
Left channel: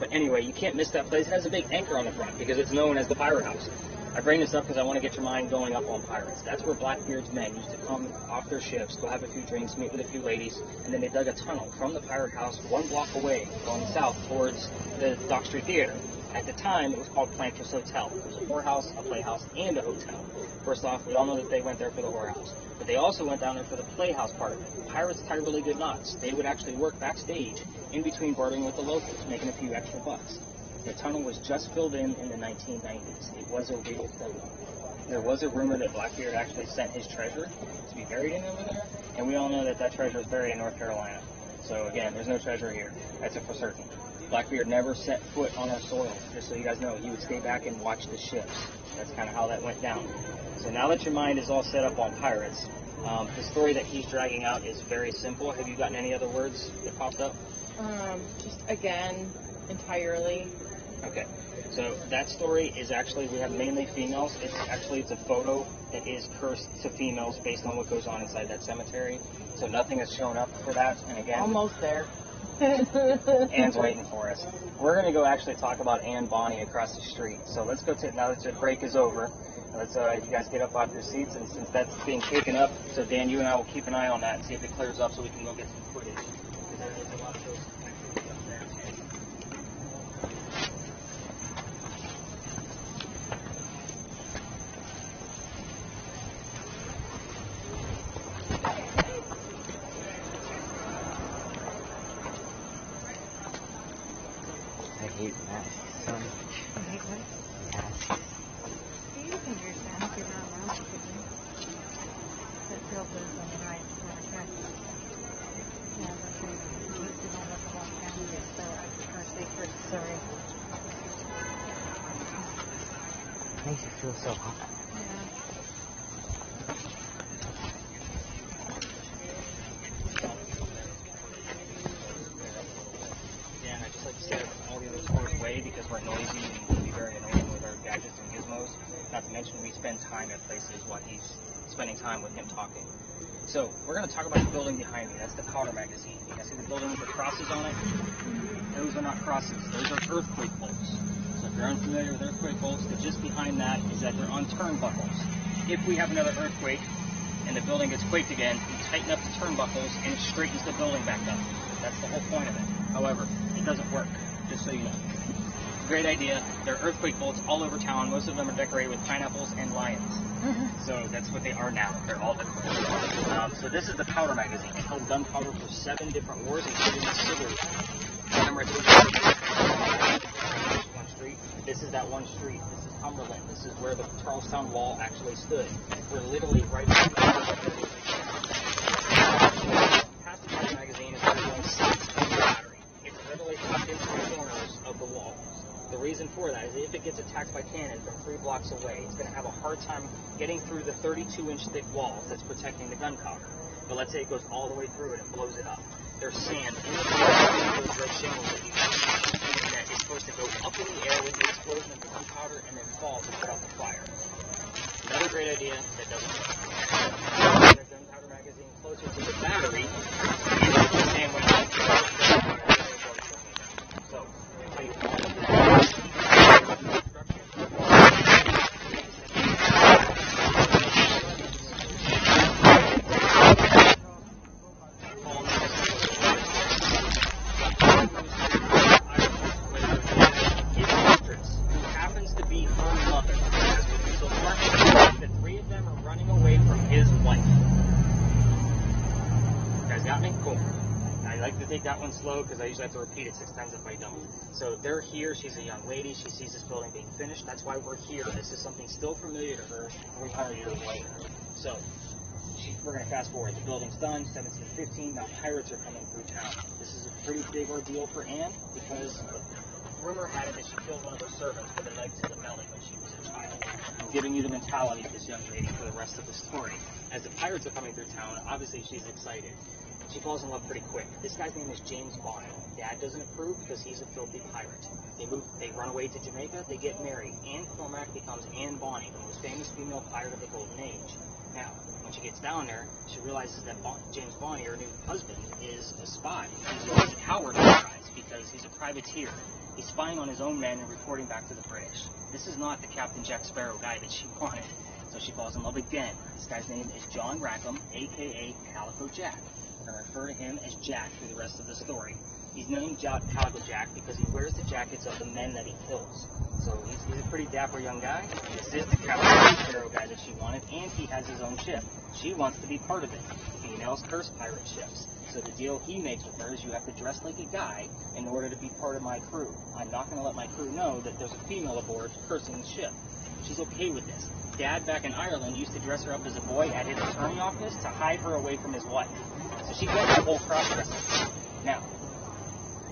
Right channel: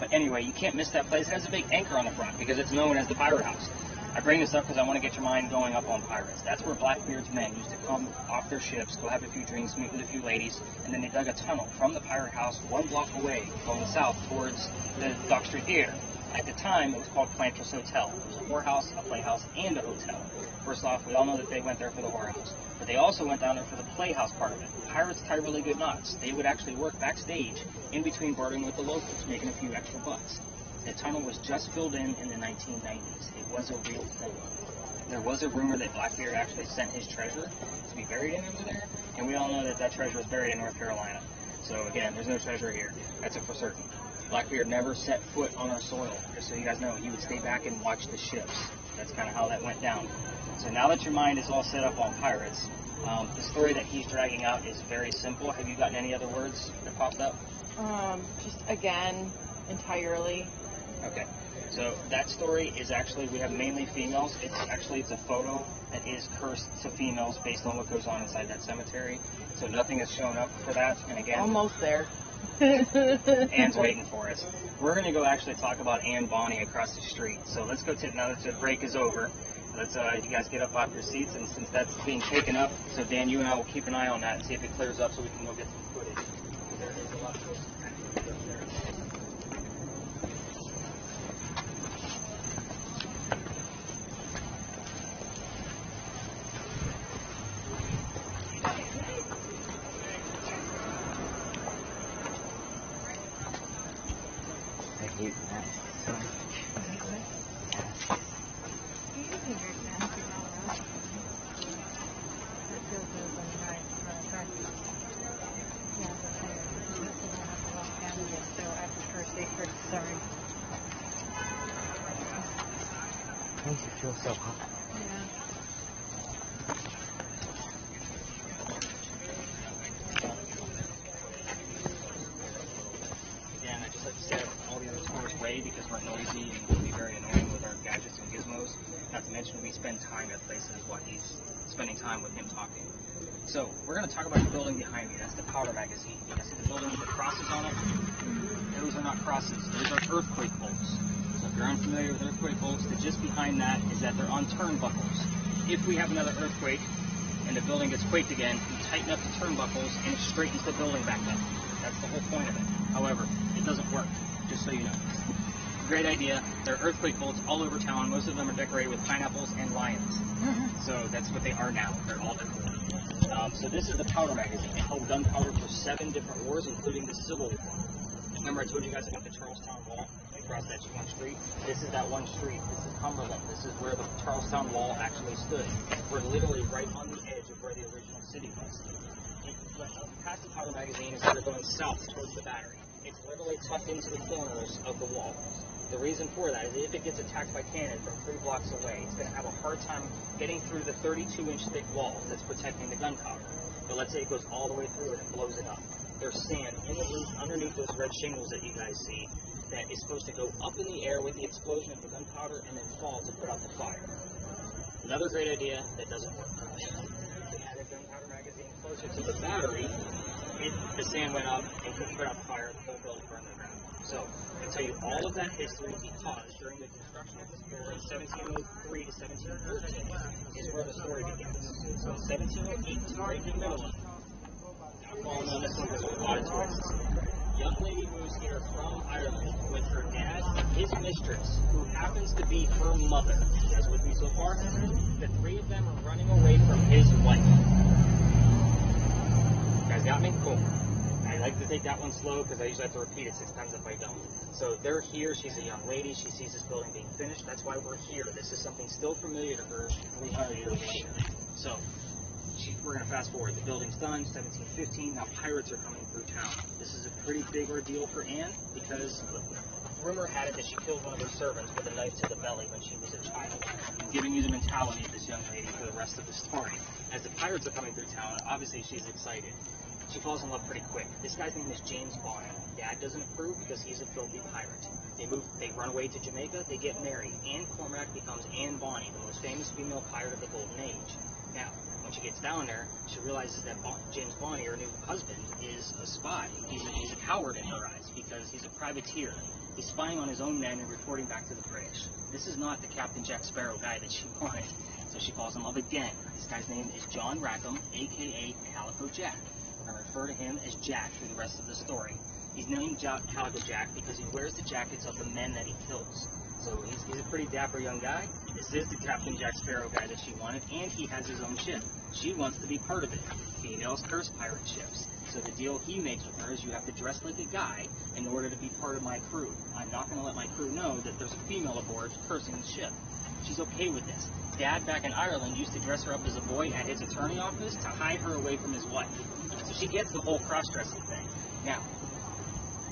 But anyway, you can't miss that place. It has a big anchor on the front because it's known as the pirate house. I bring this up because I want to get your mind going up on pirates. That's where Blackbeard's men used to come off their ships, go have a few drinks, meet with a few ladies, and then they dug a tunnel from the pirate house 1 block away, going south towards the Dock Street Theater. At the time, it was called Plankton's Hotel. It was a whorehouse, a playhouse, and a hotel. First off, we all know that they went there for the whorehouse. But they also went down there for the playhouse part of it. Pirates tie really good knots. They would actually work backstage in between boarding with the locals, making a few extra bucks. The tunnel was just filled in the 1990s. It was a real thing. There was a rumor that Blackbeard actually sent his treasure to be buried in over there, and we all know that that treasure was buried in North Carolina. So again, there's no treasure here. That's a for certain. Blackbeard never set foot on our soil. Just so you guys know, he would stay back and watch the ships. That's kind of how that went down. So now that your mind is all set up on pirates, the story that he's dragging out is very simple. Have you gotten any other words that popped up? Just again, entirely. Okay. So that story is actually, we have mainly females. It's a photo that is cursed to females based on what goes on inside that cemetery. So nothing has shown up for that. And again, Almost there. Anne's waiting for us. We're going to go actually talk about Anne Bonny across the street. So let's go to, now that the break is over, let's you guys get up off your seats, and since that's being shaken up, so Dan, you and I will keep an eye on that and see if it clears up so we can go get some footage. Makes you feel so hot. Again, I just like to set up all the other stores way because we're noisy and very annoying with our gadgets and gizmos. Not to mention we spend time at places while he's spending time with him talking. So we're going to talk about the building behind me. That's the Powder Magazine. You guys see the building with the crosses on it? Those are not crosses. Those are earthquake bolts. So if you're unfamiliar with earthquake bolts, the gist behind that is that they're on turnbuckles. If we have another earthquake and the building gets quaked again, you tighten up the turnbuckles and it straightens the building back up. That's the whole point of it. However, it doesn't work, just so you know. Great idea. There are earthquake bolts all over town. Most of them are decorated with pineapples and lions. So that's what they are now. They're all decorated. So this is the Powder Magazine. It held gunpowder for 7 different wars, including the Civil War. Remember, I told you one street. This is that one street. This is Cumberland. This is where the Charlestown Wall actually stood. We're literally right past the Powder Magazine is where we're going south to the battery. It's literally tucked into the corners of the wall. The reason for that is if it gets attacked by cannon from 3 blocks away, it's going to have a hard time getting through the 32-inch thick wall that's protecting the gunpowder. But let's say it goes all the way through and it blows it up. There's sand in the those red shingles that you guys see that is supposed to go up in the air with the explosion of the gunpowder and then fall to put out the fire. Another great idea that doesn't work. There's another magazine closer to the battery, and the sand went out. So, I'll tell you all of that. His mistress, who happens to be her mother, as would be like to take that one slow because I usually have to repeat it 6 times if I don't. So they're here. She's a young lady. She sees this building being finished. That's why we're here. This is something still familiar to her 300 years later. So we're going to fast forward. The building's done, 1715. Now pirates are coming through town. This is a pretty big ordeal for Anne because rumor had it that she killed one of her servants with a knife to the belly when she was a child. I'm giving you the mentality of this young lady for the rest of the story. As the pirates are coming through town, obviously she's excited. She falls in love pretty quick. This guy's name is James Bond. Dad doesn't approve because he's a filthy pirate. They run away to Jamaica, they get married. Anne Cormac becomes Anne Bonny, the most famous female pirate of the Golden Age. Now, when she gets down there, she realizes that James Bonny, her new husband, is a spy. He's a coward because he's a privateer. He's spying on his own men and reporting back to the British. This is not the Captain Jack Sparrow guy that she wanted, so she falls in love again. This guy's name is John Rackham, a.k.a. Calico Jack. We're going to refer to him as Jack through the rest of the story. He's named Calico Jack because he wears the jackets of the men that he kills. So he's a pretty dapper young guy. This is the Captain Sparrow guy that she wanted, and he has his own ship. She wants to be part of it. Females curse pirate ships. So the deal he makes with her is you have to dress like a guy in order to be part of my crew. I'm not going to let my crew know that there's a female aboard cursing the ship. She's okay with this. Dad back in Ireland used to dress her up as a boy at his attorney office to hide her away from his wife. So she gets the whole cross-dressing. Now,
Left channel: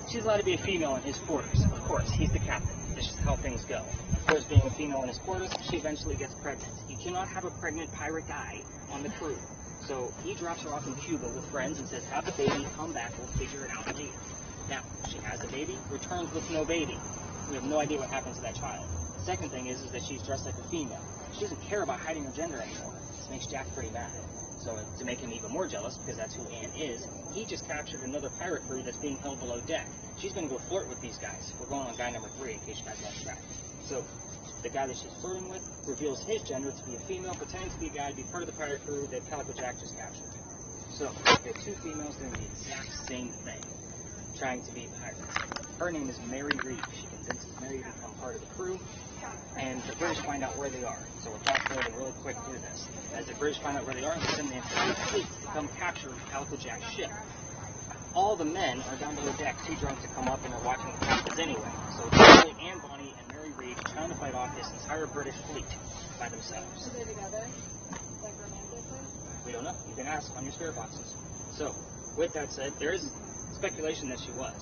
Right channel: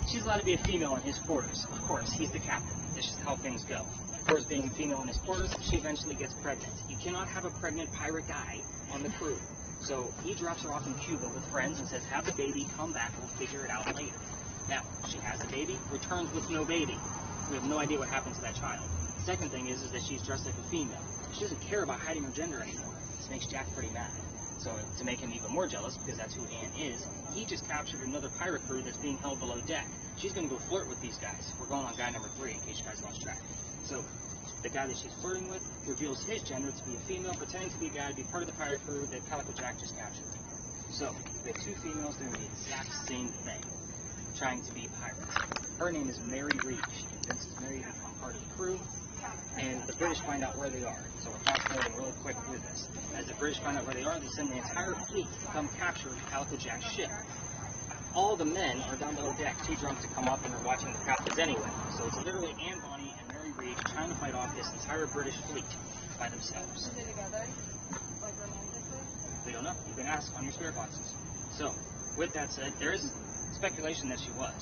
she's allowed to be a female in his quarters. Of course, he's the captain. This is how things go. Of course, being a female in his quarters, she eventually gets pregnant. You cannot have a pregnant pirate guy on the crew. So he drops her off in Cuba with friends and says, have the baby, come back, we'll figure it out later. Now, she has the baby, returns with no baby. We have no idea what happens to that child. The second thing is that she's dressed like a female. She doesn't care about hiding her gender anymore. This makes Jack pretty mad. So to make him even more jealous, because that's who Anne is, he just captured another pirate crew that's being held below deck. She's going to go flirt with these guys. We're going on guy number 3, in case you guys lost track. So the guy that she's flirting with reveals his gender to be a female, pretending to be a guy, to be part of the pirate crew that Calico Jack just captured. So we have 2 females doing the exact same thing, trying to be pirates. Her name is Mary Reed. She convinces Mary to become part of the crew, and the British find out where they are. So we're fast forwarding real quick through this. As the British find out where they are, they send the entire fleet to come capture Calico Jack's ship. All the men are down below deck, too drunk to come up, and are watching the captains anyway. So Charlie, Anne Bonny, and Mary Reed are trying to fight off this entire British fleet by themselves. We don't know. You can ask on your spirit boxes. So, with that said, there is speculation that she was.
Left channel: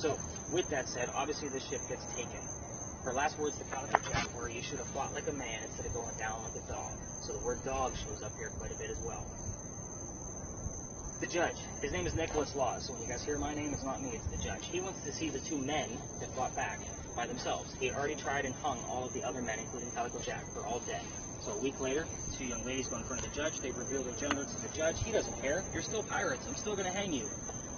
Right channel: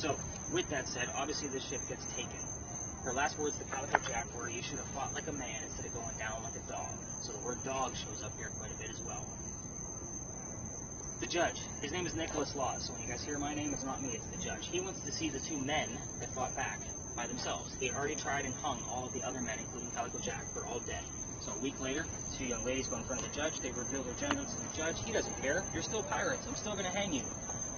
So, with that said, obviously this ship gets taken. Her last words to Calico Jack were, you should have fought like a man instead of going down like a dog. So the word dog shows up here quite a bit as well. The judge, his name is Nicholas Laws, so when you guys hear my name, it's not me, it's the judge. He wants to see the 2 men that fought back by themselves. He had already tried and hung all of the other men, including Calico Jack, for all dead. So a week later, 2 young ladies go in front of the judge. They reveal their gender to the judge. He doesn't care. You're still pirates. I'm still going to hang you.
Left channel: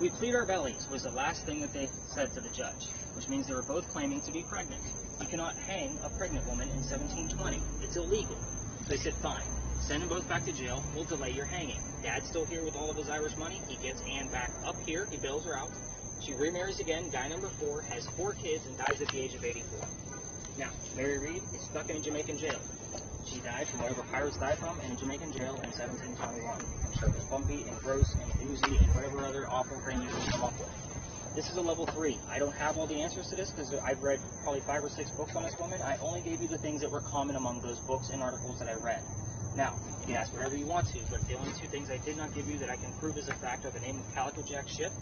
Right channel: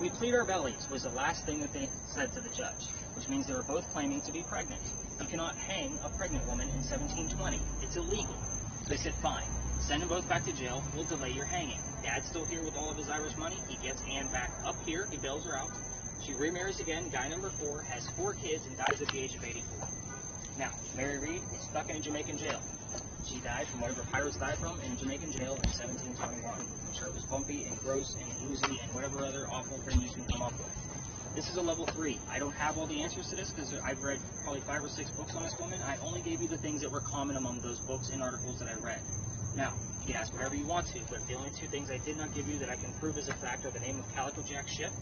We plead our bellies was the last thing that they said to the judge, which means they were both claiming to be pregnant. You cannot hang a pregnant woman in 1720. It's illegal. They said, fine. Send them both back to jail. We'll delay your hanging. Dad's still here with all of his Irish money. He gets Anne back up here. He bails her out. She remarries again. Guy number 4 has 4 kids and dies at the age of 84. Now, Mary Reed is stuck in a Jamaican jail. She died from whatever pirates died from in a Jamaican jail in 1721. I'm sure it was bumpy and gross and oozy and whatever other awful thing you can come up with. This is a level 3. I don't have all the answers to this because I've read probably 5 or 6 books on this woman. I only gave you the things that were common among those books and articles that I read. Now, you can ask whatever you want to, but the only 2 things I did not give you that I can prove as a fact are the name of Calico Jack's ship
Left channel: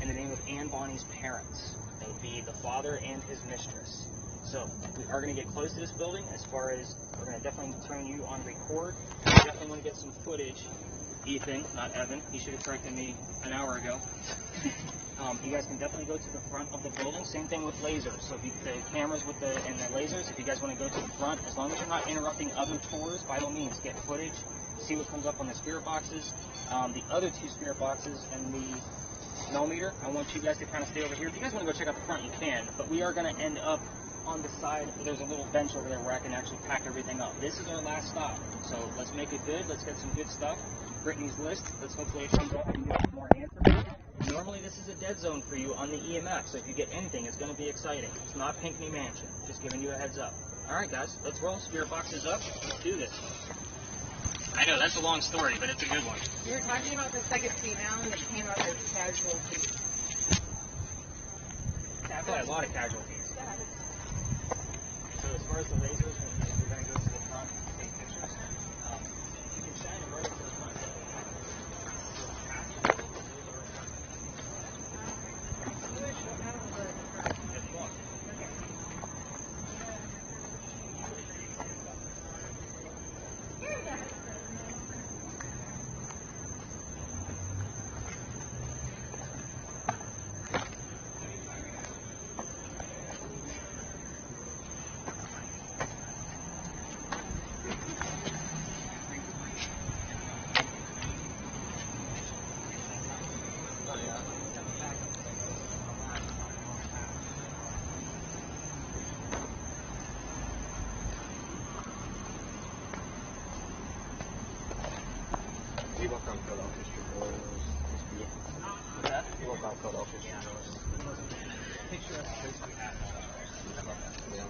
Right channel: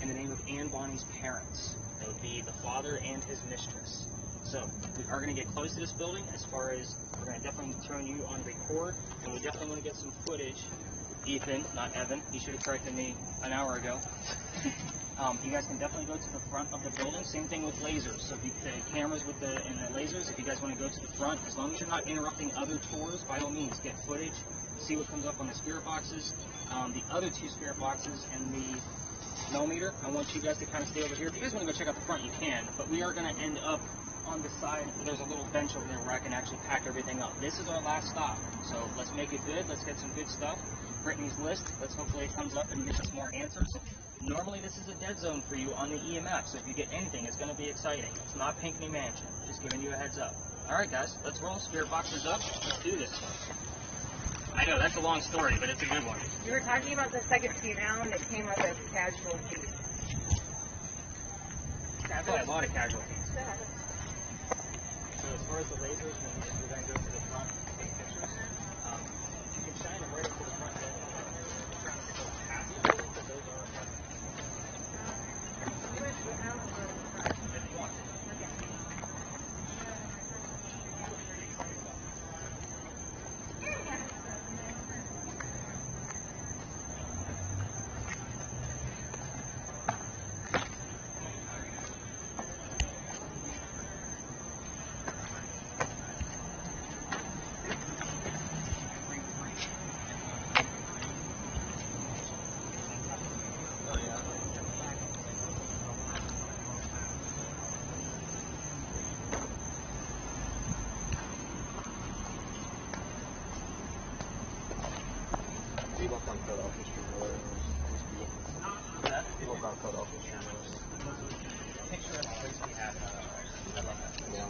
and the name of Anne Bonny's parents. That would be the father and his mistress. So, we are going to get close to this building as far as we're going to definitely turn you on record. We definitely want to get some footage. Ethan, not Evan, he should have corrected me an hour ago. You guys can definitely go to the front of the building. Same thing with lasers. So the cameras and the lasers, if you guys want to go to the front, as long as you're not interrupting other tours, by all means, get footage, see what comes up on the spirit boxes. The other 2 spirit boxes and the millimeter, I want you guys to kind of stay over here. If you guys want to go check out the front, you can, but we are going to end up on the side. There's a little bench over there where I can actually pack everything up. This is our last stop, so let's make it good. Let's get some good stuff. Brittany's list, let's hopefully it turns up and you get some more answers. Normally this is a dead zone for you on the EMF, so if you get anything, it's going to be exciting. It's not Pinckney Mansion, just giving you a heads up. Alright guys, let's roll. Spirit boxes up. Let's do this. I know, that's a long story, but it's a good one. You were talking about the second female that came up as casualty. I've had a lot of casualties. So as far as the lasers, when we're going to go to the front, take pictures, you can shine them right up to the front door. People from Philadelphia Street Rollers. People from Philadelphia Street Rollers. Picture of the place we have. Yeah.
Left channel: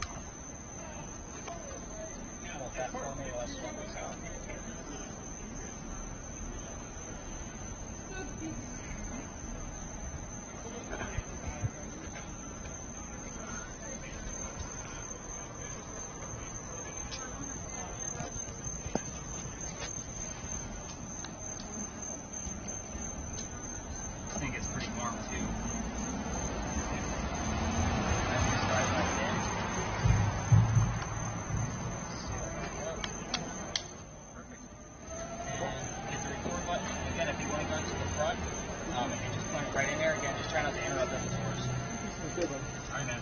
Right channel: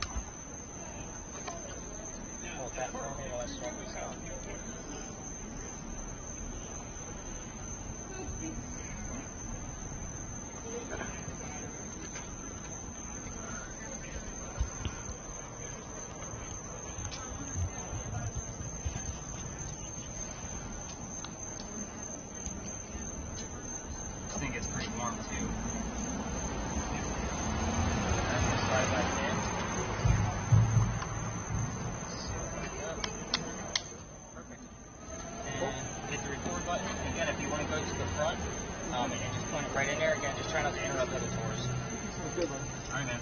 You know what that tornado is from us. I think it's pretty normal too. Perfect. And hit the record button. Again, if you want to go to the front, and you just point it right in there. Again, just try not to interrupt other tours. I know.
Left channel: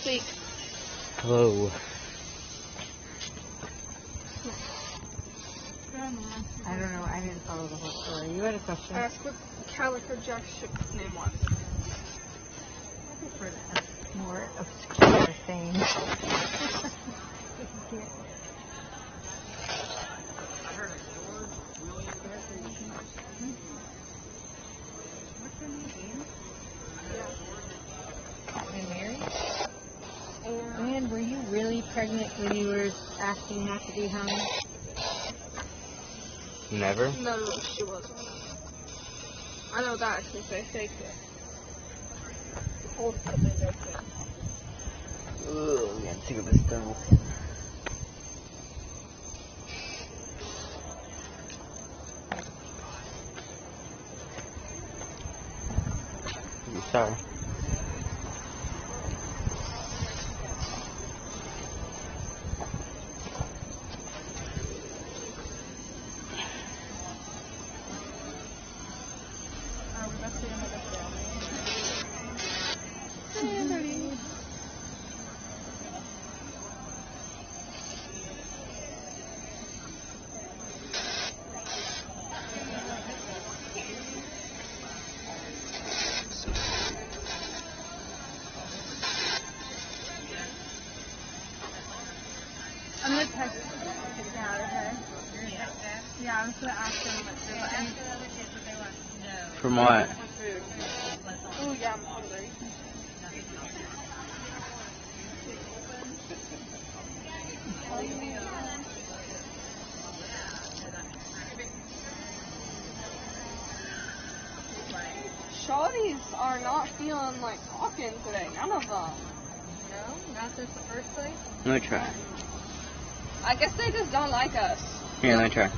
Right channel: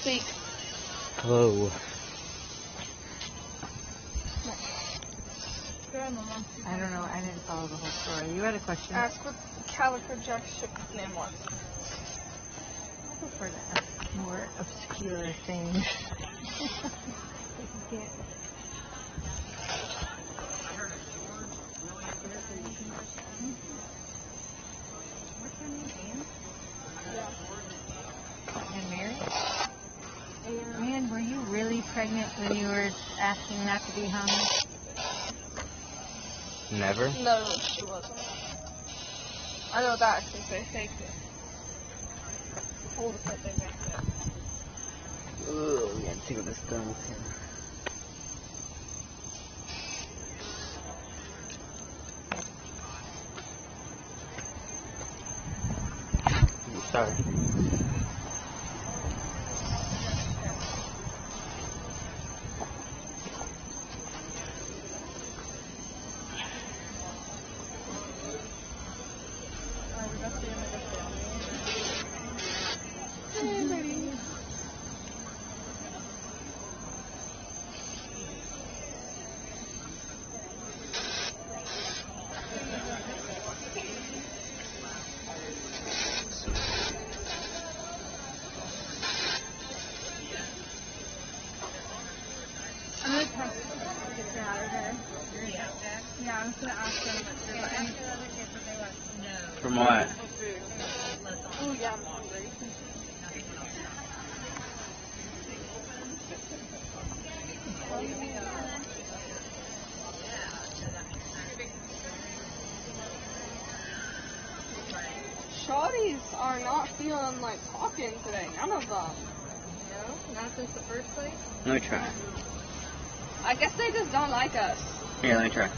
Speak. Hello. I don't know. I need to follow the whole story. You had a question? Ask the Calico Josh name one. I prefer to ask more obscure things. You're married? And were you really pregnant when you were asking not to be hung? Never? No, she wasn't. I know that because they faked it. All the time they faked it. Ugh, we gotta take this thermal thing. Sorry. I'm gonna text get out of here. You're gonna text that? Yeah, I'm just gonna ask them. Ask the other kids what they want to know. From what? For food. Oh yeah, I'm hungry. Shawties are not feeling like talking today. None of them. No? Not since the first place? Let me try. I guess they just don't like us. Here, let me try.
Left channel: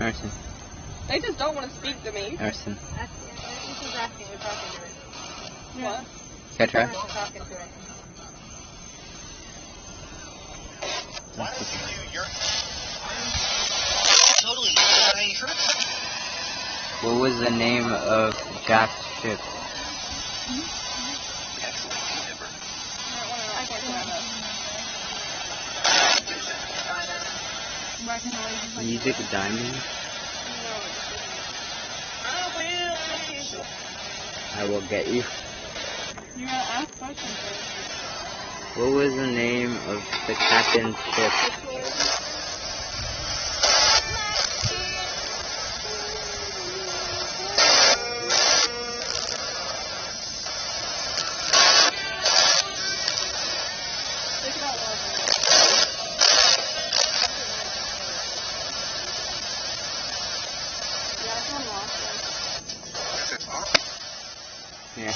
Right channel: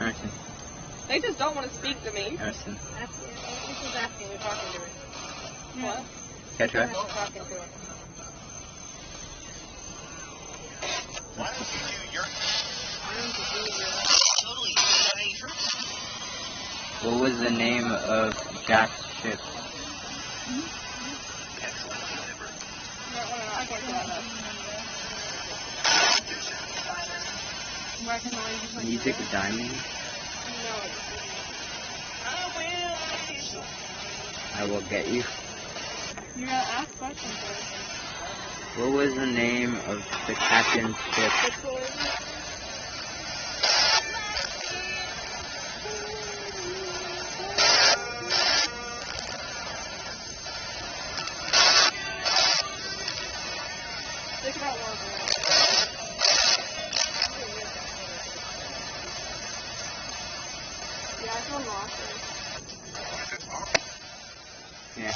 Listen. They just don't want to speak to me. Listen. This is asking. We're talking to it. Yeah. Can I try? We're talking to it. What was the name of Jock's ship? Music Diamond? I will get you. You're gonna ask questions. What was the name of the captain's ship? Yeah.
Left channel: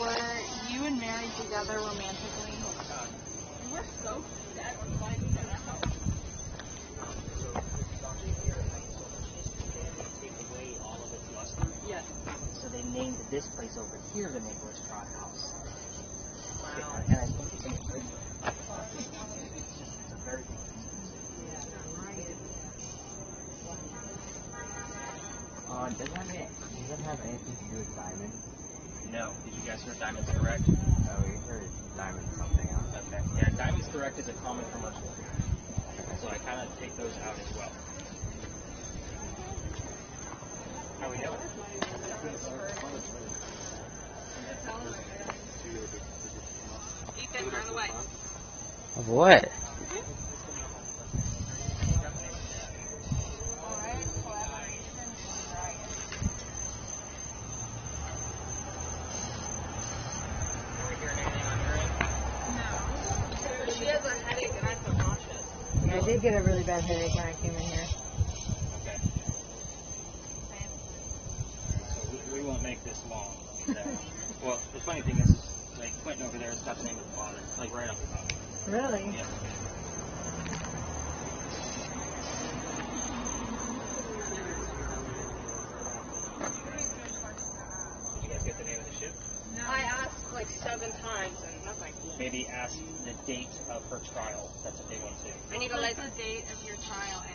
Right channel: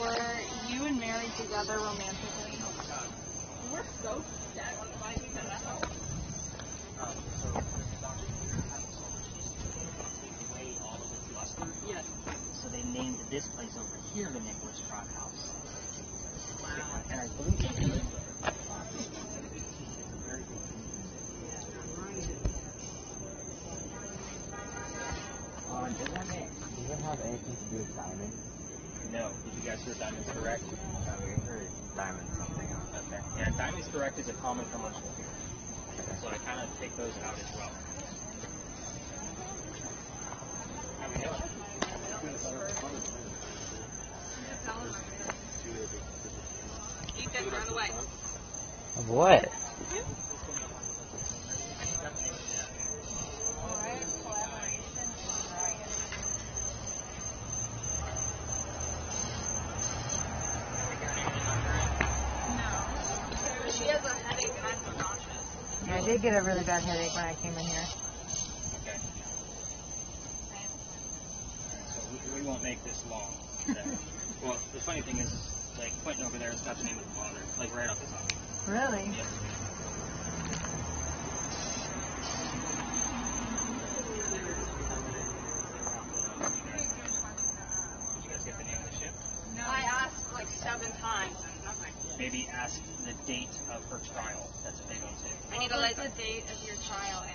Were you and Mary together romantically? You're so set on finding that out. Yes. So they named this place over here the Nicholas Pratt House. Wow. And I believe they named it. Does it have anything to do with diamond? No. Did you guys hear Diamond's correct? Oh, we heard diamond something else. Okay. And Diamond's correct is a common form of word. So I kind of take those out as well. How we know it? Ethan, run away. Of what? Alright, collaboration is right. Yeah, I did get a really bad headache when I came in here. Okay. So we won't make this long. Okay. Well, the funny thing is, like, Quentin over there has got the name of the father, like, right off his head. Really? Yes. Did you guys get the name of the ship? I asked like 7 times, like nothing. Maybe ask the date of her trial. That's a big one, too. I need to like the date of your trial.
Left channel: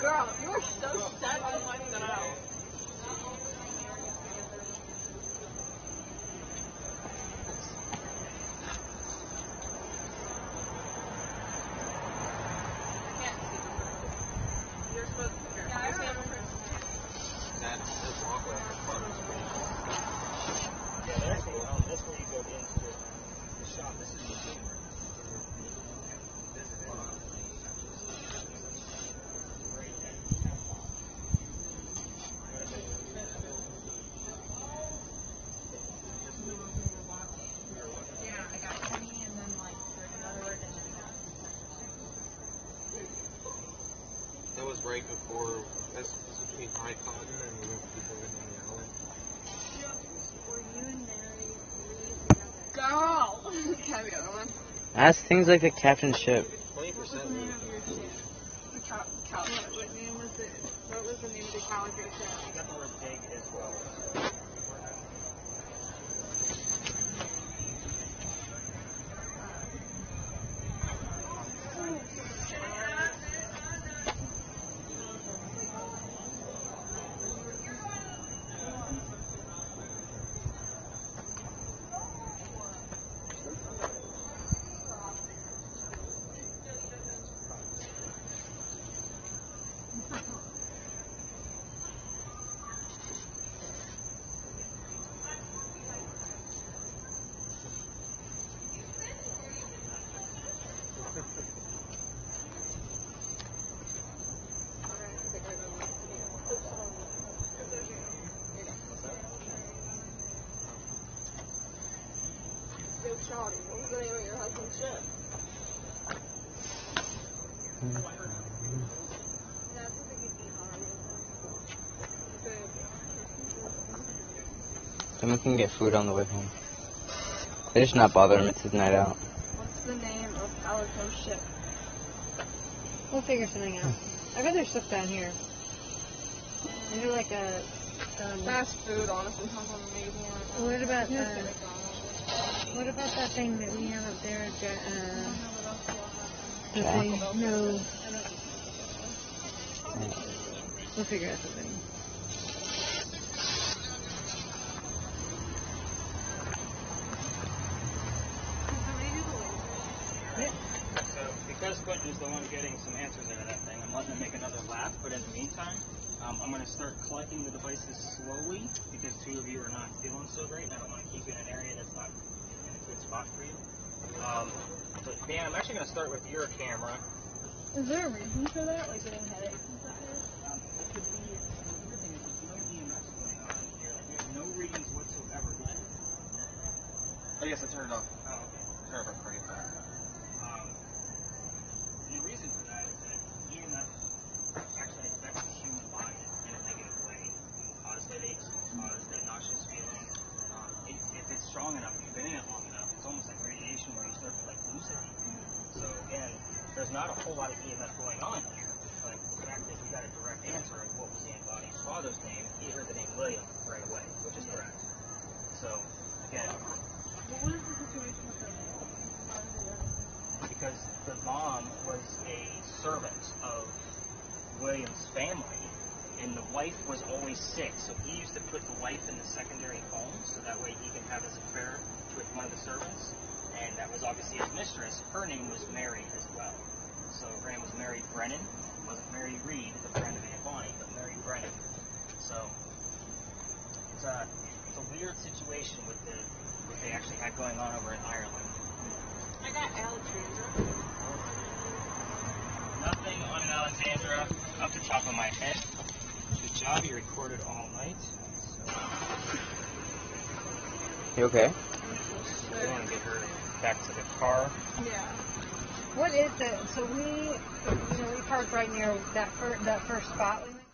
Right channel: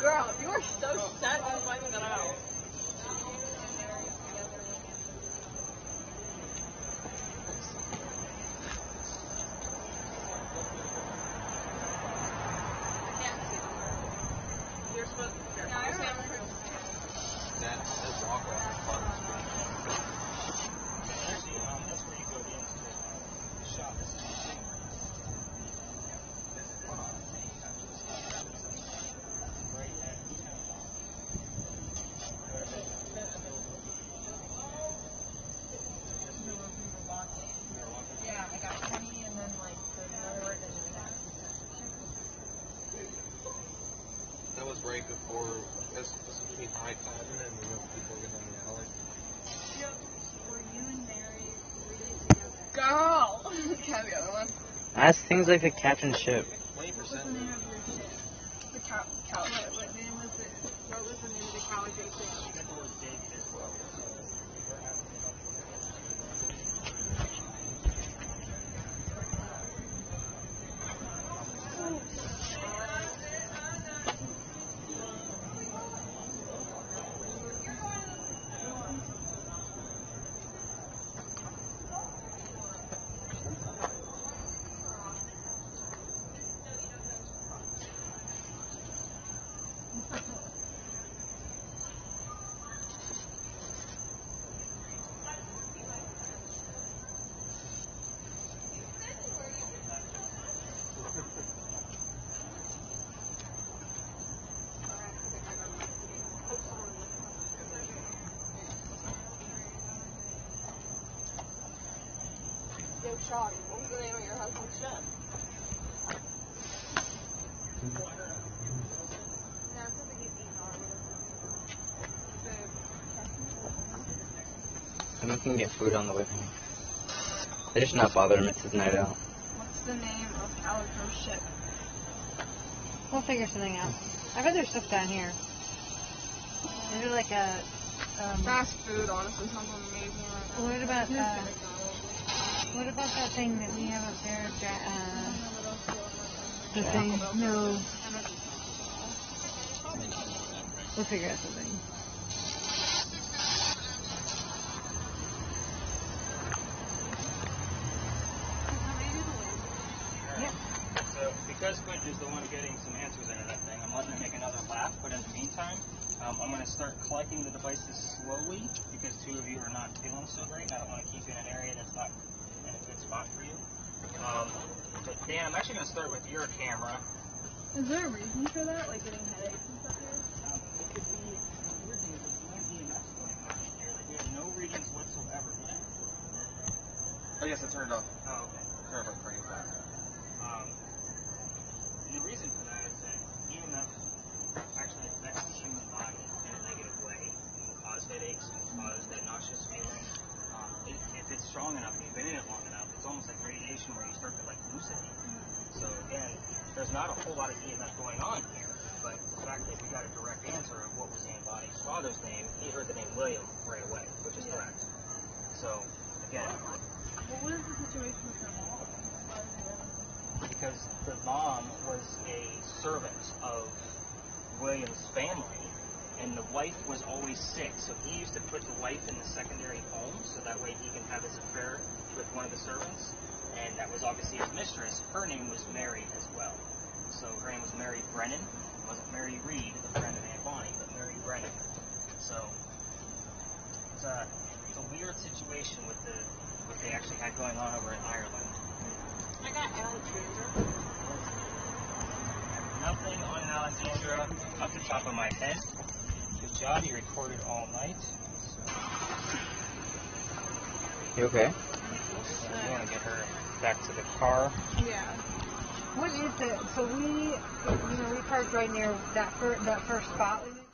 Girl, you were so set on finding the book. That walkway on the farm is pretty That's where you go into the shop. Yeah, I got 20 and then like there's another one and then I got That was right before, this was between high tide and then we went to the building on the island. Were you and Mary Girl! Can I have the other one? Ask things like a captain's ship. 20% What was the name of the congregation? You got the word date as well. Yo, Sean, I'm going to your husband's ship. And we can get food on the way home. They just not bothering me taking it out. What's the name of Alisa's ship? We'll figure something out. I bet there's stuff down here. Is there like a, Fast food, honestly, sounds amazing. what about the thing that we have up there? The Yeah. thing? No. We'll figure out something. Travis Clinton is the one getting some answers into that thing. I'm letting him make another lap, but in the meantime, I'm going to start collecting the devices slowly because two of you are not feeling so great. I don't want to keep you in an area that's not in a good spot for you. But Dan, I'm actually going to start with your camera. Is there a reason for that? Like getting headaches and stuff? It could be some weird things. There's no EMS going on here. There's no readings whatsoever. Oh yes, I turned it off. Oh, okay. Turned it off pretty fast. The reason for that is that EMF actually affects the human body in a negative way. Cause headaches, cause that nauseous feeling. If it's strong enough, you've been in it long enough, it's almost like radiation where you start to like hallucinate. So again, there's not a whole lot of EMF going on here, but the fact is we got a direct answer of what was in the body's father's name. He heard the name William right away, which is correct. So again, What was the situation with the mom? because the mom was a servant of William's family, and the wife was always sick, so he used to put the wife in the secondary home, so that way he can have his affair with one of the servants, and that was obviously his mistress. Her name was Mary as well. So her name was Mary Brennan. It wasn't Mary Reed, the friend of Aunt Bonnie, but Mary Brennan. So it's a weird situation with what they actually had going on over in Ireland. I got Alexandra. Nothing on Alexandra up the top of my head. Good job, you recorded all night. You okay? And give her back to the car. Yeah. What is that? So we parked right near that first spot.